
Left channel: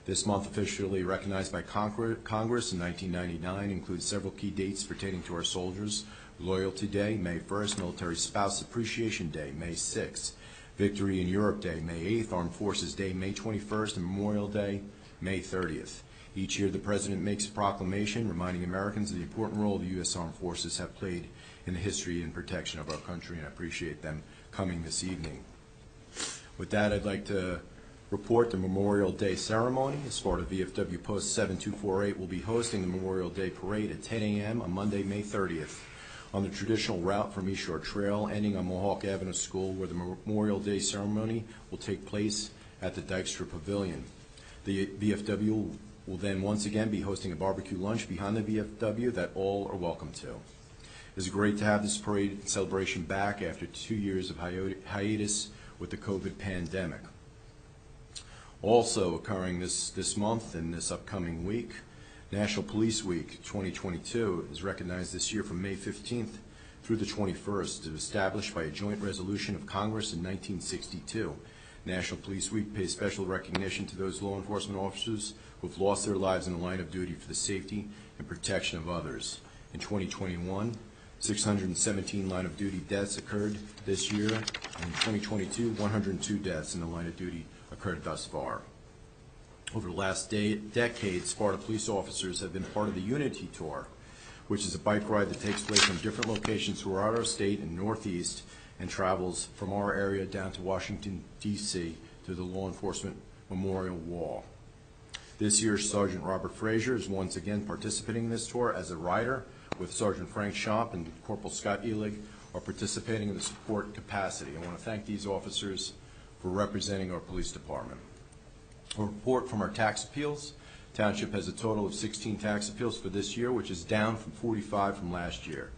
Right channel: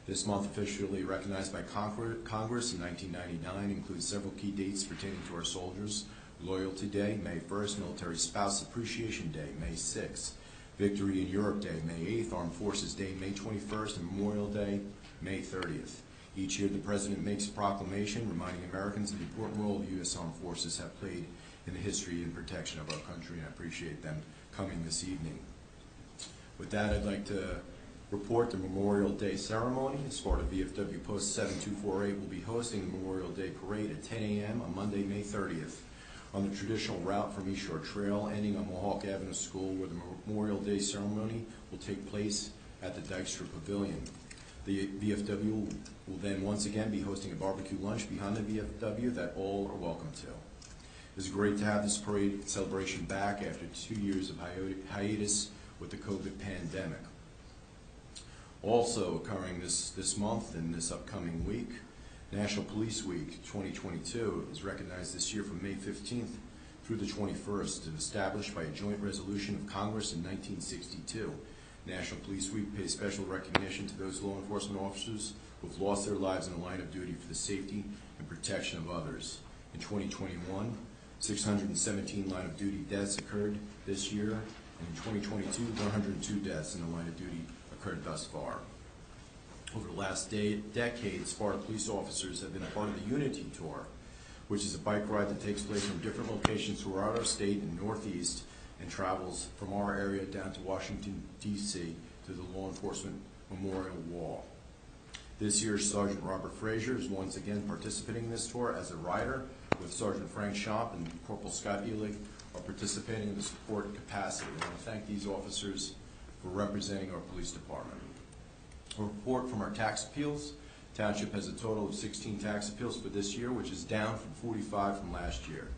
This month, officially recognized by Congress in 1999, includes several key dates pertaining to our soldiers. Loyalty Day, May 1st, Military Spouse Appreciation Day, May 6th, Victory in Europe Day, May 8th, Armed Forces Day, May 21st, and Memorial Day, May 30th. Each year, the President makes a proclamation reminding Americans of the important role the U.S. Armed Forces have played in the history and protection of our country, and I appreciate them coming this evening. With that, I'd like to report the Memorial Day ceremony. Sparta VFW Post 7248 will be hosting the Memorial Day Parade at 10 a.m. on Monday, May 30th, on the traditional route from East Shore Trail, ending on Mohawk Avenue School, where the Memorial Day ceremony will take place at the Dykstra Pavilion. The VFW will then once again be hosting a barbecue lunch behind the VFW that all are welcome to. It's great to have this parade celebration back after 2 years of hiatus with the COVID pandemic. Also occurring this month and this upcoming week, National Police Week 2022 is recognized this year from May 15th through the 21st. It was established by a joint resolution of Congress in 1962. National Police Week pays special recognition to those law enforcement officers who have lost their lives in the line of duty for the safety and protection of others. In 2021, 617 line of duty deaths occurred this year, and in 2022, 102 deaths in the line of duty occurred thus far. Over the last decade, Sparta police officers have been part of the Unity Tour, which is a bike ride that takes place from different locations throughout our state and Northeast and travels from our area down to Washington, D.C. to the Law Enforcement Memorial Wall. This year, Sergeant Robert Frazier is once again participating in this tour as a rider, with Sergeant Frank Schomp and Corporal Scott Elig are participating in the support capacity. I want to thank these officers for representing our police department. A report from our tax appeals. Township has a total of 16 tax appeals for this year, which is down from 45 from last year.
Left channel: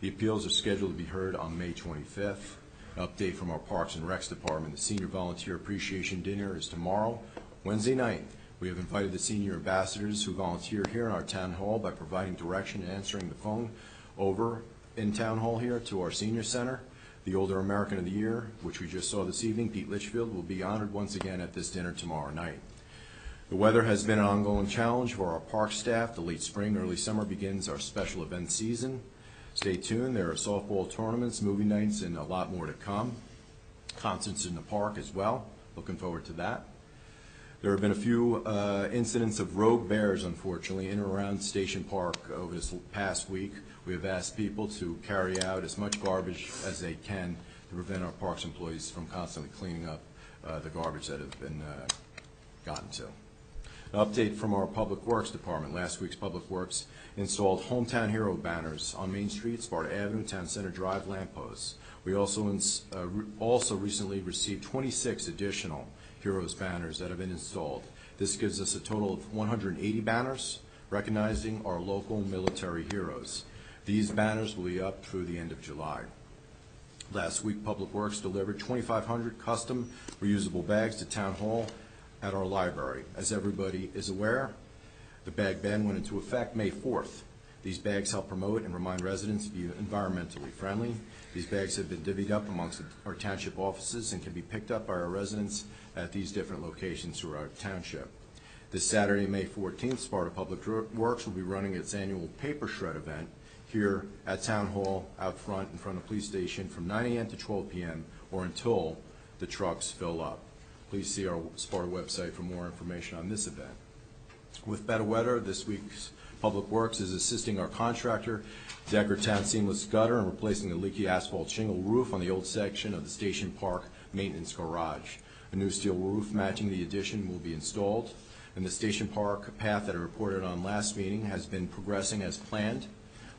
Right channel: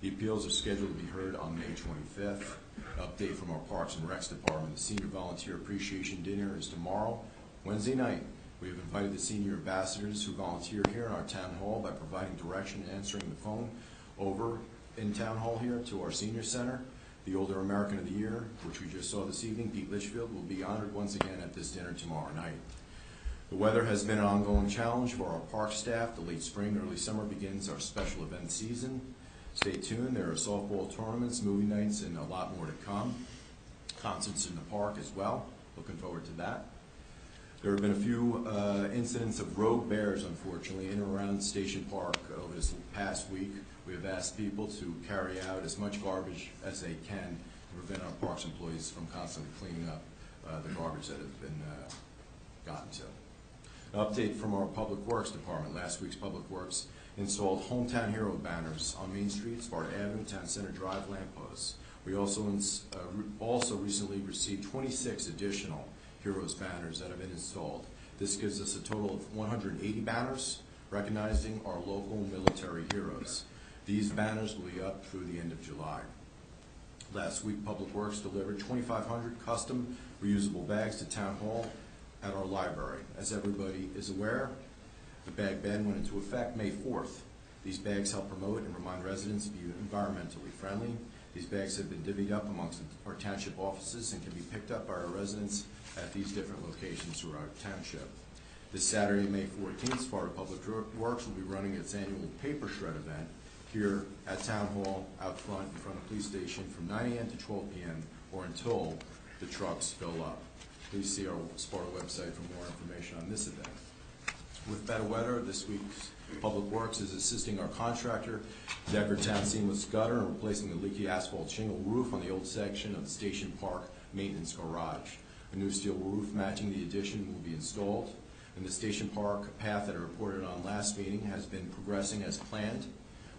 The appeals are scheduled to be heard on May 25th. An update from our Parks and Recs Department. The Senior Volunteer Appreciation Dinner is tomorrow, Wednesday night. We have invited the senior ambassadors who volunteer here in our town hall by providing direction and answering the phone over in town hall here to our senior center. The Older American of the Year, which we just saw this evening, Pete Litchfield, will be honored once again at this dinner tomorrow night. The weather has been an ongoing challenge for our park staff. The late spring, early summer begins our special event season. Stay tuned. There are softball tournaments, movie nights, and a lot more to come. Concerts in the park as well. Looking forward to that. There have been a few incidents of rogue bears, unfortunately, in and around Station Park over this past week. We have asked people to carry out as much garbage as they can to prevent our parks employees from constantly cleaning up the garbage that has been gotten to. An update from our Public Works Department. Last week's Public Works installed Hometown Hero banners on Main Street, Sparta Avenue, Town Center Drive lampposts. We also recently received 26 additional Heroes banners that have been installed. This gives us a total of 180 banners recognizing our local military heroes. These banners will be up through the end of July. Last week, Public Works delivered 2,500 custom reusable bags to Town Hall at our library. As everybody is aware, the bag ban went into effect May 4th. These bags help promote and remind residents to be environmentally friendly. These bags have been divvied up amongst our township offices and can be picked up by our residents at these different locations throughout our township. This Saturday, May 14th, Sparta Public Works will be running its annual paper shred event here at Town Hall out front in front of the police station from 9 a.m. to 12 p.m. or until the trucks fill up. Please see our Sparta website for more information on this event. With better weather, this week's Public Works is assisting our contractor, Decker Town Seamless Gutter, in replacing the leaky asphalt shingle roof on the old section of the Station Park Maintenance Garage. A new steel roof matching the addition will be installed. And the Station Park path that I reported on last meeting has been progressing as planned.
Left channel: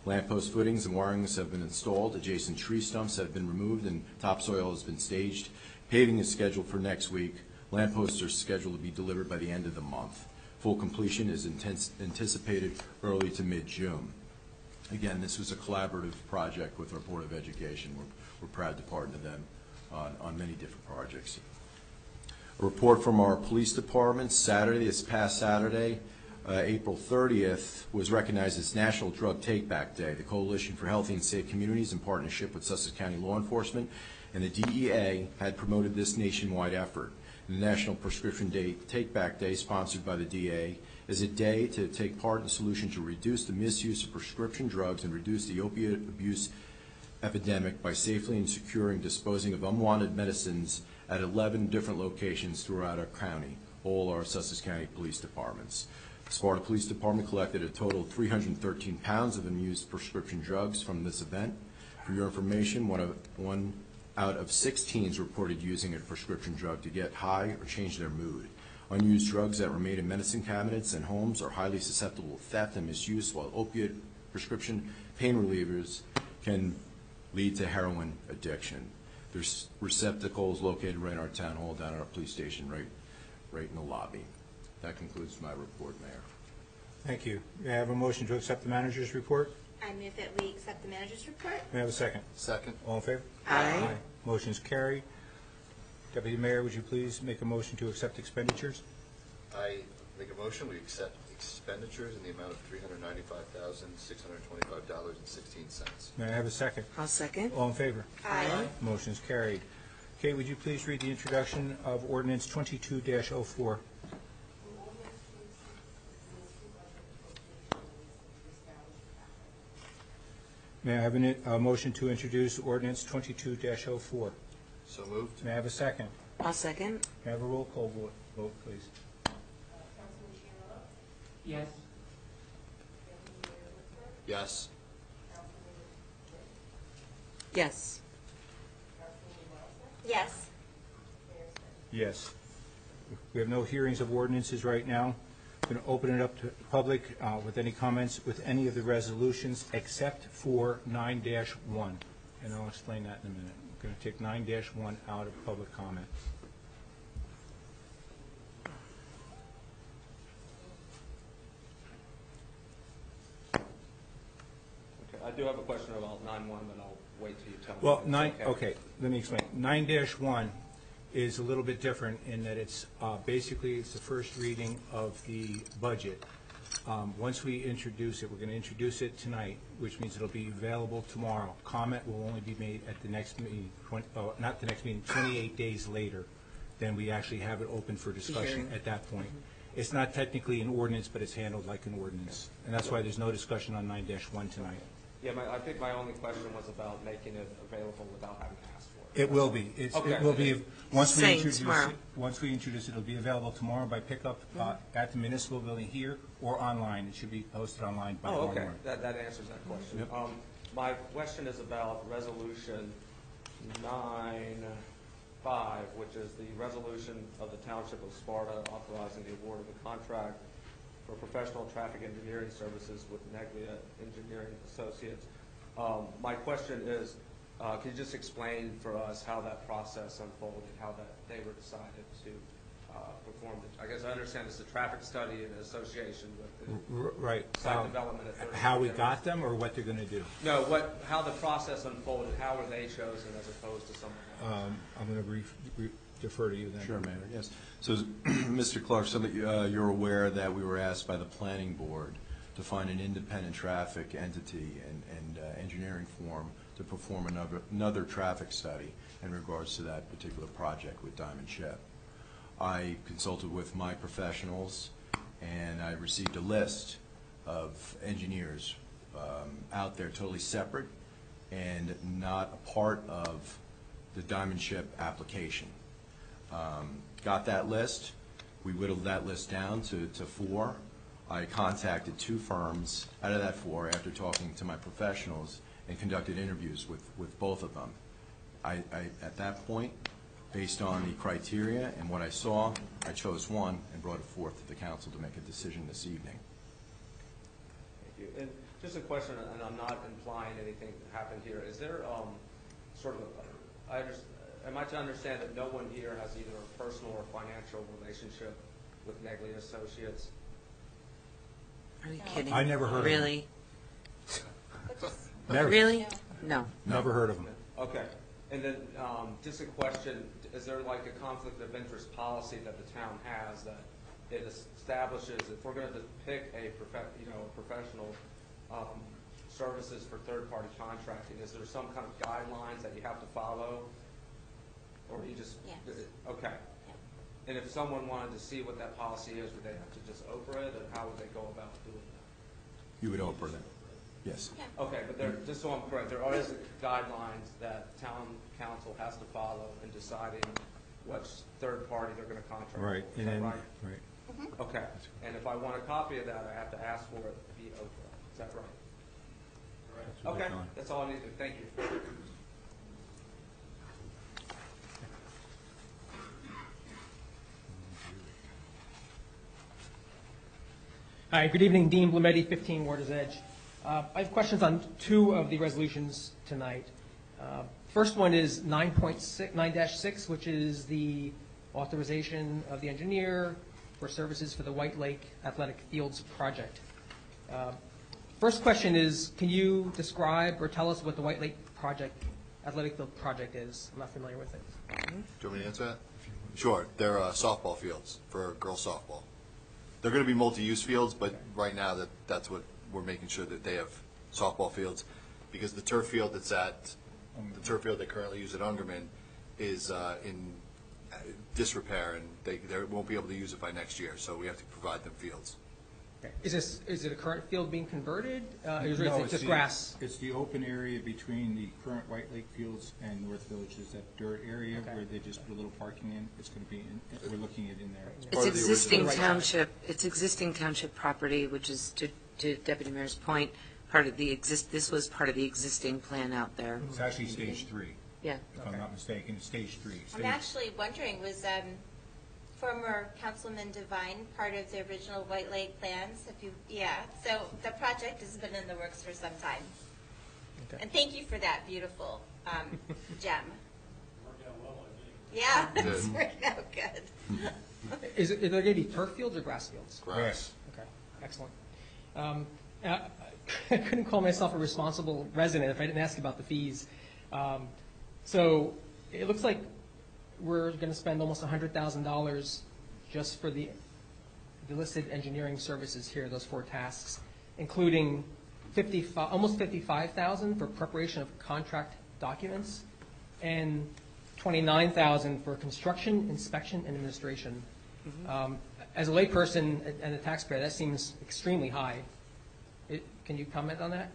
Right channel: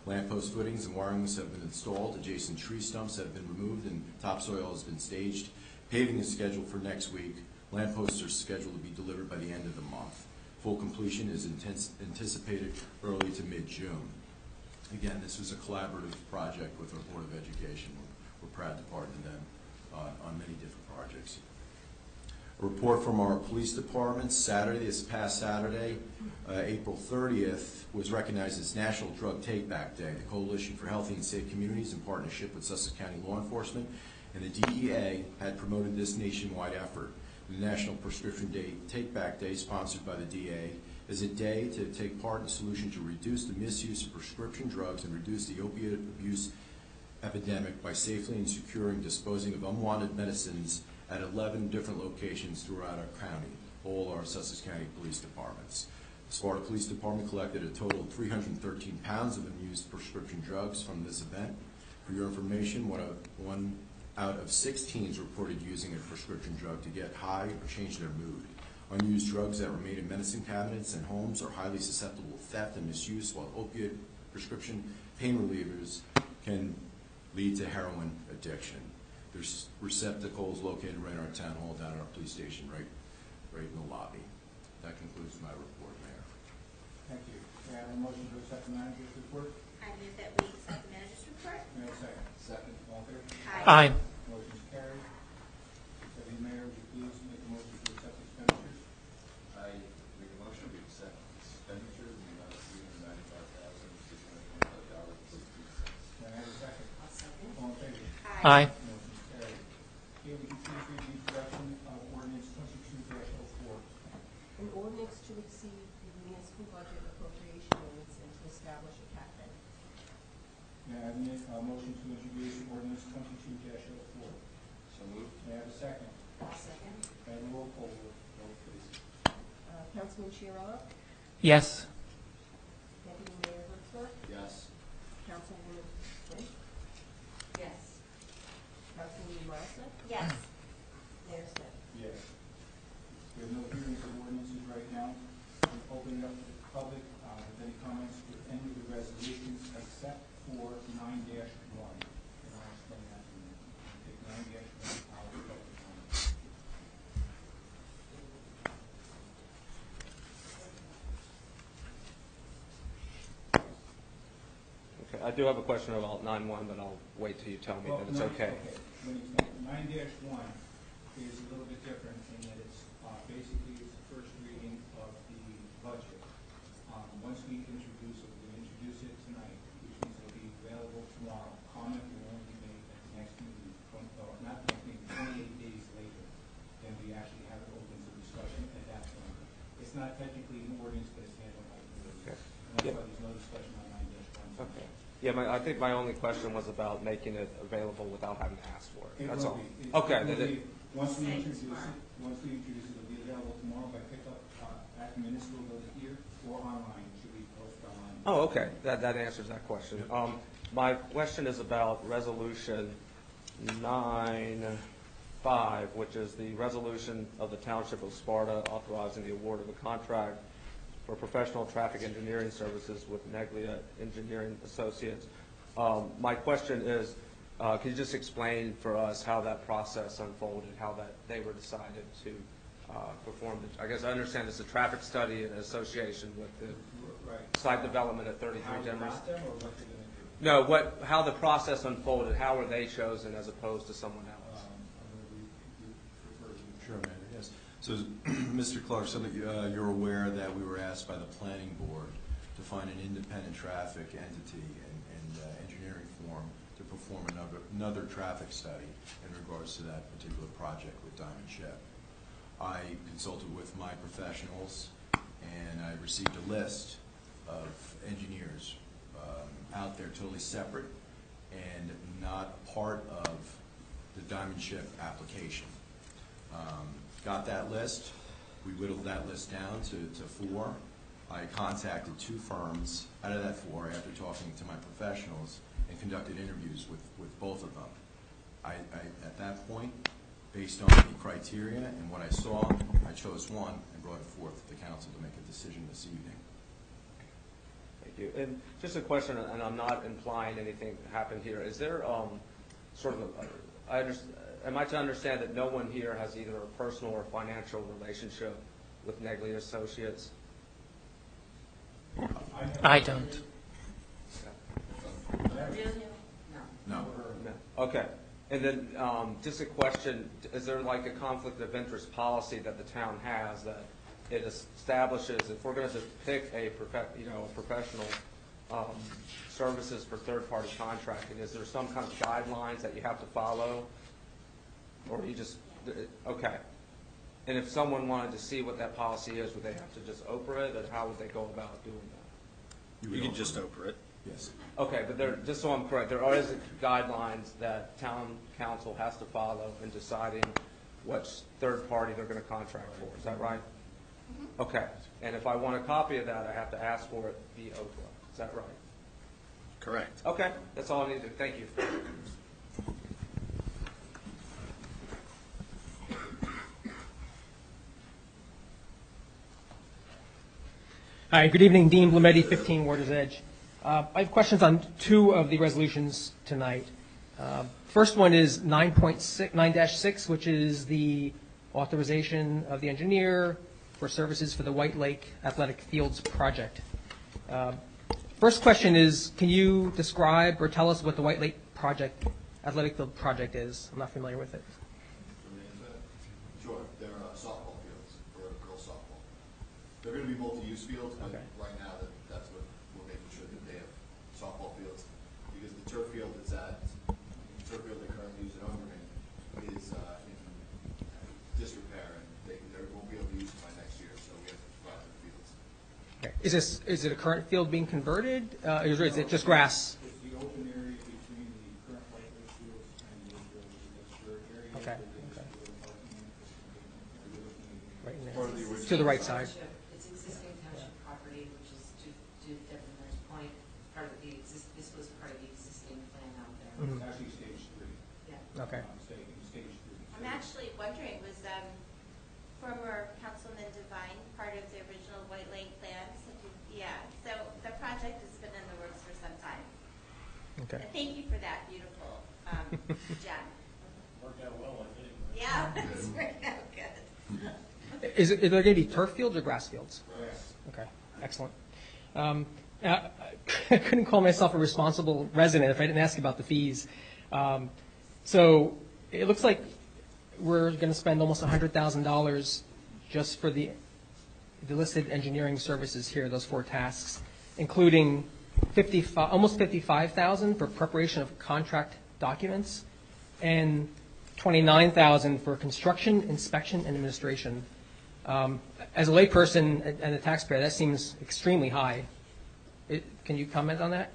Lamppost footings and wirings have been installed, adjacent tree stumps have been removed, and topsoil has been staged. Paving is scheduled for next week. Lampposts are scheduled to be delivered by the end of the month. Full completion is anticipated early to mid-June. Again, this was a collaborative project with our Board of Education. We're proud to partner them on many different projects. A report from our police department. This past Saturday, April 30th, was recognized as National Drug Take-Back Day. The Coalition for Healthy and Safe Communities, in partnership with Sussex County Law Enforcement and the DEA, had promoted this nationwide effort. The National Prescription Take-Back Day, sponsored by the DEA, is a day to take part in the solution to reduce the misuse of prescription drugs and reduce the opiate abuse epidemic by safely and securing disposing of unwanted medicines at 11 different locations throughout our county, all our Sussex County Police Departments. The Sparta Police Department collected a total of 313 pounds of unused prescription drugs from this event. For your information, one out of 6 teens reported using a prescription drug to get high or change their mood. Unused drugs that remain in medicine cabinets and homes are highly susceptible to theft and misuse, while opiate prescription pain relievers can lead to heroin addiction. There's receptacles located right in our town hall, down at our police station, right in the lobby. That concludes my report, Mayor. Thank you. May I have a motion to accept the manager's report? I move that we accept the manager's report. May I have a second? Second. All in favor? Aye. Motion is carried. Deputy Mayor, would you please make a motion to accept expenditures? I make a motion, we accept expenditures in the amount of $395,625.16. May I have a second? I'll second. All in favor? Aye. Motion is carried. Okay, would you please read the introduction of ordinance 22-04? An ordinance to exceed the municipal budget appropriation limits and to establish a cap limit. May I have a motion to introduce ordinance 22-04? So moved. May I have a second? I'll second. May I have a roll call vote, please? Councilman Chiarella? Yes. Deputy Mayor Whitworth? Yes. Councilwoman Lynch? Yes. Councilwoman Marissa? Yes. Mayor Smith? Yes. We have no hearings of ordinances right now. I'm going to open it up to the public with any comments with any of the resolutions except for 9-1. And I'll explain that in a minute. I'm going to take 9-1 out of public comment. Okay, I do have a question about 9-1, but I'll wait till you tell me Well, that it's okay. okay, let me explain. 9-1 is a little bit different in that it's basically it's the first reading of the budget. Once we introduce it, we're going to introduce it tonight, which means it'll be available tomorrow. Comment will only be made at the next meeting, not the next meeting, 28 days later. Then we actually have it open for discussion at that point. It's not technically an ordinance, but it's handled like an ordinance. And that's why there's no discussion on 9-1 tonight. Okay. Yeah, I think my only question was about making it available without having to ask for it. It That's will all. be. Okay. It will be, once we Same introduce it, tomorrow. it'll be available tomorrow by pickup at the municipal building here or online. It should be posted online. by Oh, okay, tomorrow. that answers that question. My question is about Resolution 9-5, which is the resolution of the Township of Sparta authorizing the award of a contract for professional traffic engineering services with Neglia Engineering Associates. My question is, can you just explain for us how that process unfolded, how that they were decided to perform I guess I understand it's a traffic study in association with the Right. site development at 33 How we Demarest. got them or what they're going to do? No, how the process unfolded, how were they chosen as opposed to someone else? I'm going to defer to you then. Sure, Mayor, yes. So, Mr. Clark, so that you're aware that we were asked by the Planning Board to find an independent traffic entity and engineering firm to perform another traffic study in regards to that particular project with Diamond Ship. I consulted with my professionals, and I received a list of engineers out there totally separate and not a part of the Diamond Ship application. Got that list. We whittled that list down to 4. I contacted 2 firms out of that 4 after talking to my professionals and conducted interviews with both of them. At that point, Based on the criteria and what I saw, I chose one and brought it forth to the council to make a decision this evening. Thank you. And just a question, and I'm not implying anything happened here. Is there sort of am I to understand that no one here has either a personal or financial relationship with Negley Associates? Are you kidding? I never heard of Really? Never. Really? No. Never heard of them. No. Okay. And then just a question, is there like a conflict of interest policy that the town has that it establishes if we're going to pick a professional services for third-party contracting, is there some kind of guidelines that you have to follow? Or do you just, okay. And if someone wanted to see what that policy is, would they have to just Oprah it, or how would they go about doing that? You would can just Oprah it. Yes. Okay, but there, just so I'm correct, there is guidelines that town council has to follow in deciding which third party they're going to contract for. Is that right? Right. Okay. And if I want a copy of that, I have to ask for it via Oprah. Is that right? Correct. Okay, that's all I needed. Thank you. Hi, good evening. Dean Blumetti, 15 Water's Edge. I have questions on two of the resolutions tonight. First one is 9.6, which is the authorization of the engineer for services for the White Lake Athletic Fields project. First question is, can you describe or tell us what the White Lake Athletic Field project is? I'm not familiar with it. Do you want me to answer that? Sure. They're softball fields for girls softball. They're going to be multi-use fields, but right now that's what we're making sure that they have softball fields, because the turf field the turf field they currently use at Ungerman is in disrepair, and they won't be able to use it by next year. So we have to provide them fields. Okay. Is it a current field being converted, or is it just No, grass? It's the open area between the current White Lake Fields and North Village. Is that dirt area where they just put a little parking in? It's going to be. We're looking at it in there. It's existing township. It's existing township property, which is to Deputy Mayor's point. This was part of the existing plan out there. It's actually stage 3. Yeah. If I'm not mistaken, stage 3. I'm actually wondering, was former Councilman Devine part of the original White Lake plans? So the project has been in the works for some time. Okay. And thank you for that beautiful gem. Worked out well, I think. Yeah, it's working out good. Is there going to be turf fields or grass fields? Grass. Okay, excellent. I couldn't call myself a responsible resident if I didn't ask about the fees. So it looks like we're going to spend almost $100,000 just for the listed engineering services here, those 4 tasks, including almost $55,000 for preparation of contract documents and $29,000 for construction, inspection, and administration. As a layperson and a taxpayer, that seems extremely high. Can you comment on that?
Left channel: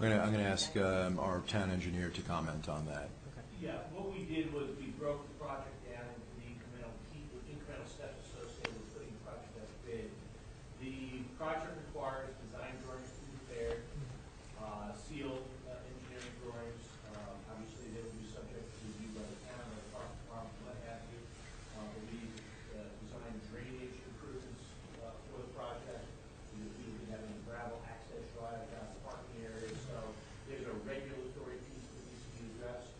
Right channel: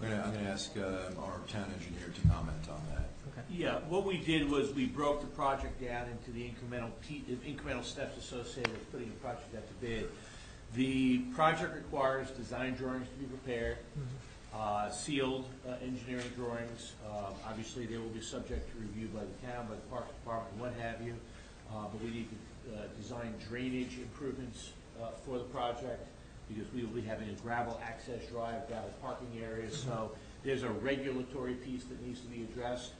I'm going to ask our town engineer to comment on that. Okay. Yeah, what we did was we broke the project down into the incremental steps associated with putting the project out to bid. The project requires design drawings to be prepared, sealed engineering drawings. Obviously, they will be subject to review by the town, by the park department, what have you. But we need to design drainage improvements for the project, because we will be having a gravel access drive, gravel parking areas. So there's a regulatory piece that needs to be addressed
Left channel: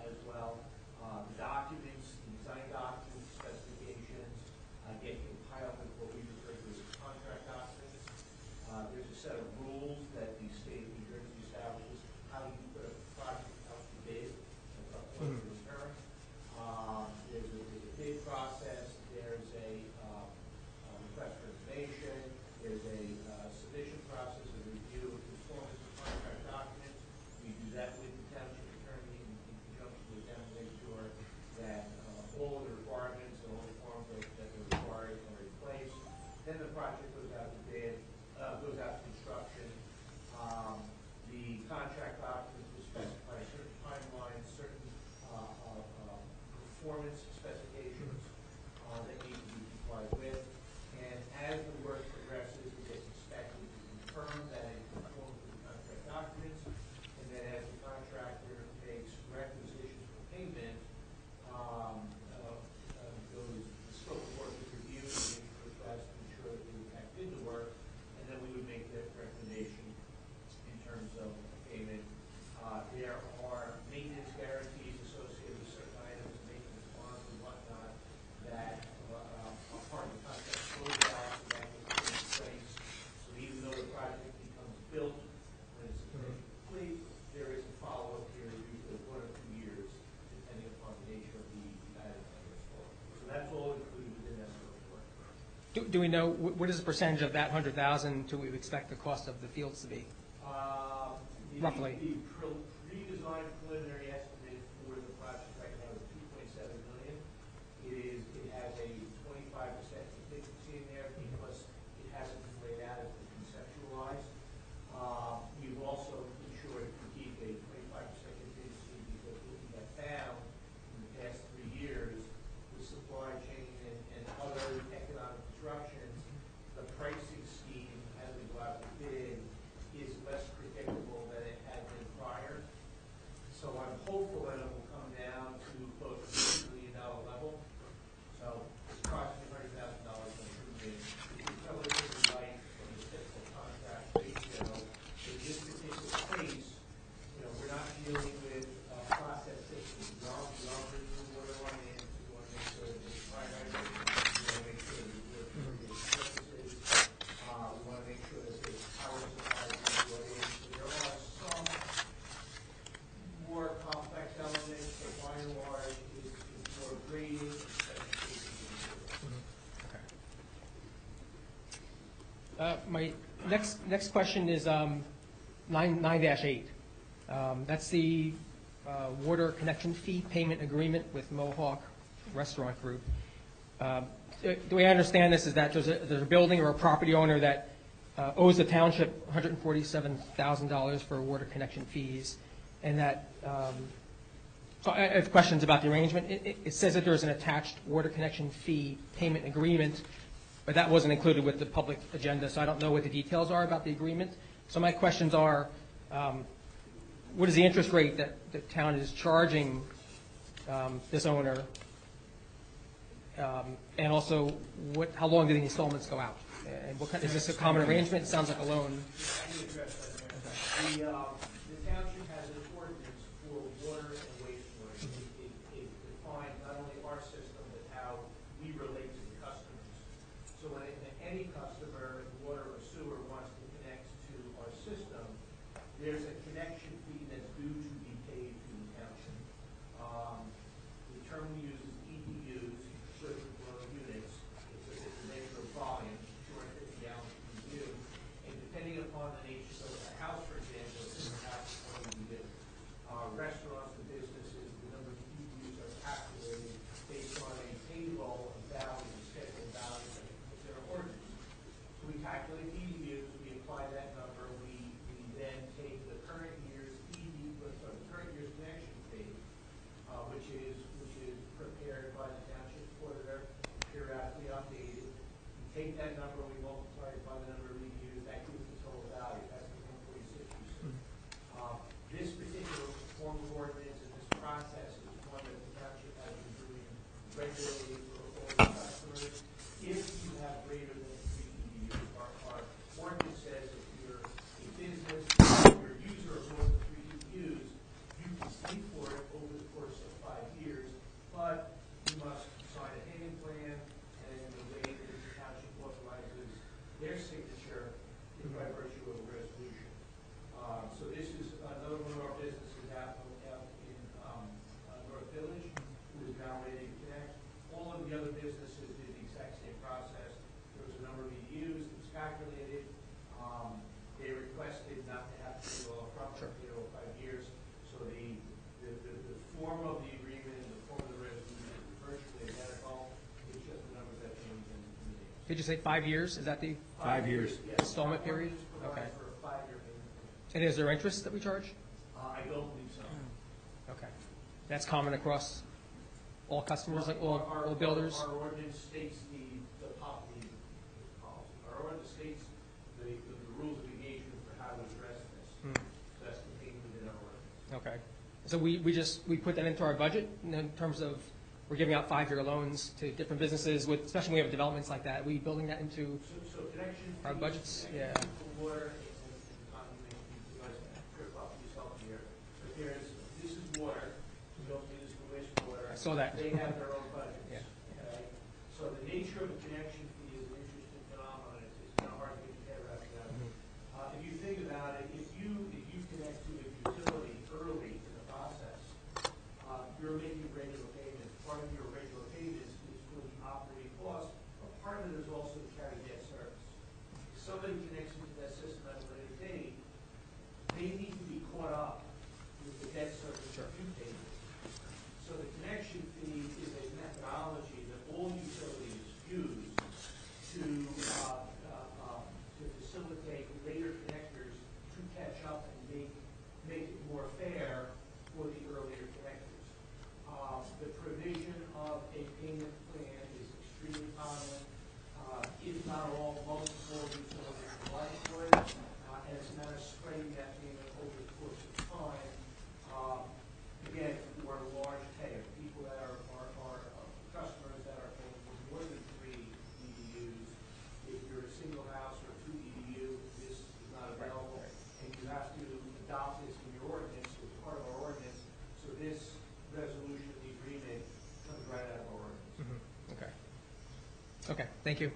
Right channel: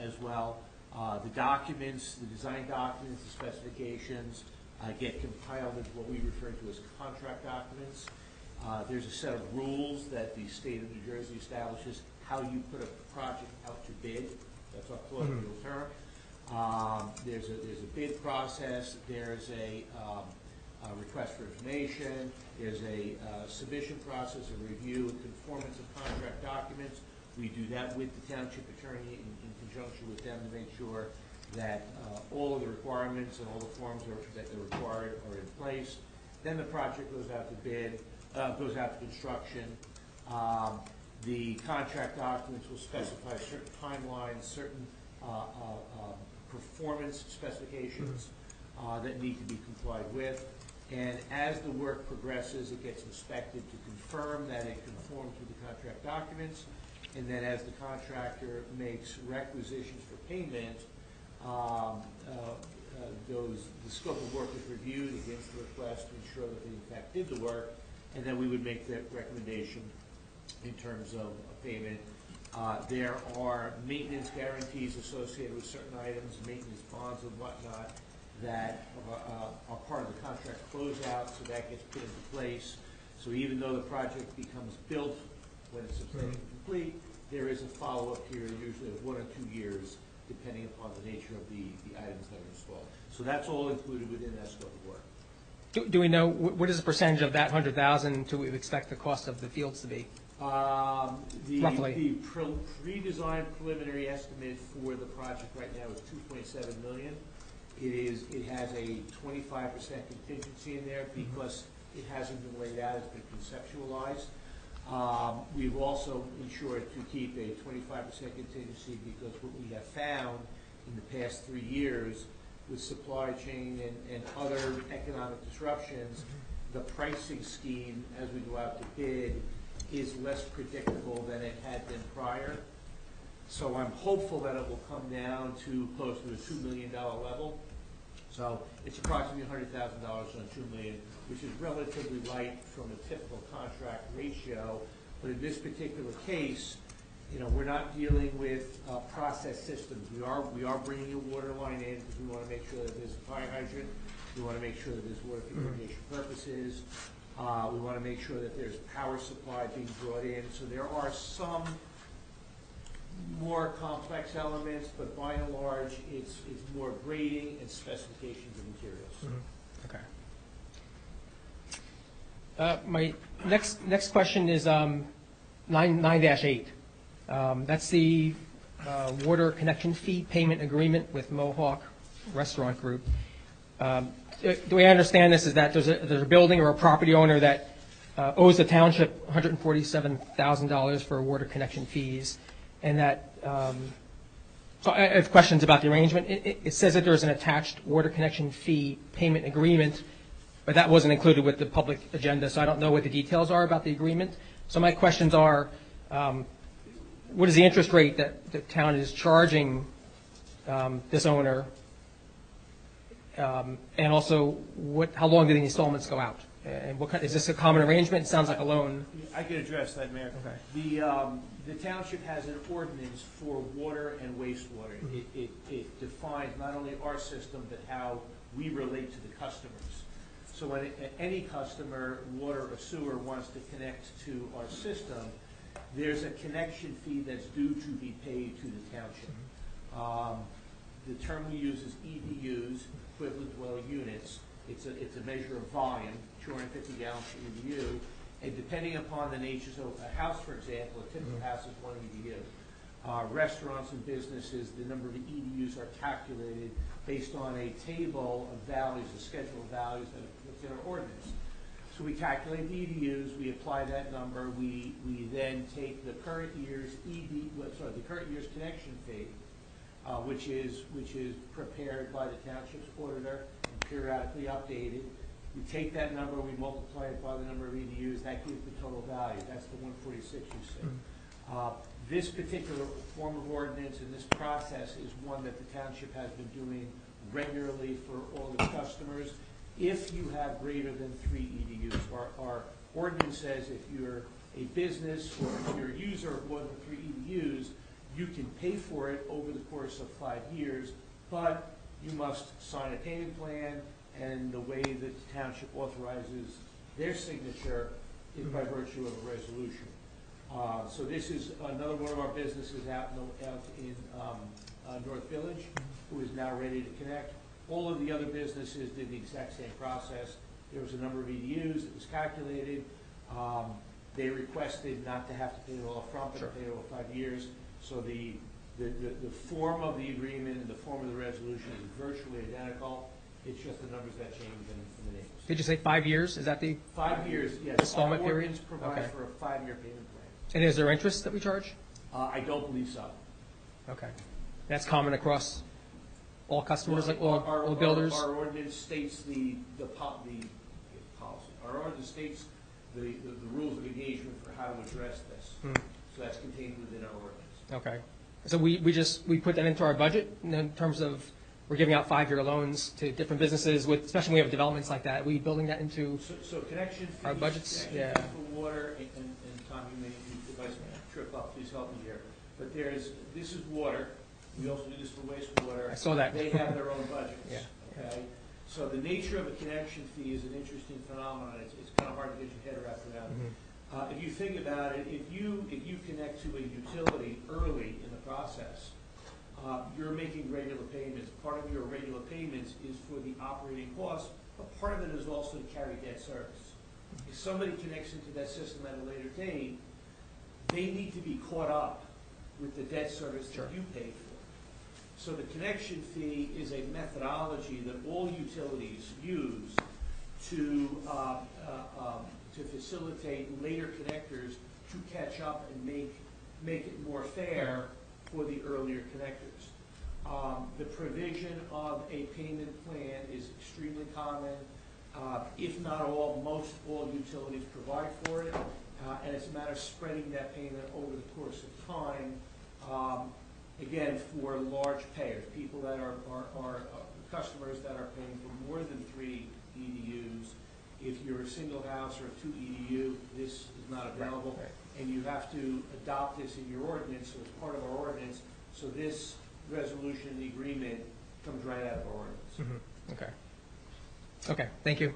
as well. The documents, the design documents, the specifications get compiled into what we refer to as contract documents. There's a set of rules that the state of New Jersey establishes how you put a project out to bid. That's a colloquial term. There's a bid process. There's a request for information. There's a submission process, a review and conformance of contract documents. We do that with the township attorney in conjunction with them to make sure that all of the requirements and all the forms that are required are in place. Then the project goes out to bid, goes out to construction. The contract documents will specify certain timelines, certain performance specifications that need to be complied with. And as the work progresses, it gets inspected to confirm that it conforms with the contract documents. and then as the contractor makes requisitions for payment, the scope of work is reviewed against the request to ensure that they in fact did the work, and then we would make that recommendation in terms of payment. There are maintenance guarantees associated with certain items, maintenance bonds and whatnot, that are part of the contract closeout, so that gets put in place. So even though the project becomes built when it's substantially complete, there is a follow-up period, usually of 1 or 2 years, depending upon the nature of the items that are installed. So that's all included within that scope of work. Do we know, what is the percentage of that 100,000 do we expect the cost of the fields to be? Roughly. The pre-designed preliminary estimate for the project right now is $2.7 million. It has a 25% contingency in there because it hasn't been laid out, it's been conceptualized. We've also ensured to keep a 25% contingency because what we have found in the past 3 years with supply chain and other economic disruptions, the pricing scheme as we go out to bid is less predictable than it had been prior. So I'm hopeful that it will come down to close to the $2 million level. So it's approximately $100,000 on $2 million, which is relatively light from a typical contract ratio. But in this particular case, we're not dealing with process systems. We are bringing a water line in because we want to make sure that there's a fire hydrant. We want to make sure that there's water for irrigation purposes. We want to make sure that there's power supply being brought in. So there are some more complex elements, but by and large, it's more grading and specifications of materials. Okay. My next question is 9-8. That's the water connection fee payment agreement with Mohawk Restaurant Group. The way I understand this is that there's a building or a property owner that owes the township $147,000 for water connection fees, and that so I have questions about the arrangement. It says that there's an attached water connection fee payment agreement, but that wasn't included with the public agenda, so I don't know what the details are about the agreement. So my questions are, what is the interest rate that the town is charging this owner? And also, how long do the installments go out? And is this a common arrangement? It sounds like a loan. I can address that, Mayor. Okay. The township has an ordinance for water and wastewater. It defines not only our system, but how we relate to the customers. So when any customer, water or sewer, wants to connect to our system, there's a connection fee that's due to be paid to the township. The term we use is EDUs, equivalent dwelling units. It's a measure of volume, 250 gallons per EDU, and depending upon the nature, so a house, for example, a typical house is 1 EDU. Restaurants and businesses, the number of EDUs are calculated based on a table of values, a schedule of values that's in our ordinance. So we calculate the EDUs, we apply that number, we then take the current year's connection fee, which is prepared by the township's auditor, periodically updated. We take that number, we multiply it by the number of EDUs, that gives the total value. That's the 146 you see. This particular form of ordinance and this process is one that the township has been doing regularly for all its customers. If you have greater than 3 EDUs, our ordinance says if you're a business, if you're a user of more than 3 EDUs, you can pay for it over the course of 5 years, but you must sign a payment plan, and the way that the township authorizes their signature is by virtue of a resolution. So this is another one of our businesses out in North Village who is now ready to connect. All of the other businesses did the exact same process. There was a number of EDUs, it was calculated. They requested not to have to pay it all up front, but pay it over 5 years. So the form of the agreement and the form of the resolution is virtually identical. It's just the numbers that change in the names. Did you say 5 years? Is that the 5 years, yes. installment period? Provides for a 5-year payment plan. And is there interest that we charge? I don't believe so. Okay. That's common across all customers, like all builders? Our ordinance states the policy. Our ordinance states the rules of engagement for how to address this. So that's contained within our ordinance. Okay. So we put that into our budget in terms of we're giving out 5-year loans to different businesses with, especially when we have developments like that. Are we building that into So connection fees, our budgets? connection Yeah. fees for water, and Tom, you may, if I trip up, please help me here. But this is water, we also do this for wastewater. I saw that. They have their own budgets. Yeah. Okay? So the nature of a connection fee is an interesting phenomenon. It's kind of hard to get your head around that. If you think about it, if you connect to a utility early in the process, you're making regular payments. Part of your regular payments is for the operating costs, but part of it is also to carry debt service. If somebody connects into that system at a later date, they need to be caught up with the debt service that you paid for. So the connection fee is a methodology that all utilities use to facilitate later connectors to catch up and make it more fair for the earlier connectors. The provision of a payment plan is extremely common. If not all, most all utilities provide for it, and it's a matter of spreading that payment over the course of time. Again, for large payers, people that are customers that are paying for more than 3 EDUs. If you're a single house or a 2 EDU, this is not available, and you have to adopt this in your ordinance, so it's part of our ordinance. So this resolution and the agreement comes right out of our ordinance. Mm-hmm. Okay. Okay, thank you.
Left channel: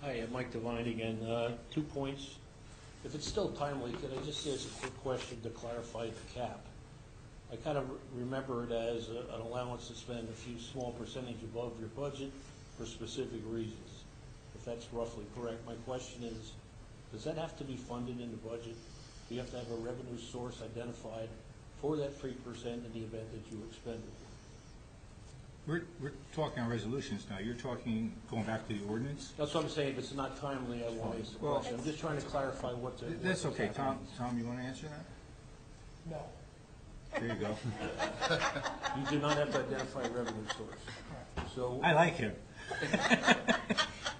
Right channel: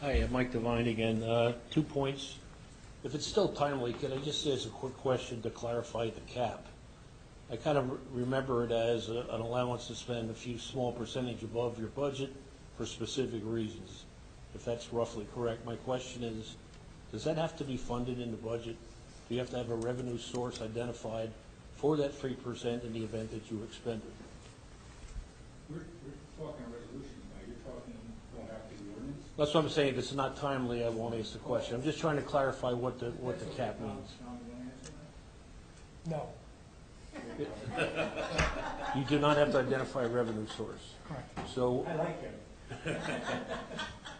Hi, Mike Devine again. 2 points. If it's still timely, could I just ask a quick question to clarify the cap? I kind of remember it as an allowance to spend a few small percentage above your budget for specific reasons, if that's roughly correct. My question is, does that have to be funded in the budget? Do you have to have a revenue source identified for that 3% in the event that you expend it? We're talking on resolutions now. You're talking going back to the ordinance? That's what I'm saying. If it's not timely, I won't ask the question. I'm just trying to clarify what the That's okay, cap Tom. means. Tom, you want to answer that? No. There you go. You do not have to identify a revenue source. Correct. So I like him.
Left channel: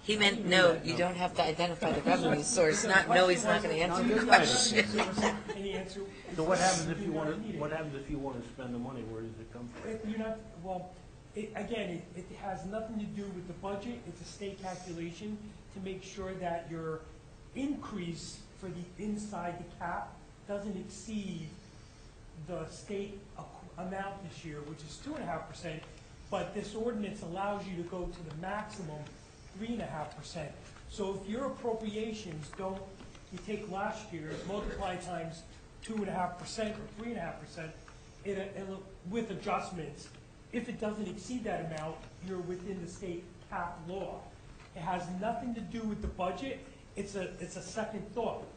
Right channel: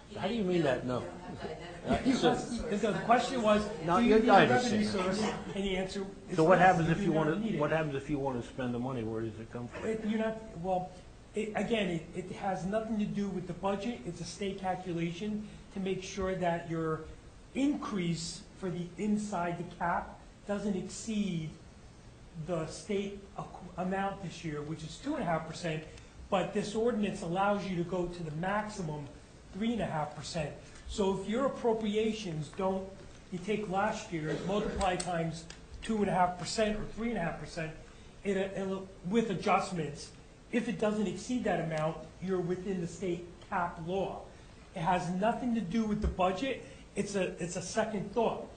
He How do you meant, mean no, that? you No. don't have to identify a revenue source, The not, no, question he's was, not going to No, answer. do you you have a guys are revenue saying source? And the answer is So what yes, happens if do you not want need to, it. what happens if you want to spend the money? Where does it come from? You're not, well, again, it has nothing to do with the budget. It's a state calculation to make sure that your increase for the inside the cap doesn't exceed the state amount this year, which is 2.5%, but this ordinance allows you to go to the maximum 3.5%. So if your appropriations don't, you take last year's, multiply times 2.5% or 3.5%, with adjustments, if it doesn't exceed that amount, you're within the state cap law. It has nothing to do with the budget. It's a second thought.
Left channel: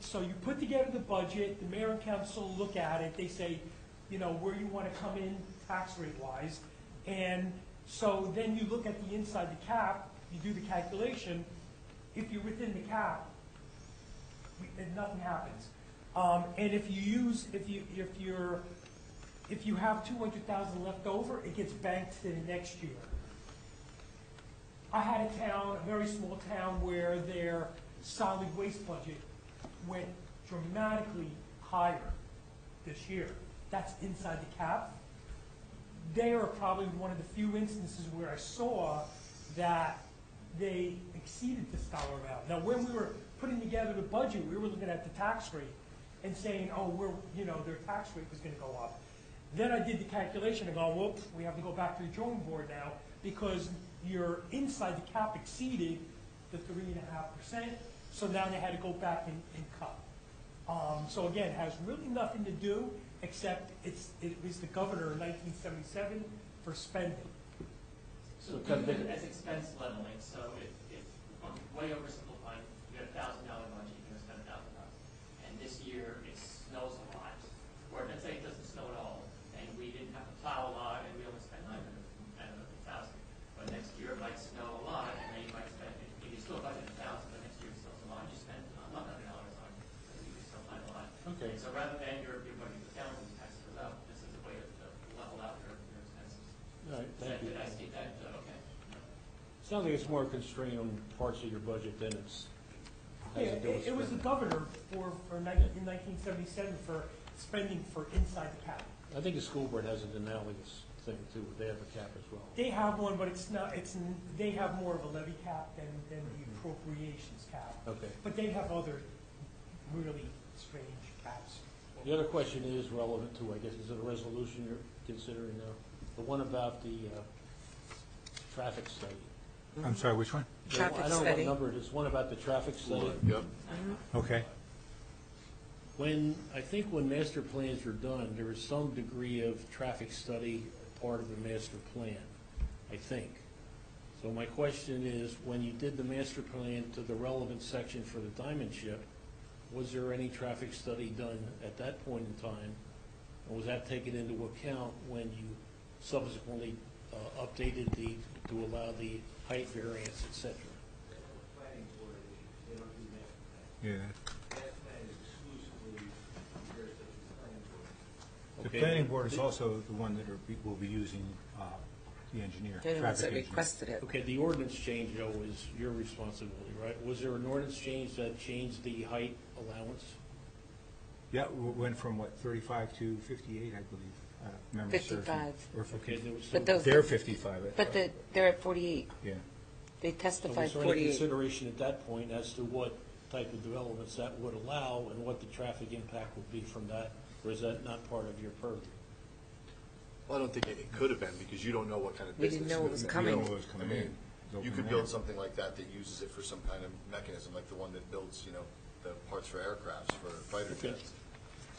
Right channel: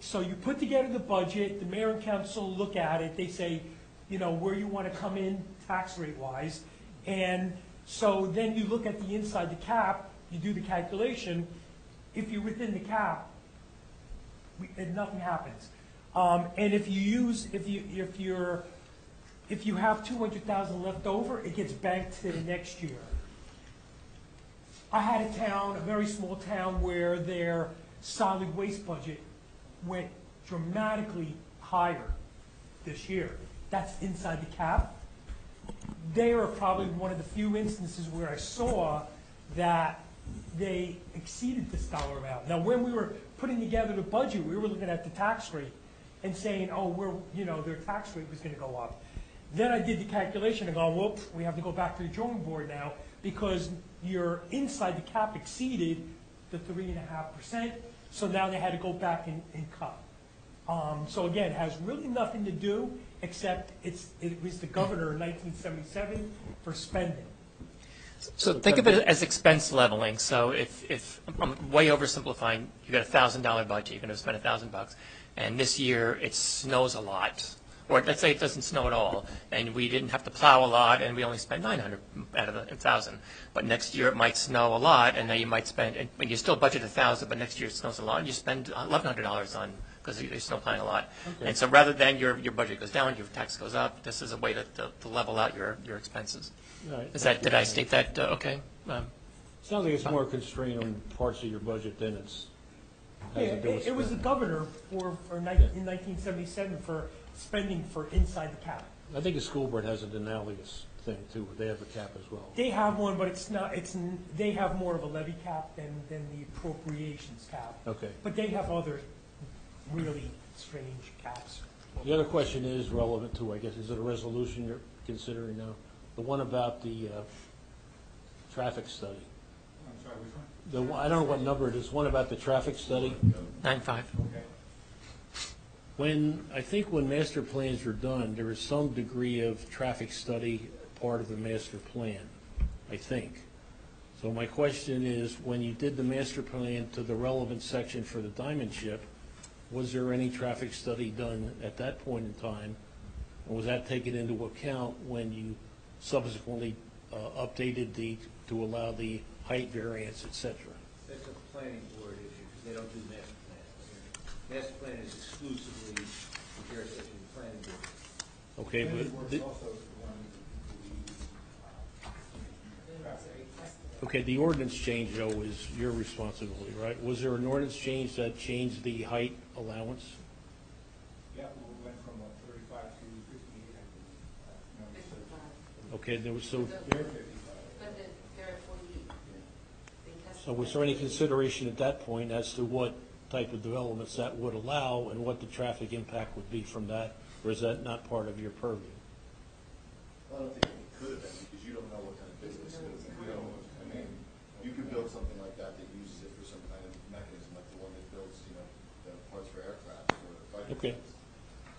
So you put together the budget, the mayor and council look at it, they say, you know, where you want to come in tax rate wise. And so then you look at the inside the cap, you do the calculation. If you're within the cap, nothing happens. And if you have 200,000 left over, it gets banked to the next year. I had a town, a very small town, where their solid waste budget went dramatically higher this year. That's inside the cap. They are probably one of the few instances where I saw that they exceeded this dollar amount. Now, when we were putting together the budget, we were looking at the tax rate and saying, oh, their tax rate was going to go up. Then I did the calculation and go, whoops, we have to go back to the drawing board now because your inside the cap exceeded the 3.5%. So now they had to go back and cut. So again, it has really nothing to do except it was the governor in 1977 for spending. So think of it as expense leveling. So if I'm way oversimplifying, you got $1,000 budget, you're going to spend $1,000, and this year it snows a lot, or let's say it doesn't snow at all, and we didn't have to plow a lot, and we only spent $900 out of the $1,000. But next year it might snow a lot, and now you might spend, and you still budget $1,000, but next year it snows a lot, and you spend $1,100 on because you're snow plowing a lot. Okay. And so rather than your budget goes down, your tax goes up. This is a way to level out your expenses. All right, Did I state that okay? Sounds like it's more constrained on parts of your budget than it's. Yeah, it was the governor in 1977 for spending for inside the cap. I think the school board has an analogous thing too, where they have a cap as well. They have one, but it's not, they have more of a levy cap than the appropriations cap. Okay. But they have other really strange caps. The other question is relevant to, I guess, is it a resolution you're considering now? The one about the traffic study. I'm sorry, which one? I don't know what number it is, one about the traffic study. 9.5. Okay. I think when master plans are done, there is some degree of traffic study part of the master plan, I think. So my question is, when you did the master plan to the relevant section for the diamond ship, was there any traffic study done at that point in time? And was that taken into account when you subsequently updated to allow the height variance, et cetera? That's a planning board issue, because they don't do master plan. Yeah. Master plan is exclusively jurisdiction of the planning board. Okay, The planning but board is also the one that will be using the engineer. They're the ones traffic that engineer. requested it. Okay, the ordinance change, though, is your responsibility, right? Was there an ordinance change that changed the height allowance? Yeah, we went from what, 35 to 58, I believe. Memory serves me. 55. Or Okay, there was some. But They're 55. But they're at 48. Yeah. They So testified was there any 48. consideration at that point as to what type of developments that would allow and what the traffic impact would be from that? Or is that not part of your purview? Well, I don't think it could have been, because you don't know what kind of We business. didn't know what was coming. You don't know what was coming in. You could build something like that uses it for some kind of mechanism, like the one that builds, the parts for aircrafts, for fighter Okay. jets.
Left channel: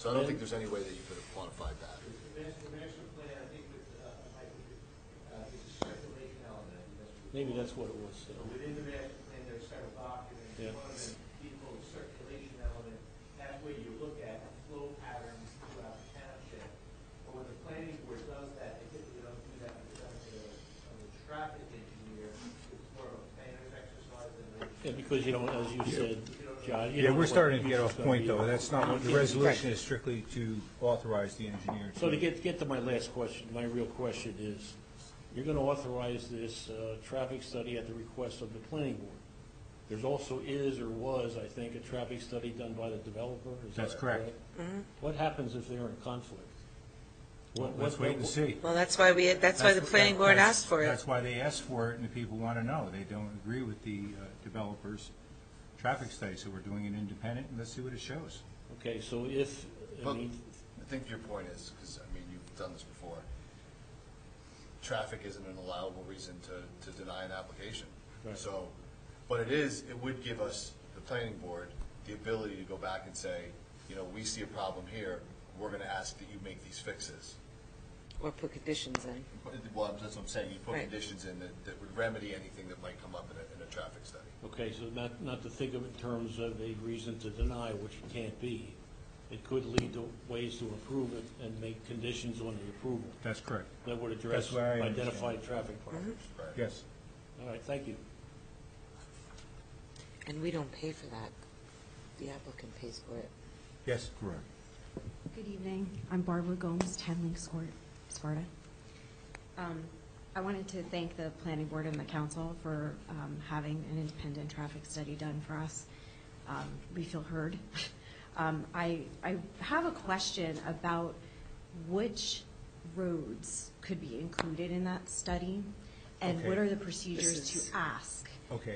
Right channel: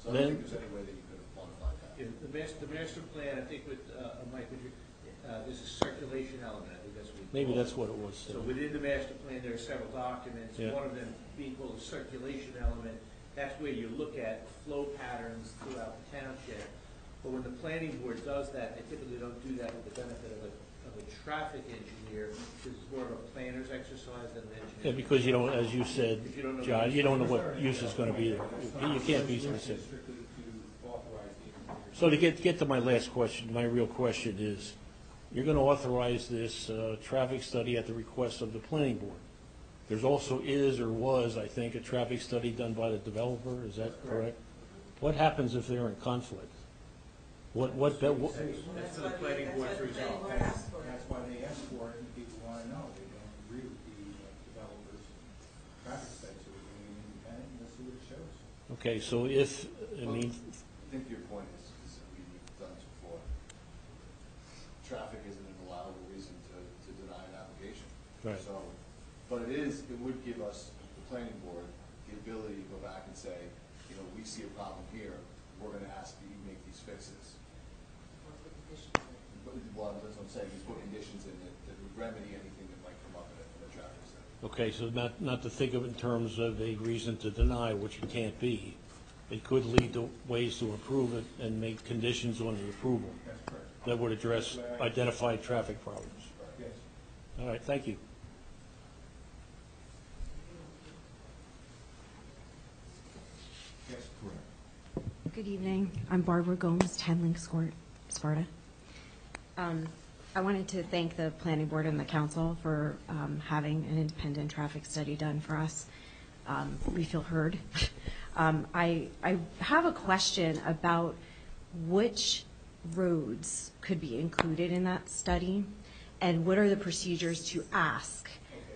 So I don't think there's any way that you could have quantified that. Yeah, the master plan, I think with, Mike, there's a circulation element, I think that's what. Maybe that's what it was. So within the master plan, there are several documents, Yeah. one of them being called the circulation element. That's where you look at flow patterns throughout the township. But when the planning board does that, they typically don't do that with the benefit of a traffic engineer. It's more of a planner's exercise than an engineer. Yeah, because you don't, as you said, John, you don't know We're what starting to use get is off going to point, be. though. That's not, You the can't be resolution is fixed. strictly to authorize the engineer. So to get to my last question, my real question is, you're going to authorize this traffic study at the request of the planning board. There's also is or was, I think, a traffic study done by the developer, is That's that correct. correct? What happens if they're in conflict? Let's wait and see. Well, that's why the planning board asked for it. That's why they asked for it, and the people want to know. They don't agree with the developer's traffic study, so we're doing it independent, and let's see what it shows. Okay, so if, Well, I think your point is, because, you've done this before, traffic isn't an allowable reason to deny an application. Right. So, but it would give us, the planning board, the ability to go back and say, we see a problem here, we're going to ask that you make these fixes. Or put conditions in. Well, that's what I'm saying, you put Right. conditions in that would remedy anything that might come up in a traffic study. okay, so not to think of it in terms of a reason to deny, which it can't be. It could lead to ways to improve it and make conditions on the approval. That's correct. That would address That's why I identified traffic problems. Yes. All right, thank you. And we don't pay for that. The applicant pays for it. Yes. Correct. Good evening. I'm Barbara Gomes, 10 Links Court, Sparta. I wanted to thank the planning board and the council for having an independent traffic study done for us. We feel heard. I have a question about which roads could be included in that study, and what are the procedures to ask? Okay.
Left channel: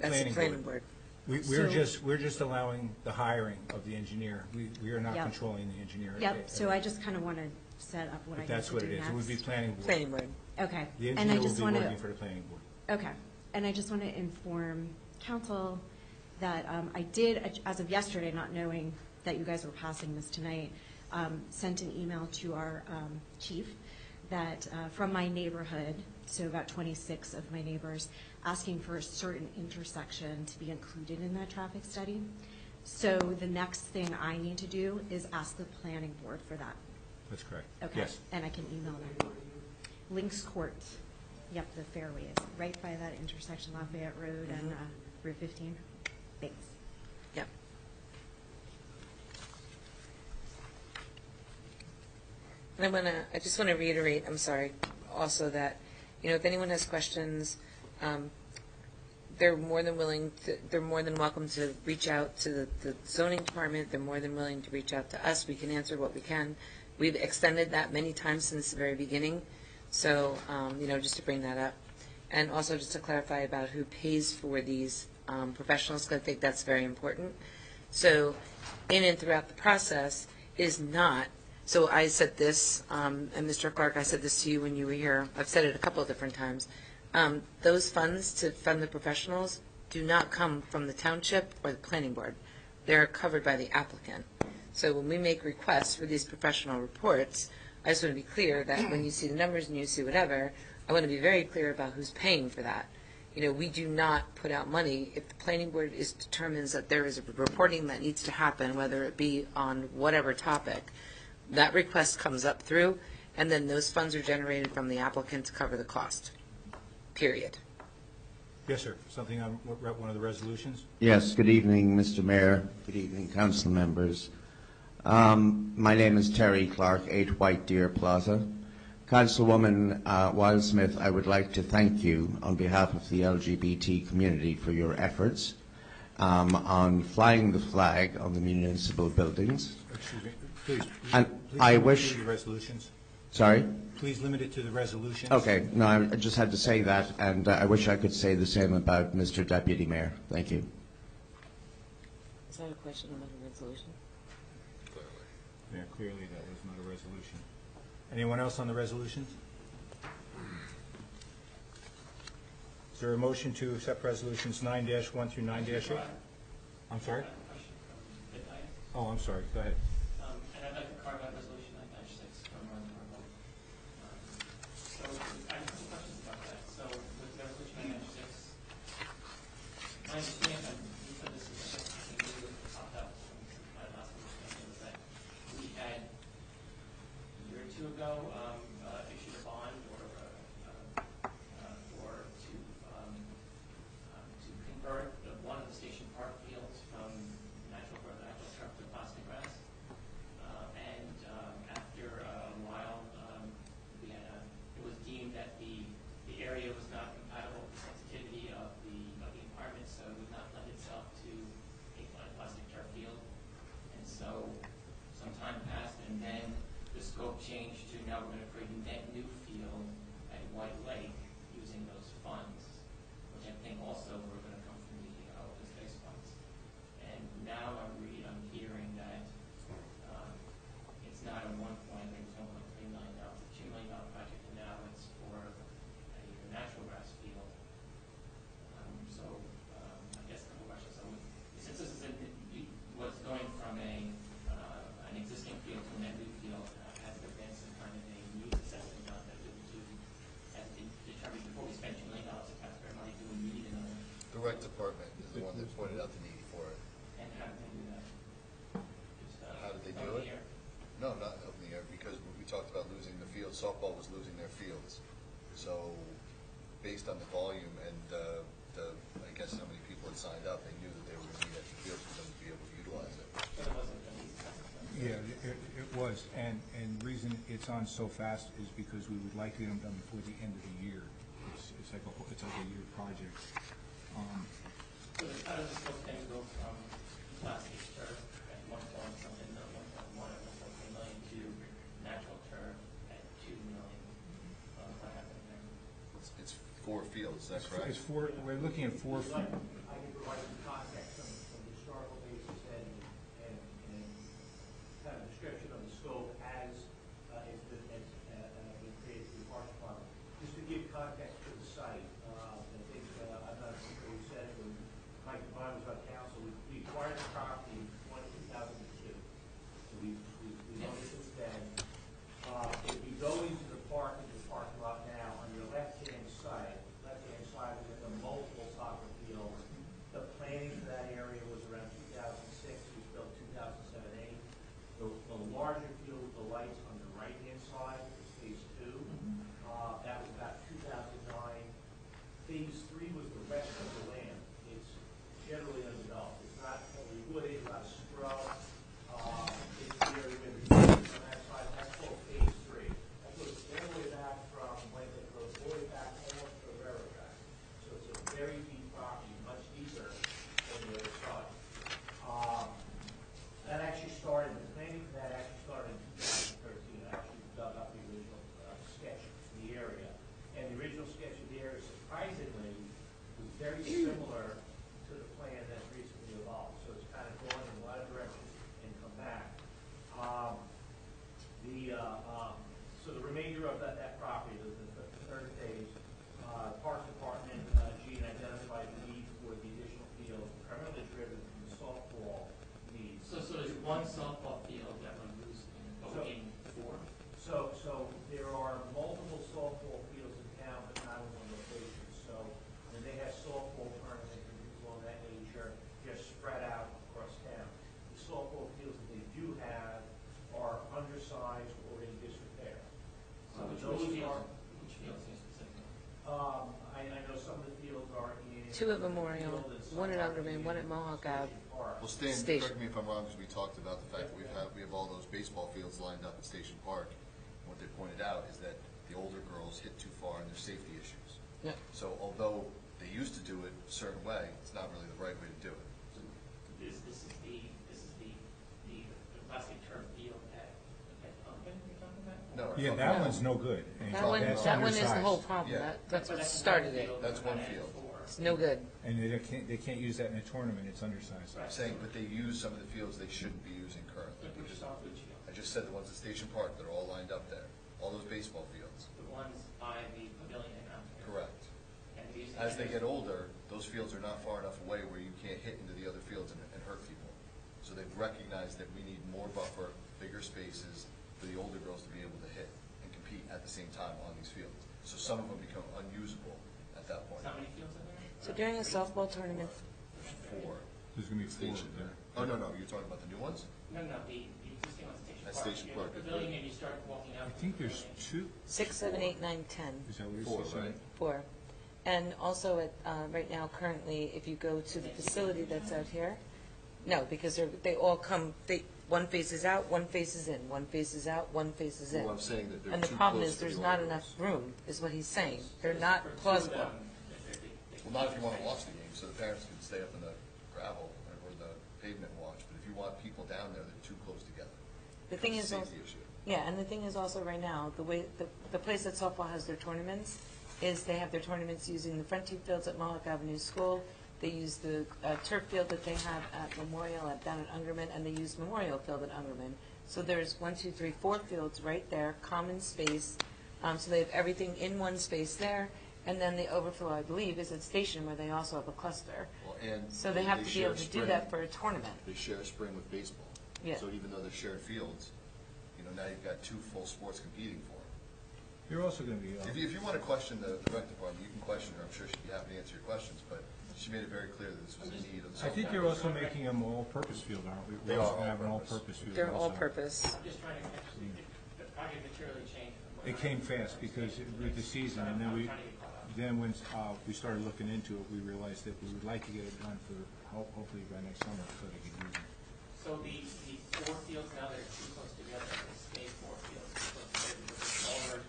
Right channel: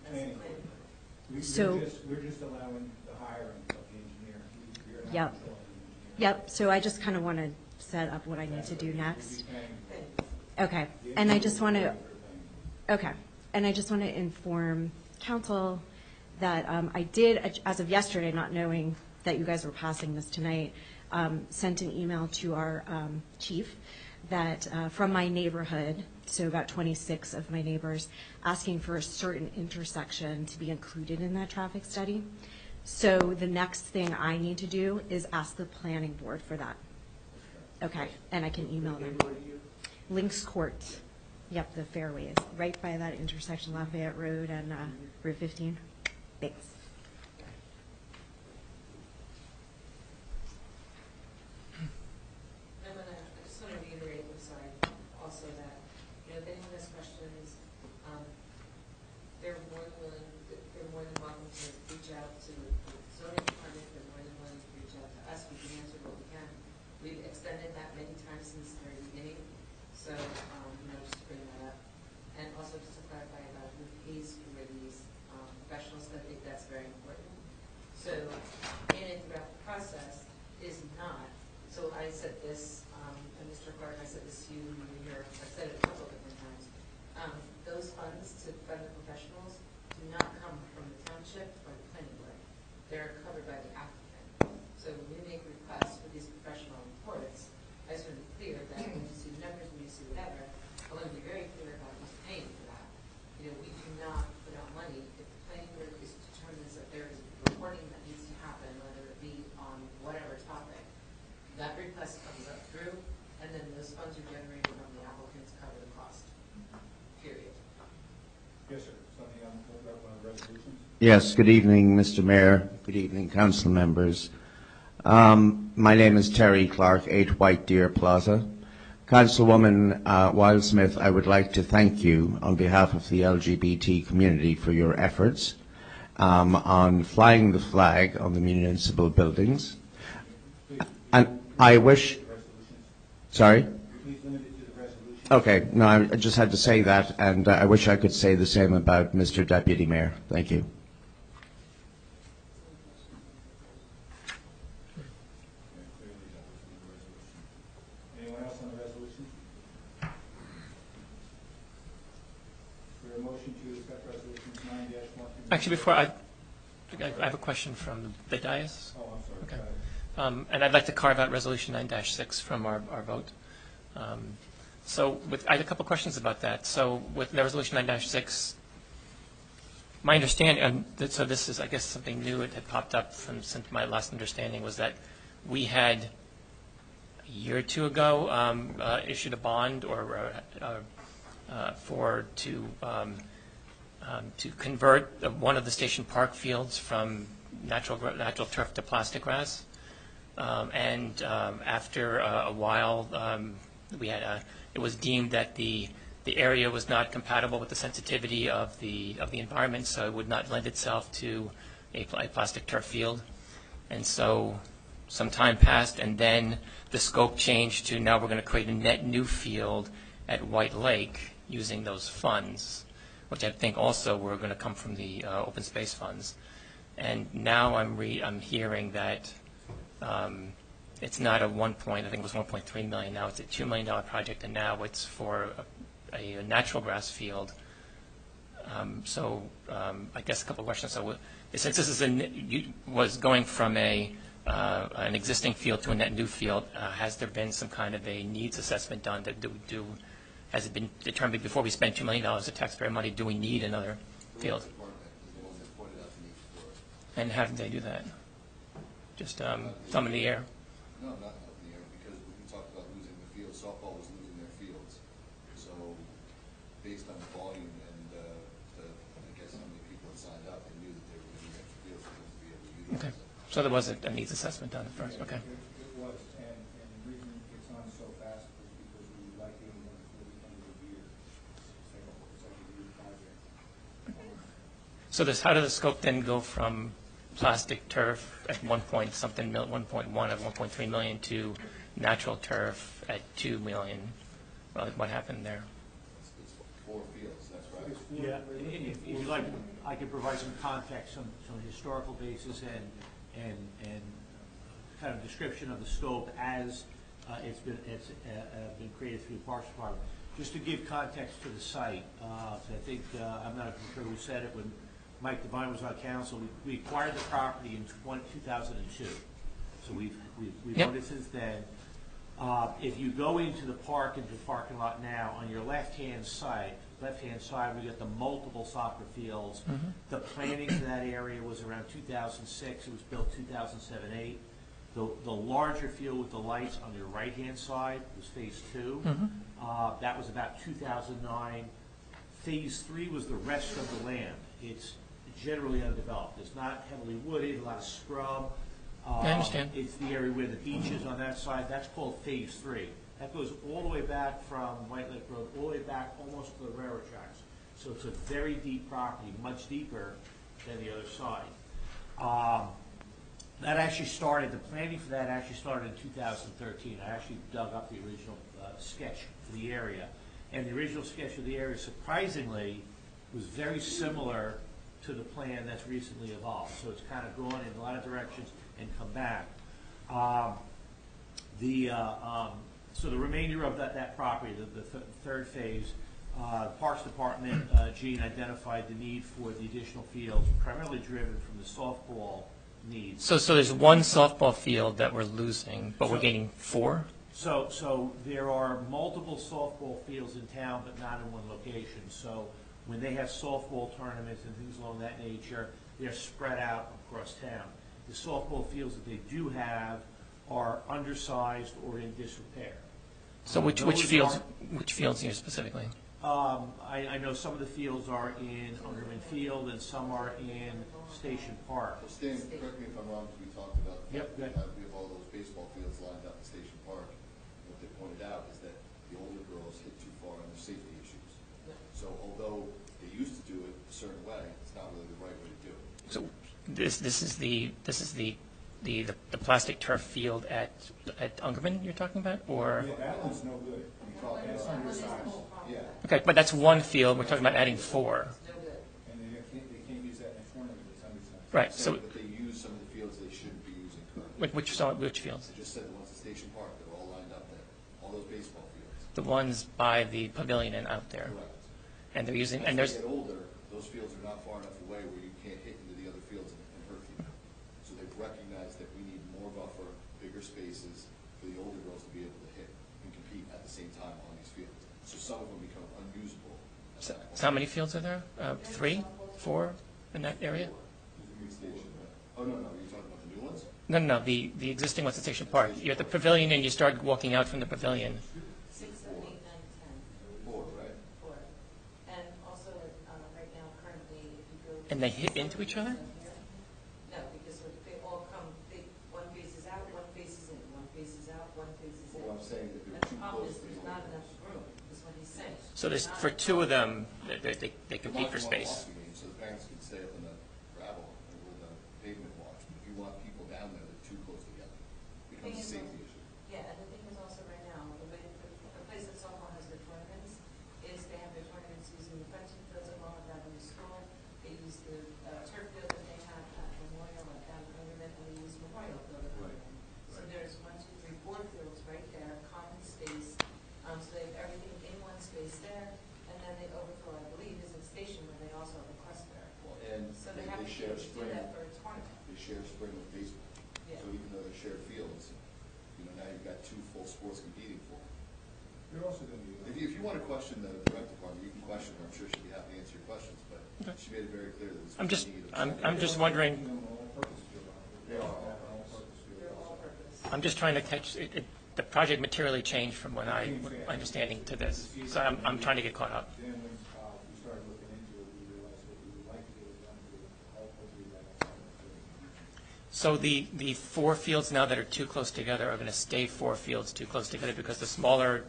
That's the planning board. We're just allowing the hiring of the engineer. We are not Yep. controlling the engineer. Yep, so I just kind of want to set up what I need That's to what do it is. next. It would be planning board. Planning board. Okay, The and I engineer just will want be to, working for the planning board. okay, and I just want to inform council that I did, as of yesterday, not knowing that you guys were passing this tonight, sent an email to our chief that from my neighborhood, so about 26 of my neighbors, asking for a certain intersection to be included in that traffic study. So the next thing I need to do is ask the planning board for that. That's correct. Okay, Yes. and I can email them. Links Court, yep, the fairways, right by that intersection, Lafayette Road and Route 15. Thanks. Yep. And I just want to reiterate, I'm sorry, also that, if anyone has questions, they're more than welcome to reach out to the zoning department. They're more than willing to reach out to us. We can answer what we can. We've extended that many times since the very beginning. So, just to bring that up. And also just to clarify about who pays for these professionals, because I think that's very important. So, in and throughout the process is not, so I said this, and Mr. Clark, I said this to you when you were here. I've said it a couple of different times. Those funds to fund the professionals do not come from the township or the planning board. They're covered by the applicant. So when we make requests for these professional reports, I just want to be clear that when you see the numbers and you see whatever, I want to be very clear about who's paying for that. We do not put out money if the planning board determines that there is a reporting that needs to happen, whether it be on whatever topic. That request comes up through, and then those funds are generated from the applicant to cover the cost. Period. Yes, sir. Something on one of the resolutions? Yes. Good evening, Mr. Mayor. Good evening, council members. My name is Terry Clark, 8 White Deer Plaza. Councilwoman Wildsmith, I would like to thank you on behalf of the LGBT community for your efforts on flying the flag on the municipal buildings. Please, and I wish... Sorry? Please limit it to the resolution. Okay. No, I just had to say that, and I wish I could say the same about Mr. Deputy Mayor. Thank you. Is that a question on the resolution? Yeah, clearly that was not a resolution. Anyone else on the resolutions? Is there a motion to accept resolutions 9-1 through 9-6? Actually, before I have a question from the dais. Oh, I'm sorry. Okay. Go ahead. And I'd like to carve out resolution 9-6 from our vote. I had a couple questions about that. So with the resolution 9-6, my understanding, so this is, I guess, something new that had popped up since my last understanding, was that we had a year or two ago issued a bond to convert one of the station park fields from natural turf to plastic grass. After a while, it was deemed that the area was not compatible with the sensitivity of the environment, so it would not lend itself to a plastic turf field. And so some time passed, and then the scope changed to now we're going to create a net new field at White Lake using those funds, which I think also were going to come from the open space funds. And now I'm hearing that it's not a I think it was $1.3 million. Now it's a $2 million project, and now it's for a natural grass field. I guess a couple of questions. So since this was going from an existing field to a net new field, has there been some kind of a needs assessment done? Has it been determined before we spend $2 million of taxpayer money, do we need another field? The department is the one that pointed out the need for it. And how did they do that? Just thumb in the air? No, not up in the air, because we talked about losing the field. Softball was losing their fields. So based on the volume and I guess how many people had signed up, they knew that they were going to need the field for them to be able to utilize it. So there was a needs assessment done first? Yeah, okay. It was. And the reason it's on so fast is because we would like to get them done before the end of the year. It's like a year project. So how did the scope then go from plastic turf at 1.1 of 1.3 million to natural turf at 2 million? What happened there? It's 4 fields, that's right. It's 4. Yeah. We're looking at 4. If you'd like, I could provide some context, some historical basis and kind of description of the scope as it's been created through the Parks Department. Just to give context to the site, I think I'm not sure who said it when Mike Devine was on council. We acquired the property in 2002, so we've owned it since then. If you go into the park, into the parking lot now, on your left-hand side, we got the multiple soccer fields. The planning for that area was around 2006. It was built 2007-8. The larger field with the lights on your right-hand side was Phase 2. That was about 2009. Phase 3 was the rest of the land. It's generally underdeveloped. It's not heavily wooded, a lot of scrub. I understand. It's the area where the beach is on that side. That's called Phase 3. That goes all the way back from White Lake Road, all the way back almost to the railroad tracks. So it's a very deep property, much deeper than the other side. That actually started, the planning for that actually started in 2013. I actually dug up the original sketch for the area. And the original sketch of the area, surprisingly, was very similar to the plan that's recently evolved. So it's kind of gone in a lot of directions and come back. So the remainder of that property, the third phase, Parks Department, Gene identified the need for the additional fields, primarily driven from the softball needs. So there's one softball field that we're losing, but we're gaining 4? So there are multiple softball fields in town, but not in one location. So when they have softball tournaments and things along that nature, they're spread out across town. The softball fields that they do have are undersized or in disrepair. So which fields here specifically? I know some of the fields are in Two of them are Field and some are in Station Park. Well, Stan, correct me if I'm wrong, because we talked about the fact that we have all those baseball fields lined up at Station Park. And what they pointed out is that the older girls hit too far and there's safety issues. Yep. So although they used to do it a certain way, it's not really the right way to do it. So this is the plastic turf field at Ungerman you're talking about, or Yeah, that one's no good. And That one is the whole problem. Yeah. okay, but that's one field. We're talking about adding 4. It's no good. And they can't use that in a tournament, it's undersized. Right. So But they use some of the fields they shouldn't be using currently. which fields? I just said the ones at Station Park that are all lined up there, all those baseball fields. The ones by the pavilion and out there. Correct. And they're using As and they there's get older, those fields are not far enough away where you can't hit into the other fields and hurt people. So they've recognized that we need more buffer, bigger spaces for the older girls to be able to hit and compete at the same time on these fields. So some of them become unusable at that point. so how many fields are there? During a 3, softball 4 in that area? There's going to be 4 Station. there. Oh, no, you're talking about the new ones? No, the existing ones at Station At Park. Station You're at the Park. pavilion and you start walking out from the pavilion. 6, 7, 8, 9, 10. Is that what 4, you're saying? right? 4. And also at, right now, currently, if you go to And the they hit into facility each that's other? out here, no, because they all come, one faces out, one faces in, one faces out, one faces in. Well, I'm saying that they're And the too problem close is to the there's older not girls. enough room, is what he's saying. So They're there's, not for 2 of plausible. them, they The compete for space. Milwaukee game, so the parents can stay up in the gravel or the pavement watch, but if you want people down there, they're too close together. The thing Becomes is, a also- safety issue. yeah, and the thing is also right now, the way, the place that softball has their tournaments is they have their tournaments using the front 2 fields at Mohawk Avenue School. They use the turf field that they have at Memorial down at Ungerman, and they use Memorial Field at Ungerman. So there's 1, 2, 3, 4 fields right there, common space. So they have everything in one space there, and then the overflow, I believe, is at Station where they also have a cluster. Well, and So they have to be share able to do spring. that for a tournament. They share a spring with baseball. Yeah. So even though they're shared fields, now you've got 2 full sports competing for it. You're also going to be... If you want to question the rec department, you can question her. I'm sure she'd be happy to answer your questions, but she made it very clear that this was a need of... I'm just wondering. Making them all-purpose field, aren't we? They We're are also gonna have an all-purpose. all-purpose field. They're also. all-purpose. I'm just trying to catch, the project materially changed from what It I'm came fast. understanding to It was this. the season, So and then I'm we- trying to get caught up. Then when we started looking into it, we realized that we would like to get it done for, hopefully by next summer, so they can use it. So the 4 fields now that are too close together are going to stay 4 fields too close together because the smaller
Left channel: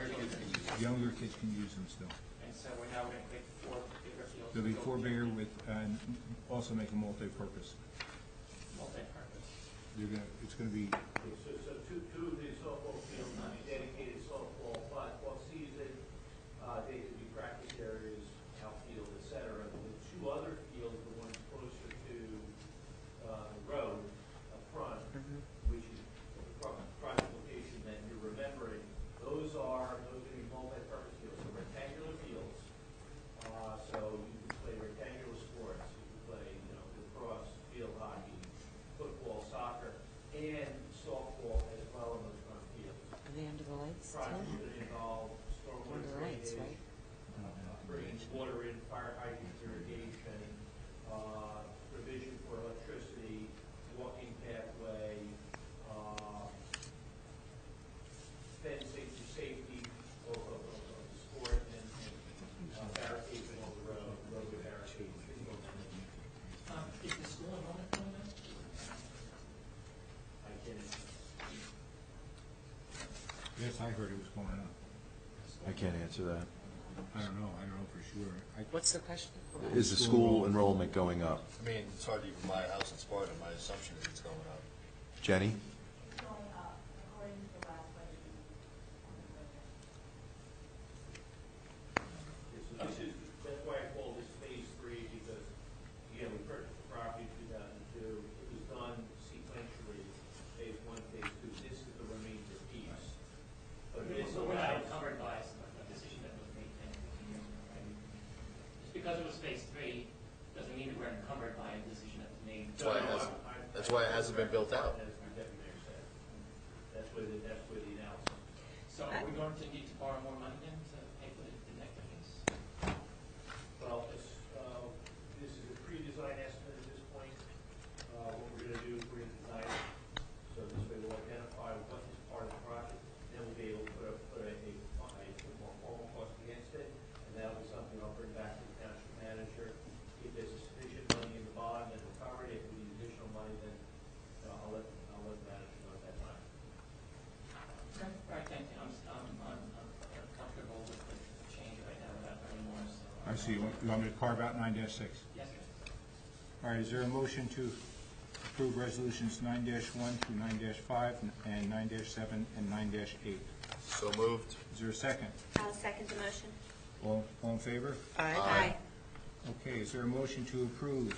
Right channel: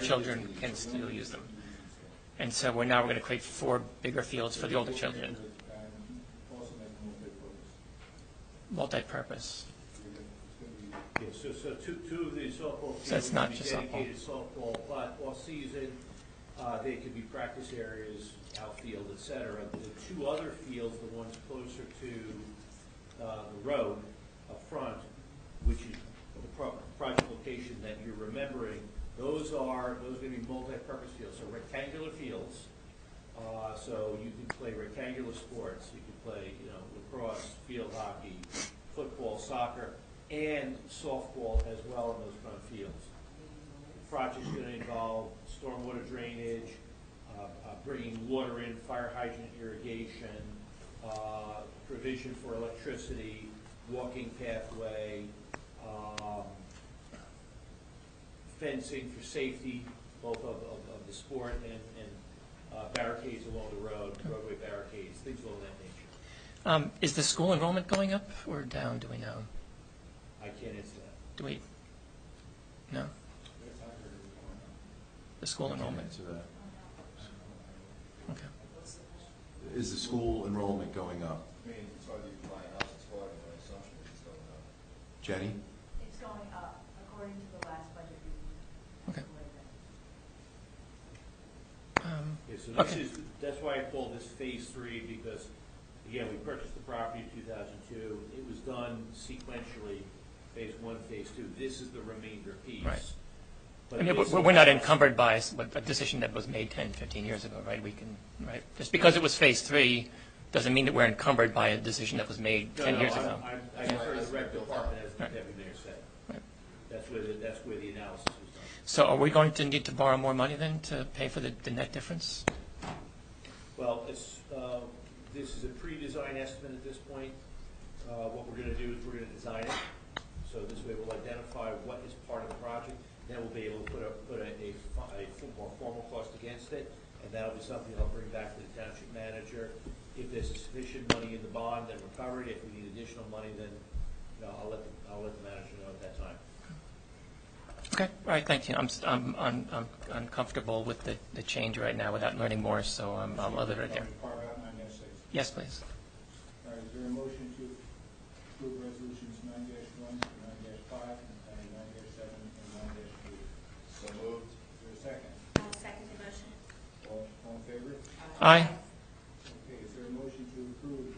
children can still Younger use kids them. can use them still. And so we're going to create 4 bigger fields for the older There'll be 4 here children. And also make them multi-purpose. Multi-purpose. It's going to be... So 2 of the softball So it's fields not will be just softball. dedicated softball, but off-season, they could be practice areas, outfield, et cetera. The 2 other fields, the ones closer to the road up front, which is the project location that you're remembering, those are going to be multi-purpose fields, so rectangular fields. So you can play rectangular sports. You can play, lacrosse, field hockey, football, soccer, and softball as well in those front fields. The end of the lights. Project's going to involve stormwater drainage, bringing water in, fire hydrant irrigation, provision for electricity, walking pathway, fencing for safety, both of the sport and barricades along the road, roadway barricades, things along that nature. Is the school enrollment going up or down, do we know? I can't answer that. Do we? No? Yes, I heard it was going up. The school I can't enrollment? answer that. I don't know for sure. What's the question? Is the school enrollment going up? I mean, it's hard to even buy a house in Sparta. My assumption is it's going up. Jenny? It's going up, according to the last budget review. Okay. Yeah, so that's why I call this phase 3, because, again, we purchased the property in 2002. It was done sequentially, phase 1, phase 2. This is the remainder piece. Right. But I mean, this we're not allows- encumbered by a decision that was made 10, 15 years ago, right? We can, right? Just because it was phase 3 doesn't mean that we're encumbered by a decision that was made 10 years ago. That's why it hasn't been built out. As Deputy Mayor said. That's where the analysis was done. So are we going to need to borrow more money then to pay for the net difference? Well, this is a pre-design estimate at this point. What we're going to do is we're going to design it. So this way we'll identify what is part of the project. Then we'll be able to put a more formal cost against it. And that'll be something I'll bring back to the township manager. If there's sufficient money in the bond, then we'll cover it. If we need additional money, then I'll let the manager know at that time. Okay, all right, thank you. I'm uncomfortable with the change right now without learning more, so I'll let it You want me to carve out 9-6? Yes, please. All right, is there a motion to approve resolutions 9-1 through 9-5 and 9-7 and 9-8? So moved. Is there a second? I'll second the motion. All in favor? Aye. Okay, is there a motion to approve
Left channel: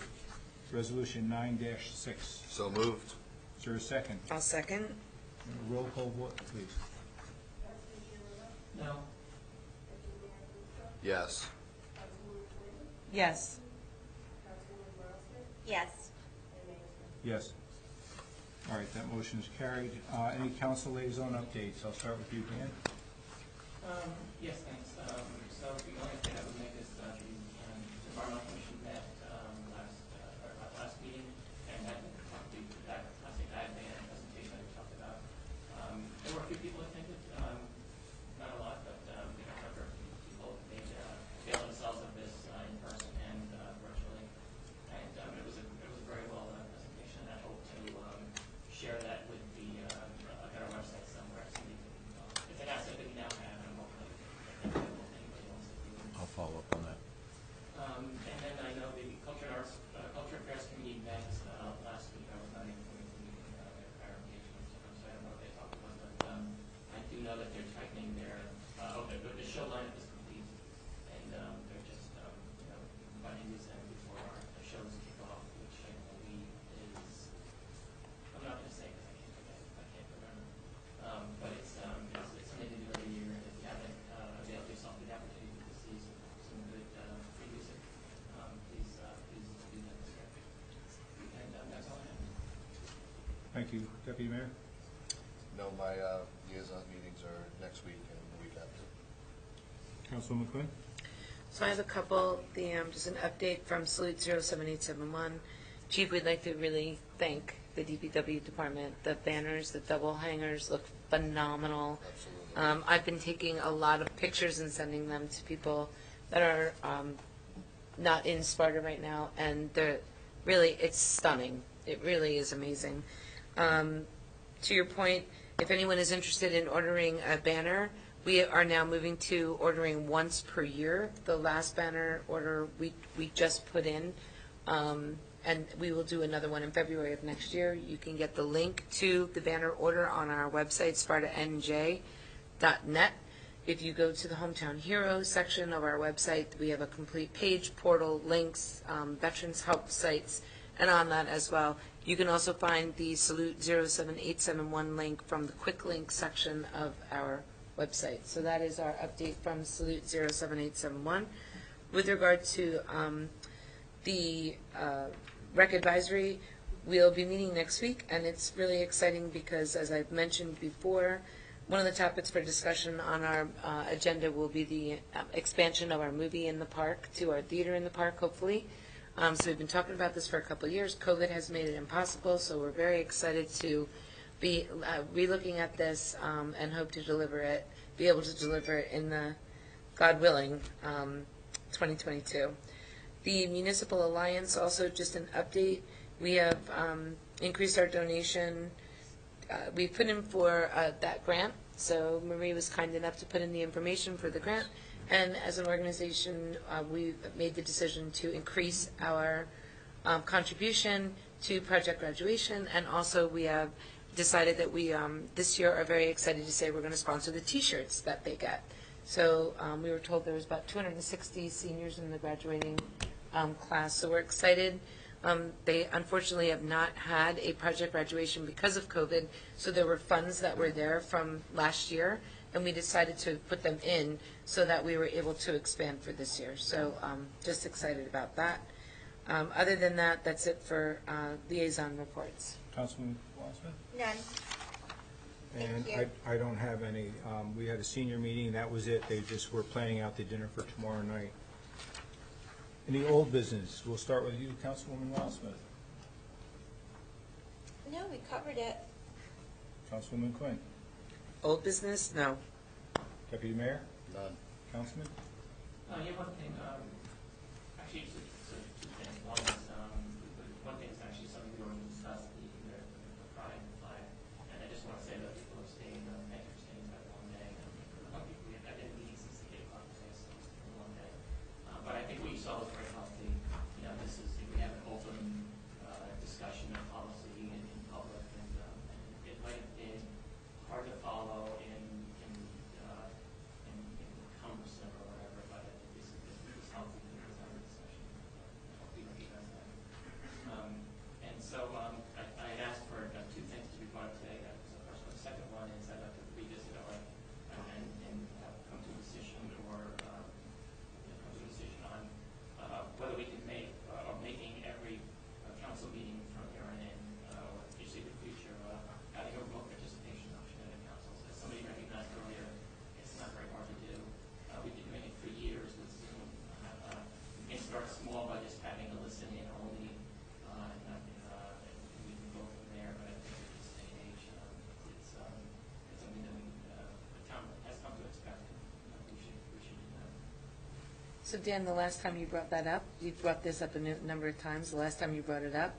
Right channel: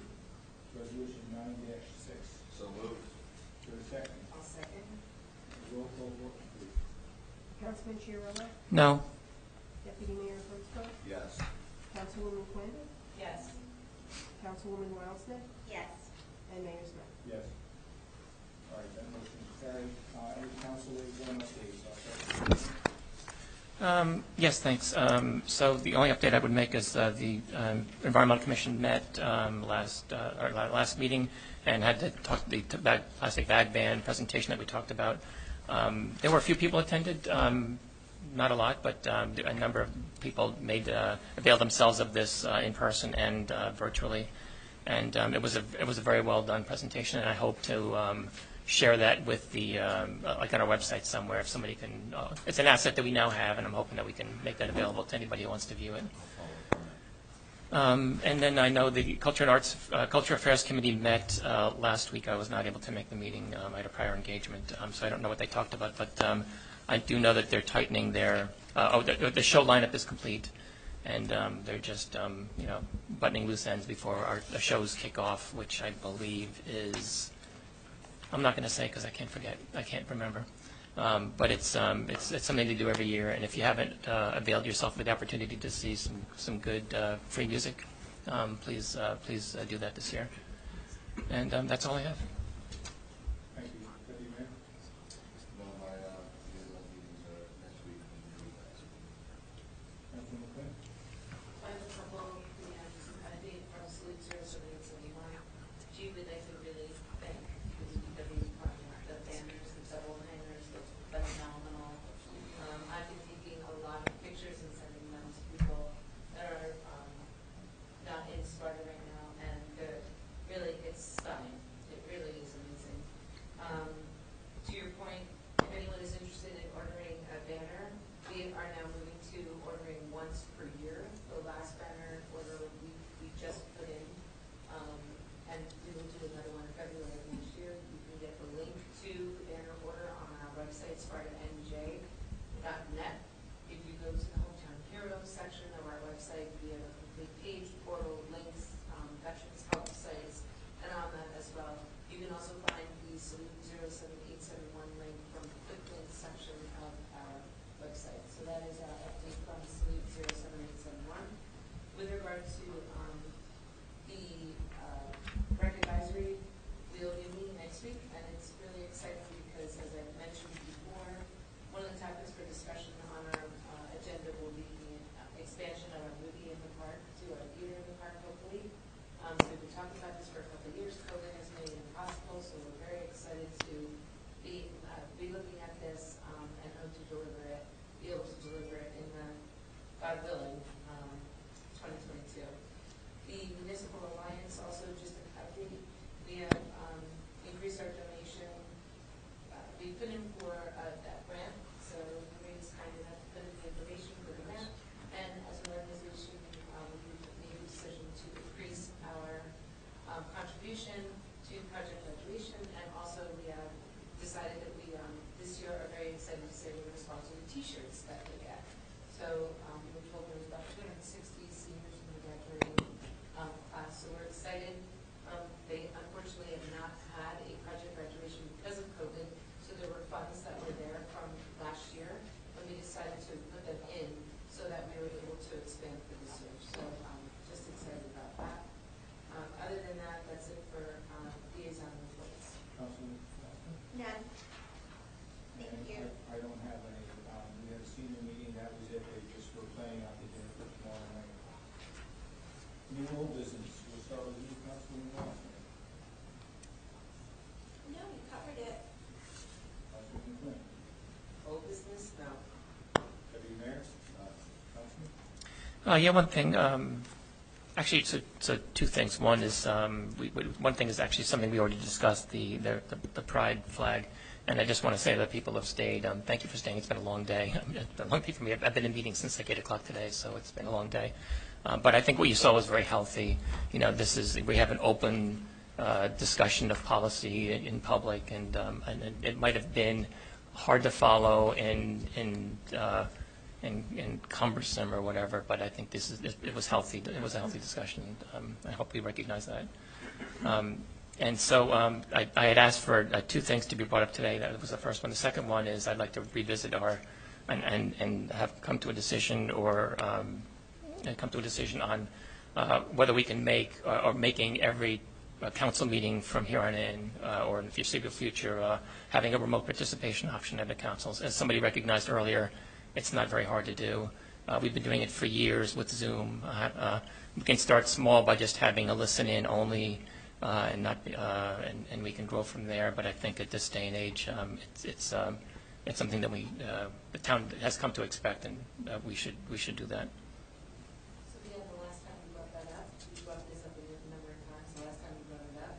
resolution 9-6? So moved. Is there a second? I'll second. Roll call vote, please. Councilman Chiarella? No. Deputy Mayor Frenchco? Yes. Councilwoman Quinn? Yes. Councilwoman Wildsmith? Yes. And Mayor Smith? Yes. All right, that motion is carried. Any council liaison updates? I'll start with you, Ken. Yes, thanks. So the only update I would make is the Environmental Commission met last meeting and had to talk the plastic bag ban presentation that we talked about. There were a few people attended, not a lot, but a number of people availed themselves of this in person and virtually. And it was a very well done presentation, and I hope to share that with like on our website somewhere if somebody can. It's an asset that we now have, and I'm hoping that we can make that available to anybody who wants to view it. I'll follow up on that. And then I know the Culture Affairs Committee met last week. I was not able to make the meeting. I had a prior engagement, so I don't know what they talked about. But I do know that they're tightening their. The show lineup is complete, and they're just buttoning loose ends before the shows kick off, which I believe is. I'm not going to say because I can't forget. I can't remember. But it's something to do every year, and if you haven't availed yourself of the opportunity to see some good free music, please do that this year. And that's all I have. Thank you. Deputy Mayor? No, my liaison meetings are next week and the week after. Councilwoman Quinn? So I have a couple, just an update from Salute 07871. Chief, we'd like to really thank the DPW department. The banners, the double hangers look phenomenal. I've been taking a lot of pictures and sending them to people that are not in Sparta right now, and it's stunning. It really is amazing. To your point, if anyone is interested in ordering a banner, we are now moving to ordering once per year. The last banner order we just put in, and we will do another one in February of next year. You can get the link to the banner order on our website, spartanj.net. If you go to the Hometown Heroes section of our website, we have a complete page, portal, links, veterans help sites, and on that as well. You can also find the Salute 07871 link from the quick link section of our website. So that is our update from Salute 07871. With regard to the rec advisory, we'll be meeting next week, and it's really exciting because, as I've mentioned before, one of the topics for discussion on our agenda will be the expansion of our movie in the park to our theater in the park, hopefully. So we've been talking about this for a couple of years. COVID has made it impossible, so we're very excited to be relooking at this and hope to be able to deliver it in the, God willing, 2022. The Municipal Alliance, also just an update. We have increased our donation. We put in for that grant, so Marie was kind enough to put in the information for the grant, And as an organization, we've made the decision to increase our contribution to project graduation, and also we have decided that we this year are very excited to say we're going to sponsor the T-shirts that they get. So we were told there was about 260 seniors in the graduating class, so we're excited. They unfortunately have not had a project graduation because of COVID, so there were funds that were there from last year, and we decided to put them in so that we were able to expand for this year. So just excited about that. Other than that, that's it for liaison reports. Councilman Wassman? None. And Thank you. I don't have any. We had a senior meeting, that was it. They just were planning out the dinner for tomorrow night. Any old business? We'll start with you, Councilwoman Wassman. No, we covered it. Councilwoman Quinn. Old business? No. Deputy Mayor? None. Councilman? Yeah, one thing. Actually, it's two things. One is one thing is actually something we already discussed, the pride flag. And I just want to say that people have stayed. Thank you for staying. It's been a long day. A long day for me. I've been in meetings since like 8 o'clock today, so it's been a long day. But I think what you saw was very healthy. You know, we have an open discussion of policy in public, and it might have been hard to follow and cumbersome or whatever. But I think it was healthy. It was a healthy discussion. I hope we recognize that. And so I had asked for two things to be brought up today. That was the first one. The second one is I'd like to revisit and have come to a decision on whether we can make or making every council meeting from here on in or in the foreseeable future having a remote participation option at the councils. As somebody recognized earlier, it's not very hard to do. We've been doing it for years with Zoom. We can start small by just having a listen-in only. And we can grow from there. But I think at this day and age, it's something that the town has come to expect, and we should do that. So Dan, the last time you brought that up, you brought this up a number of times. The last time you brought it up,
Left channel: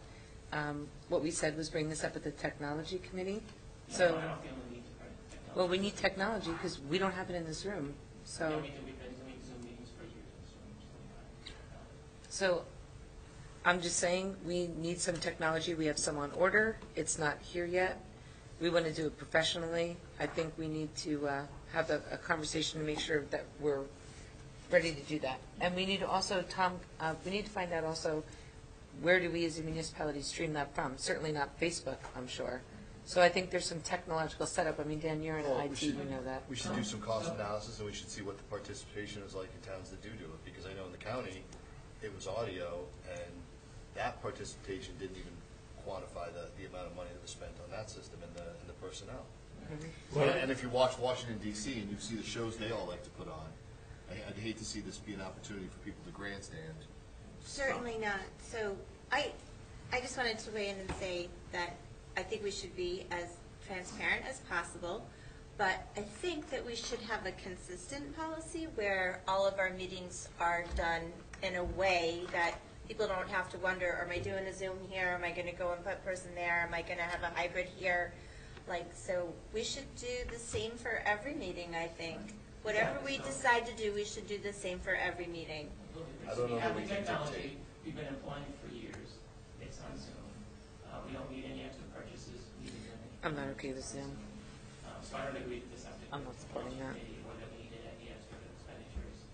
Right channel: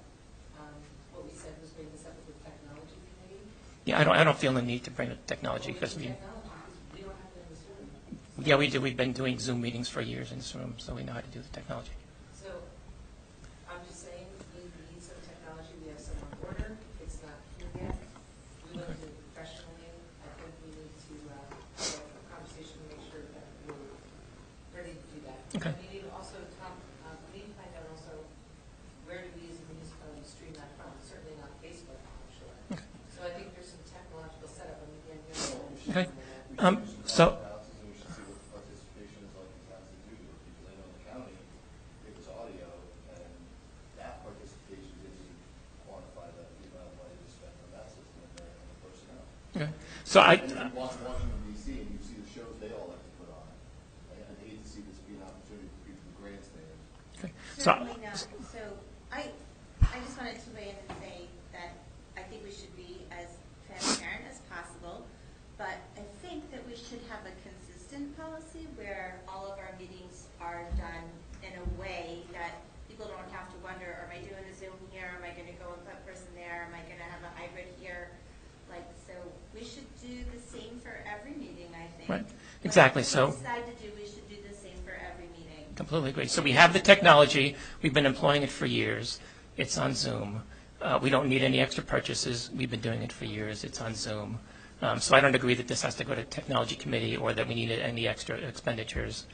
what we said was bring this up with the technology committee. Yeah, so, I don't feel the need to bring the technology. Well, we need technology because we don't have it in this room. So. Yeah, we do. We've been doing Zoom meetings for years in this room, so we know how to do the technology. So I'm just saying we need some technology. We have some on order. It's not here yet. We want to do it professionally. I think we need to have a conversation to make sure that we're ready to do that. Okay. And we need to also, Tom, we need to find out also where do we as a municipality stream that from? Certainly not Facebook, I'm sure. Okay. So I think there's some technological setup. I mean, Dan, you're in IT, you know that. We should do some cost analysis, and we should see what the participation is like in towns that do it, because I know in the county, it was audio, and that participation didn't even quantify the amount of money that was spent on that system and the personnel. Okay. And if you watch Washington, D.C., and you see the shows they all like to put on, I'd hate to see this be an opportunity for people to grandstand. Okay. Certainly not. So I just wanted to weigh in and say that I think we should be as transparent as possible, but I think that we should have a consistent policy where all of our meetings are done in a way that people don't have to wonder, am I doing a Zoom here? Am I going to go in person there? Am I going to have a hybrid here? So we should do the same for every meeting, I think. Right. Exactly. Whatever we decide to do, we should do the same for every meeting. Completely agree. So we have the technology. We've been employing it for years. It's on Zoom. We don't need any extra purchases. We've been doing it for years. It's on Zoom. So I don't agree that this has to go to technology committee or that we need any extra expenditures.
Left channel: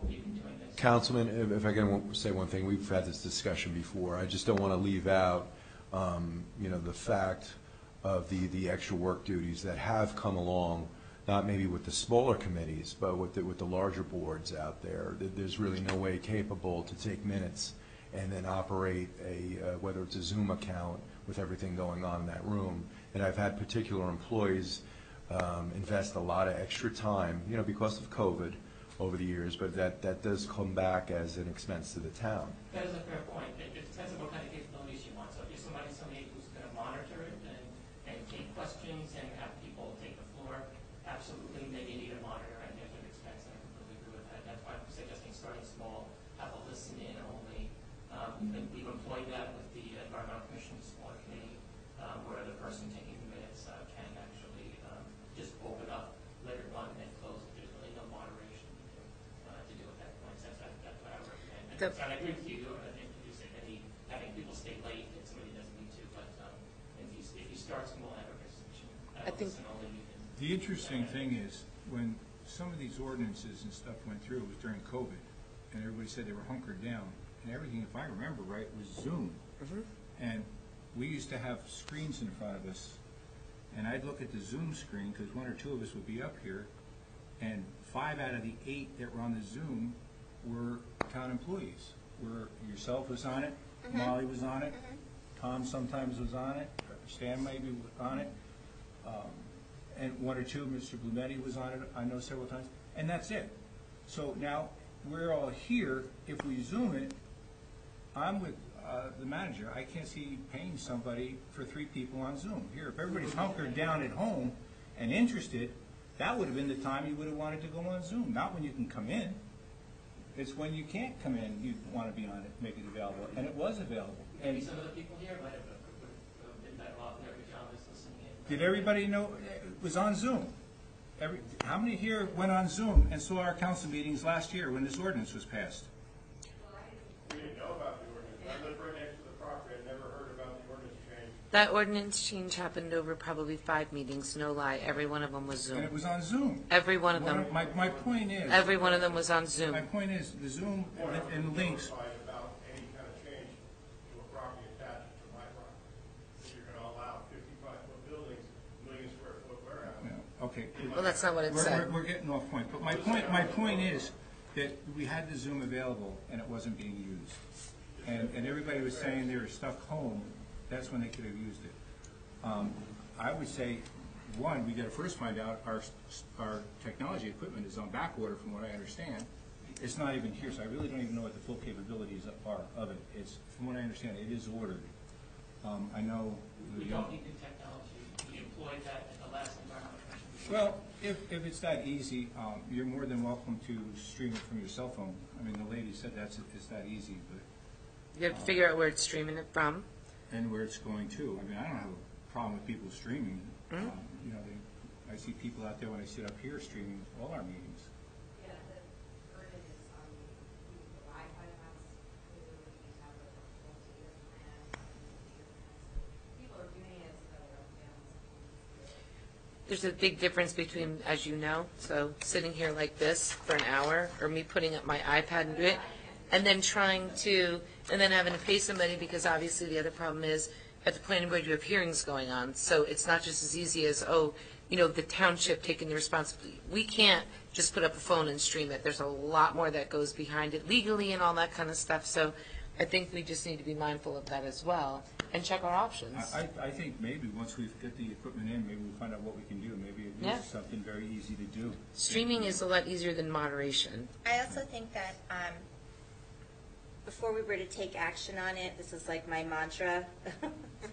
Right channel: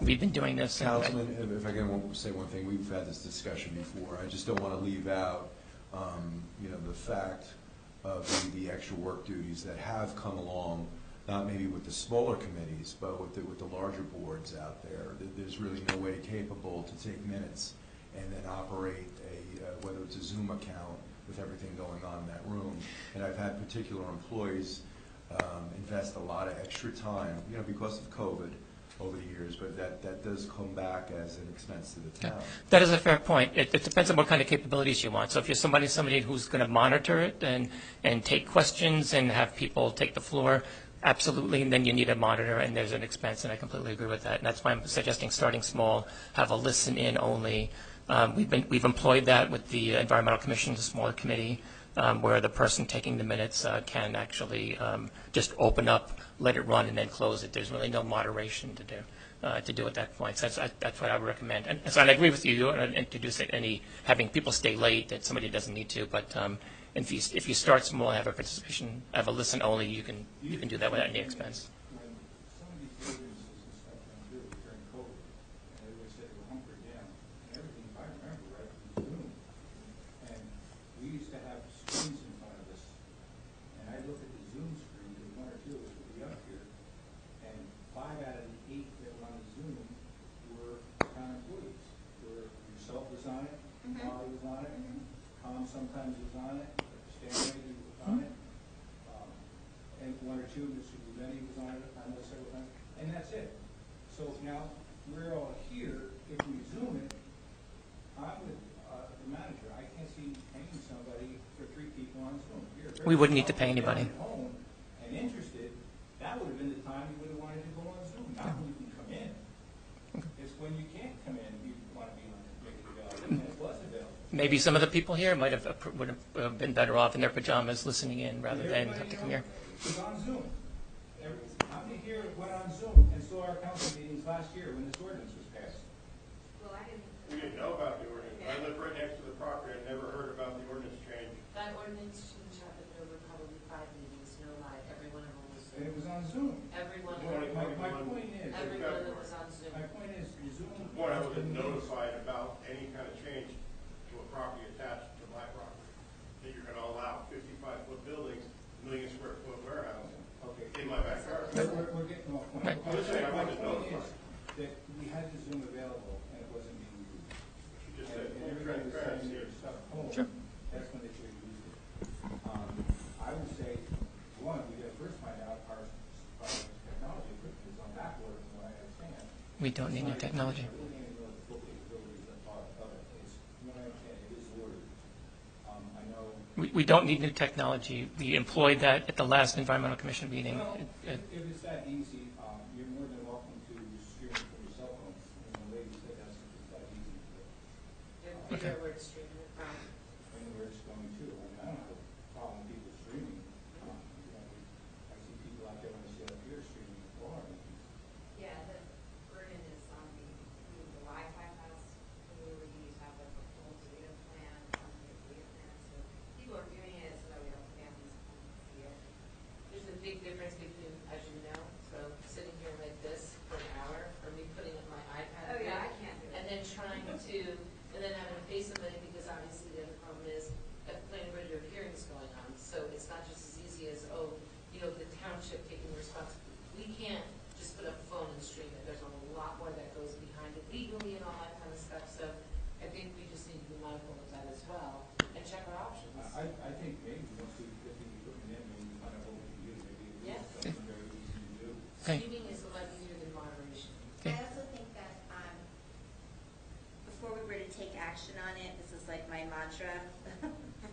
We've been doing this. Councilman, if I can say one thing, we've had this discussion before. I just don't want to leave out, the fact of the extra work duties that have come along, not maybe with the smaller committees, but with the larger boards out there. There's really no way capable to take minutes and then operate whether it's a Zoom account with everything going on in that room. And I've had particular employees invest a lot of extra time, because of COVID over the years, but that does come back as an expense to the town. That is a fair point. It depends on what kind of capabilities you want. So if you're somebody who's going to monitor it and take questions and have people take the floor, absolutely, and then you need a monitor, and there's an expense, and I completely agree with that. And that's why I'm suggesting starting small, have a listen-in only. We've employed that with the Environmental Commission, the smaller committee, where the person taking the minutes can actually just open up let it run and then close it. There's really no moderation to do at that point. So that's what I would recommend. And so I agree with you, you don't want to introduce having people stay late that somebody doesn't need to, but if you start small, have a participation, have a listen only, you can do that without any expense. When some of these ordinances and stuff went through during COVID, and everybody said they were hunkered down, and everything, if I remember right, was Zoom. And we used to have screens in front of us, and I'd look at the Zoom screen, because one or two of us would be up here, and 5 out of the 8 that were on the Zoom were town employees. Yourself was on it, Molly was on it, Tom sometimes was on it, Stan maybe was on it, and one or two, Mr. Blumetti was on it, I know several times, and that's it. So now, we're all here, if we Zoom it, I'm with the manager, I can't see paying somebody for 3 people on Zoom. Here, if We wouldn't need to pay everybody's anybody. down at home and interested, that would have been the time you would have wanted to go on Zoom, not when you can come in. It's when you can't come in, you want to be on it, make it available, and it was available. Maybe some of the people here would have been better off in their pajamas listening in rather Did than everybody have to know come here. it was on Zoom? How many here went on Zoom and saw our council meetings last year when this ordinance was passed? We didn't know about the ordinance. I live right next to the property. I never heard about the ordinance change. That ordinance change happened over probably 5 meetings, no lie. Every one of them was Zoom. And it was on Zoom. Every one of them. My point is. Every one of them was on Zoom. My point is, the Zoom When I was and links. notified about any kind of change to a property attached to my property, that you're going to allow 55-foot buildings, 1,000,000-square-foot warehouse. Okay. Well, that's not what it said. We're getting off point. But my point is that we had the Zoom available and it wasn't being used. And everybody was saying they were stuck home. That's when they could have used it. I would say, one, we got to first find out our technology equipment is on back order from what I understand. We don't need the technology. I really don't even know what the full capabilities are of it. It's, from what I understand, it is ordered. I know. We don't need new technology. We employed that at the last Environmental Commission meeting. Well, if it's that easy, you're more than welcome to stream it from your cell phone. I mean, the lady said it's that easy. But You have to figure out where it's streaming it from. And where it's going to. I mean, I don't have a problem with people streaming. You know, I see people out there when they sit up here streaming all our meetings. Yeah, the burden is on the Wi-Fi pass, who you need to have like a full data plan, so people are doing it so that we don't families home. There's a big difference between, as you know, so sitting here like this for an hour, or me putting up my iPad and do it, and then and then having to pay somebody, because obviously the other problem is, at the planning board, you have hearings going on, so it's not just as easy as, the township taking the responsibility. We can't just put up a phone and stream it. There's a lot more that goes behind it legally and all that kind of stuff, so I think we just need to be mindful of that as well, and check our options. I think maybe once we get the equipment in, maybe we'll find out what we can do. Maybe it is something very easy to do. Streaming is a lot easier than moderation. I also think that before we were to take action on it, this is like my mantra,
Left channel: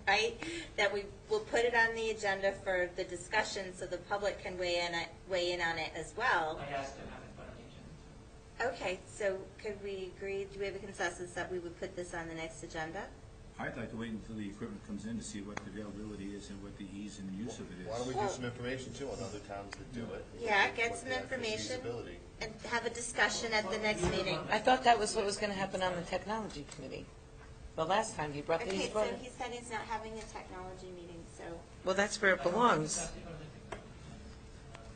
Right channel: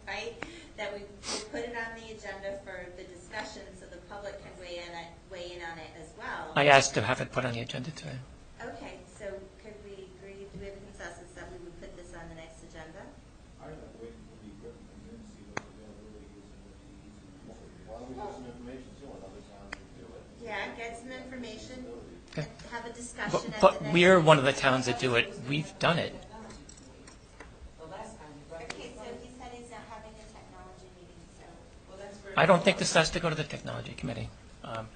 right? That we will put it on the agenda for the discussion so the public can weigh in on it as well. I asked to have it put on the agenda today. Okay, so could we agree, do we have a consensus that we would put this on the next agenda? I'd like to wait until the equipment comes in to see what the availability is and what the ease and use of it is. Why don't we get some information too on other towns that do it? Yeah, get some information and have a discussion at But the next we're meeting. one of the towns that do it. We've done it. Technology committee. The last time you brought Okay, so he said he's not having a technology meeting, so. Well, that's where it I don't think belongs. this has to go to the technology committee.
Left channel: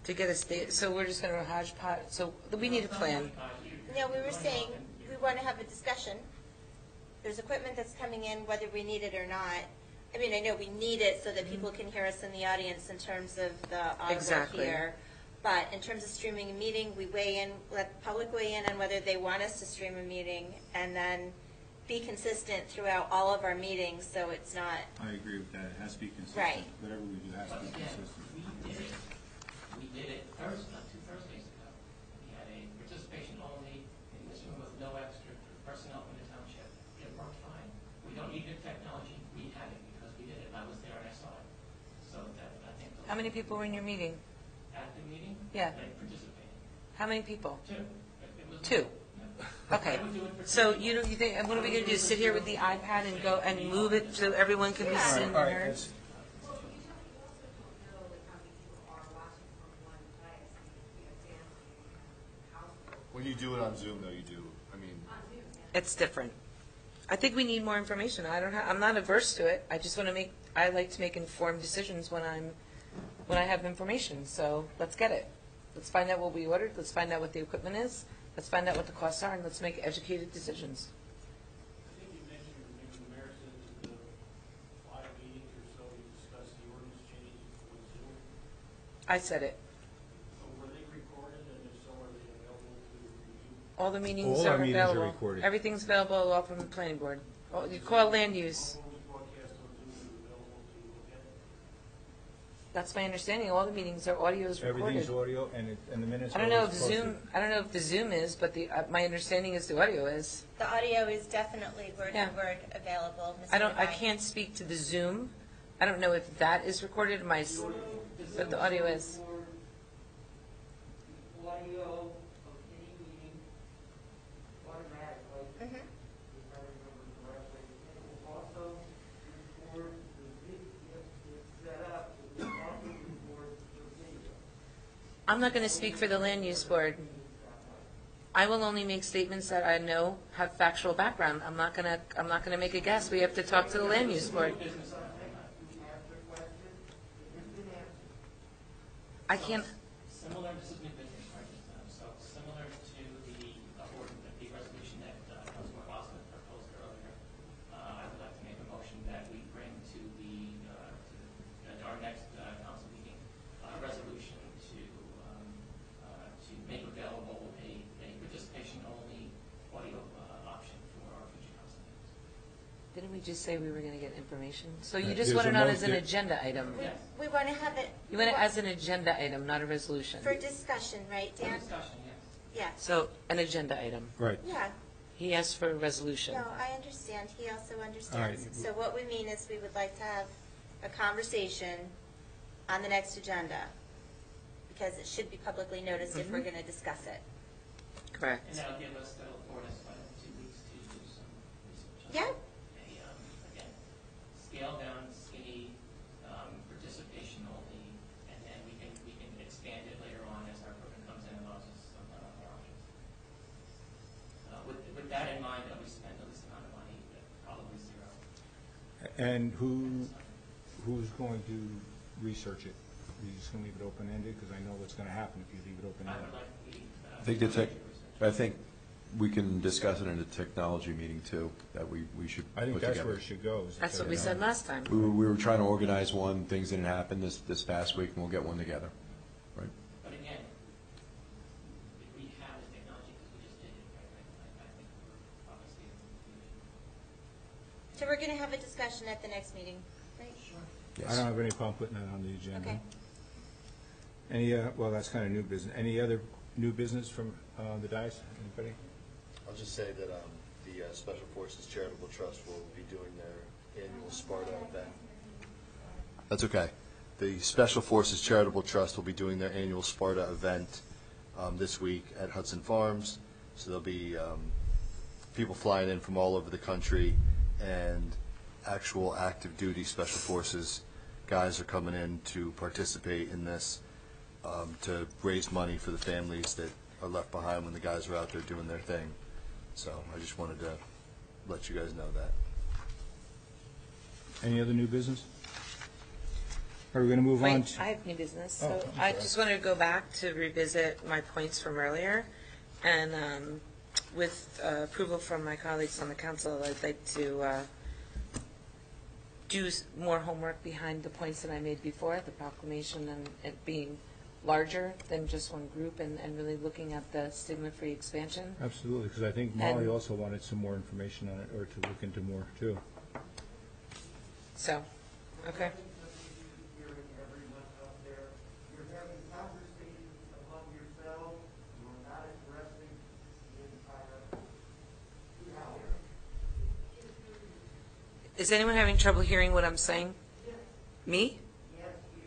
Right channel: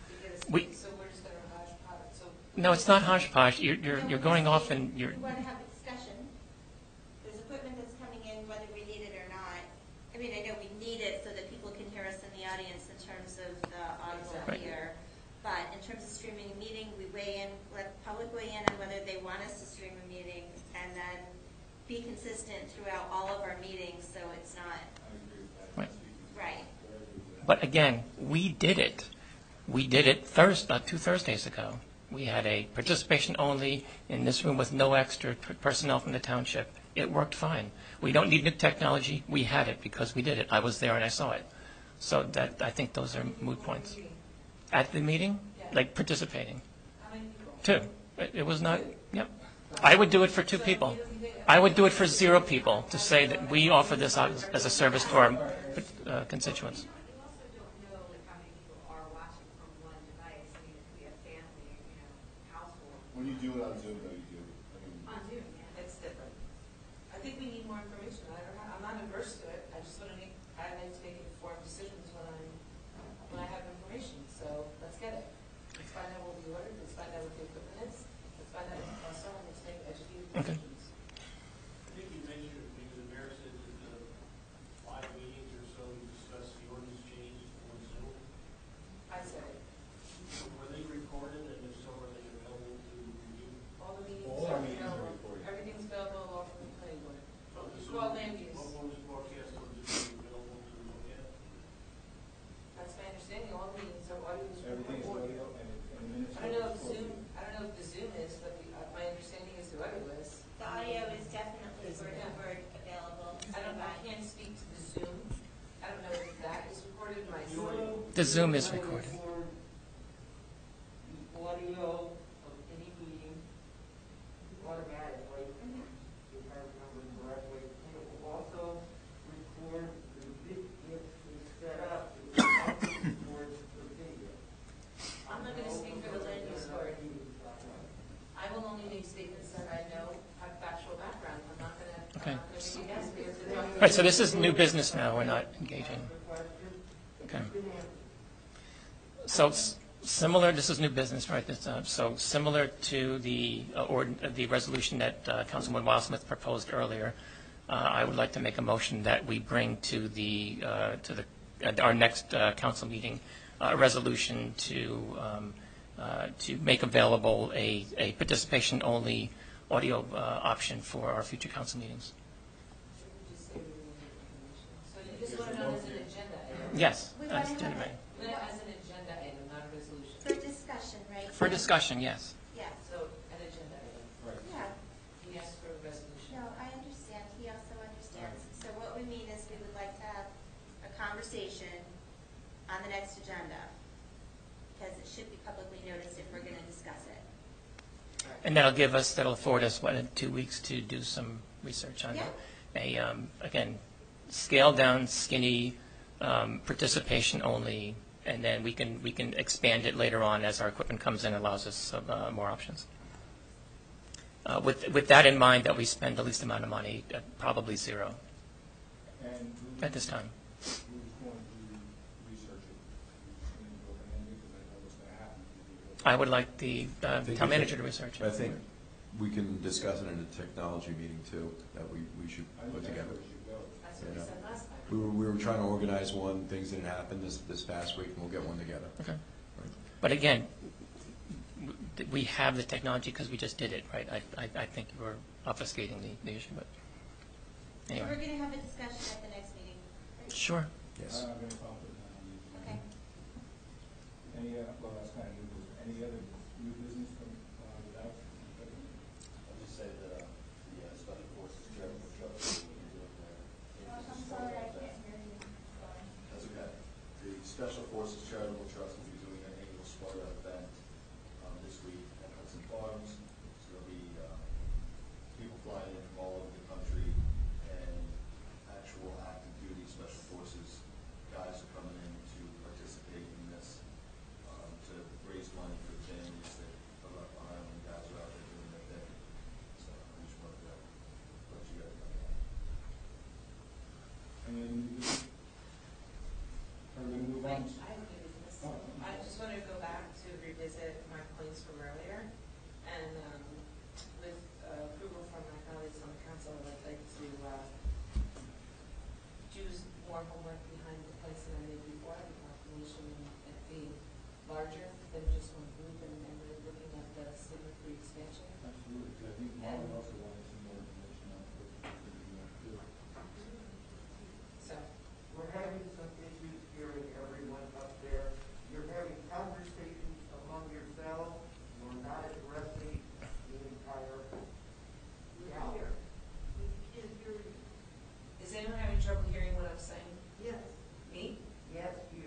To get a state, so we're just going to hodgepodge, so. No, it's not hodgepodge. You're going off and you're. We want to have a discussion. There's equipment that's coming in, whether we need it or not. I mean, I know we need it so that people can hear us in the audience in terms of the audible Exactly. here. But in terms of streaming a meeting, we weigh in, let the public weigh in on whether they want us to stream a meeting, and then be consistent throughout all of our meetings, so it's not. I agree with that. It has to be consistent. Right. Whatever we do. But again, we did it. We did it 2 Thursdays ago. We had a participation only in this room with no extra personnel from the township. It worked fine. We don't need new technology. We had it because we did it. I was there and I saw it. So that, I think those How are many people moot were in your points. meeting? At the meeting? Yeah. Like participating. How many people? 2. It was not. 2? Yep. Okay. I would do it for 2 So people. you don't- you think- I would do it you for sit 0 with the people iPad to and say go that and we move offer it this so as everyone a can service have to our it. constituents. You also don't know like how many people are watching from one device. do it on Zoom, though, you do, I mean. On Zoom, yeah. It's different. I think we need more information. I'm not averse to it. I just want to I like to make informed decisions when I have information. So let's get it. Let's find out what we ordered. Let's find out what the equipment is. Let's find out what the costs are, and let's make educated decisions. I think you mentioned, maybe the mayor said that the 5 meetings or so, you discussed the ordinance change on Zoom. I said it. Were they recorded, and if so, are they available to review? All the meetings All are our meetings are available. recorded. Everything's available off from the planning board. You call land use. All ones broadcast on Zoom are available to look at? That's my understanding. All the meetings are audio is recorded. Everything's audio, and the minutes. I don't know if Zoom. I don't know if the Zoom is, but my understanding is the audio is. The audio is definitely word Yeah. for word available. Mr. I Devine. can't speak to the Zoom. I don't know if that is recorded. The Zoom is audio recorded. is. The audio of any meeting automatically, if I remember correctly, and it will also record the video, if it's set up, it will also record the video. I'm not going to speak for the land use board. I will only make statements that I know have factual background. I'm not going to make a guess. We have to talk to the Right, land so this use is board. new business now, we're not engaging. Okay. I So can't- similar, this is new business, right? So similar to the resolution that Councilman Wildsmith proposed earlier, I would like to make a motion that we bring to our next council meeting a resolution to make available a participation-only audio option for our future council meetings. Didn't we just say we were going to get information? So you There's just want a it on mo- as an there- agenda item? Yes. We want to have it You want it as an agenda item, not a resolution? for discussion, right? For Sam? discussion, yes. Yeah. So an agenda item. Right. Yeah. He asked for a resolution. No, I understand. He also understands. All right. So what we mean is we would like to have a conversation on the next agenda, because it should be publicly noticed if we're going to discuss it. Correct. And that'll afford us, what, in 2 weeks to do some research on Yeah. again, scaled down, skinny, participation only, and then we can expand it later on as our equipment comes in and allows us more options. With that in mind, that we spend the least amount of money, probably zero And at this time. who's going to research it? Are you just going to leave it open-ended? Because I know what's going to happen if you leave it open-ended. I would like the I think town the manager tech- to research. I think we can discuss it in a technology meeting too, that we should I think put that's together. where it should go. That's what we said last time. We were trying to organize one, things didn't happen this past week, and we'll get one together. Okay. Right. But again, we have the technology because we just did it, right? I think you're obfuscating the issue, but So anyway. we're going to have a discussion at the next meeting, right? Sure. I don't have any problem putting that on the agenda. Okay. Well, that's kind of new business. Any other new business from the dais? Anybody? I'll just say that the Special Forces Charitable Trust will be doing their annual Sparta event. That's okay. The Special Forces Charitable Trust will be doing their annual Sparta event this week at Hudson Farms. So there'll be people flying in from all over the country, and actual active duty Special Forces guys are coming in to participate in this to raise money for the families that are left behind when the guys are out there doing their thing. So I just wanted to let you guys know that. Any other new business? Are we going to move on? Wait, I have new business. Oh, So I'm I sorry. just wanted to go back to revisit my points from earlier. And with approval from my colleagues on the council, I'd like to do more homework behind the points that I made before, the proclamation and it being larger than just one group, and really looking at the stigma-free expansion. Absolutely, because I think Molly And- also wanted some more information on it, or to look into more too. So, We're okay. having some issues hearing everyone up there. You're having conversations among yourselves. You're not addressing the entire reality. We can't hear you. Is anyone having trouble hearing what I'm saying? Yes. Me? Yes, you.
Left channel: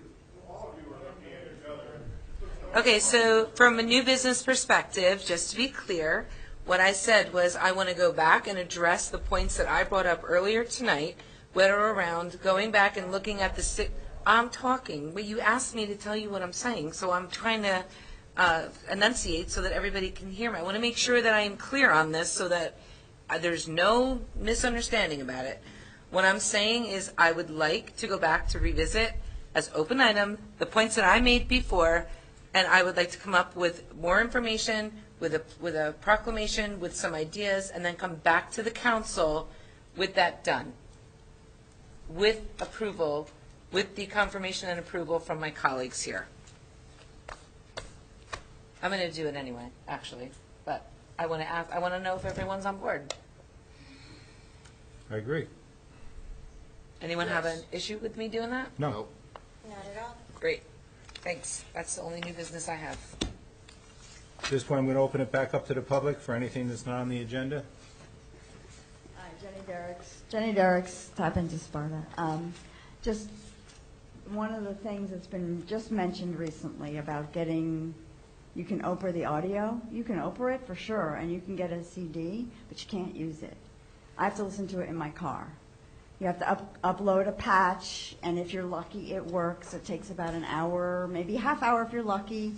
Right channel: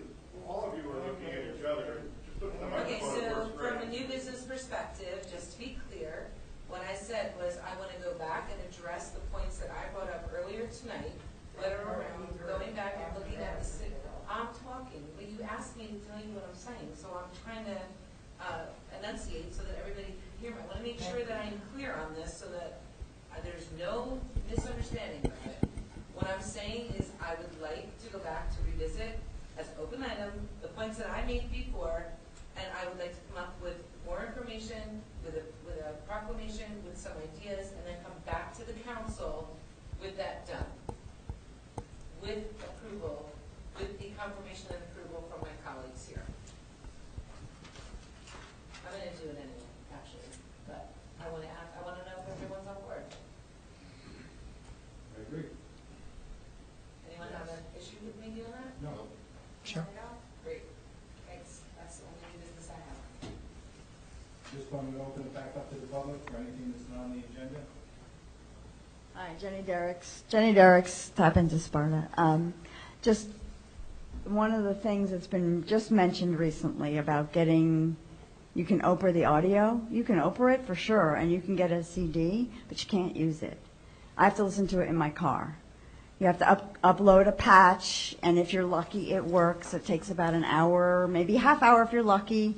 All of you are looking at each other. Just look at the Okay, microphone. so from a new business perspective, just to be clear, what I said was I want to go back and address the points that I brought up earlier tonight, that are around going back and looking at I'm talking, but you asked me to tell you what I'm saying, so I'm trying to enunciate so that everybody can hear me. I want to make sure that I am clear on this so that there's no misunderstanding about it. What I'm saying is I would like to go back to revisit as open item the points that I made before, and I would like to come up with more information, with a proclamation, with some ideas, and then come back to the council with that done, with approval, with the confirmation and approval from my colleagues here. I'm going to do it anyway, actually, but I want to know if everyone's on board. I agree. Anyone have an issue with me doing that? No. Not at all. Great. Thanks. That's the only new business I have. At this point, I'm going to open it back up to the public for anything that's not on the agenda. Hi, Jenny Derricks, tap into Sparta. Just one of the things that's been just mentioned recently about getting, you can Oprah the audio. You can Oprah it for sure, and you can get a CD, but you can't use it. I have to listen to it in my car. You have to upload a patch, and if you're lucky, it works. It takes about an hour, maybe a half hour if you're lucky.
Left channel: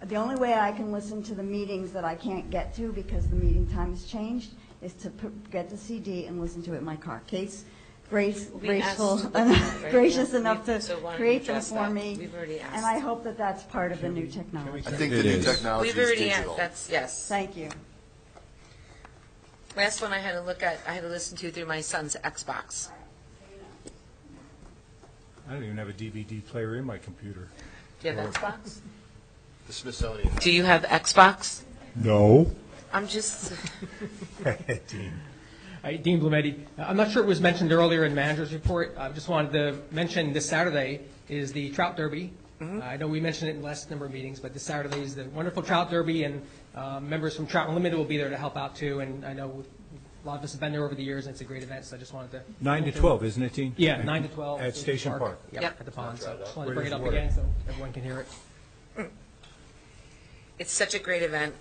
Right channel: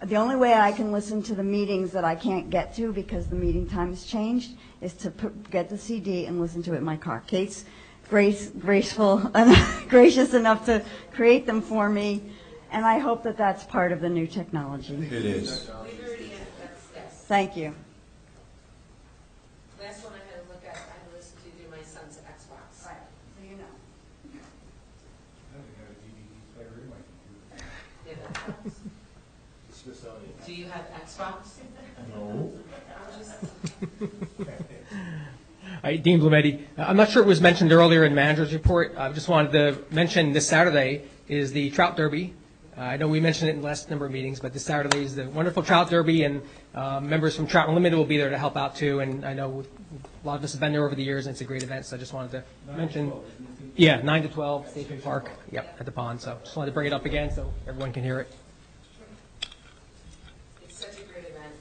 The only way I can listen to the meetings that I can't get to because the meeting time has changed is to get the CD and listen to it in my car. Kate's graceful, gracious enough to create them for me, and I hope that that's part of the new technology. I think the new technology We've is already digital. that's yes. Thank you. Last one I had to look at, I had to listen to through my son's Xbox. I don't even have a DVD player in my computer. Do you have Xbox? The Smithsonian. Do you have Xbox? No. I'm just. Hi, Dean Blumetti. I'm not sure it was mentioned earlier in the manager's report. I just wanted to mention this Saturday is the Trout Derby. I know we mentioned it in the last number of meetings, but this Saturday is the wonderful Trout Derby, and members from Trout Unlimited will be there to help out too. And I know a lot of us have been there over the years, and it's a great event. So I just wanted to 9 to 12, isn't it, Dean? Yeah, 9 to 12 at Station Park. Yep, at the pond. So just wanted to bring it up again so everyone can hear it. It's such a great event.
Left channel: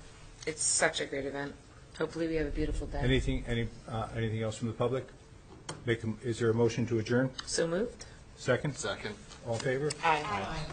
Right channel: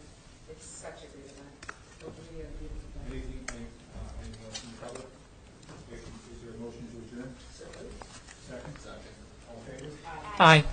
It's such a great event. Hopefully we have a beautiful day. Anything else from the public? Is there a motion to adjourn? So moved. Second? Second. All in favor? Aye. Aye.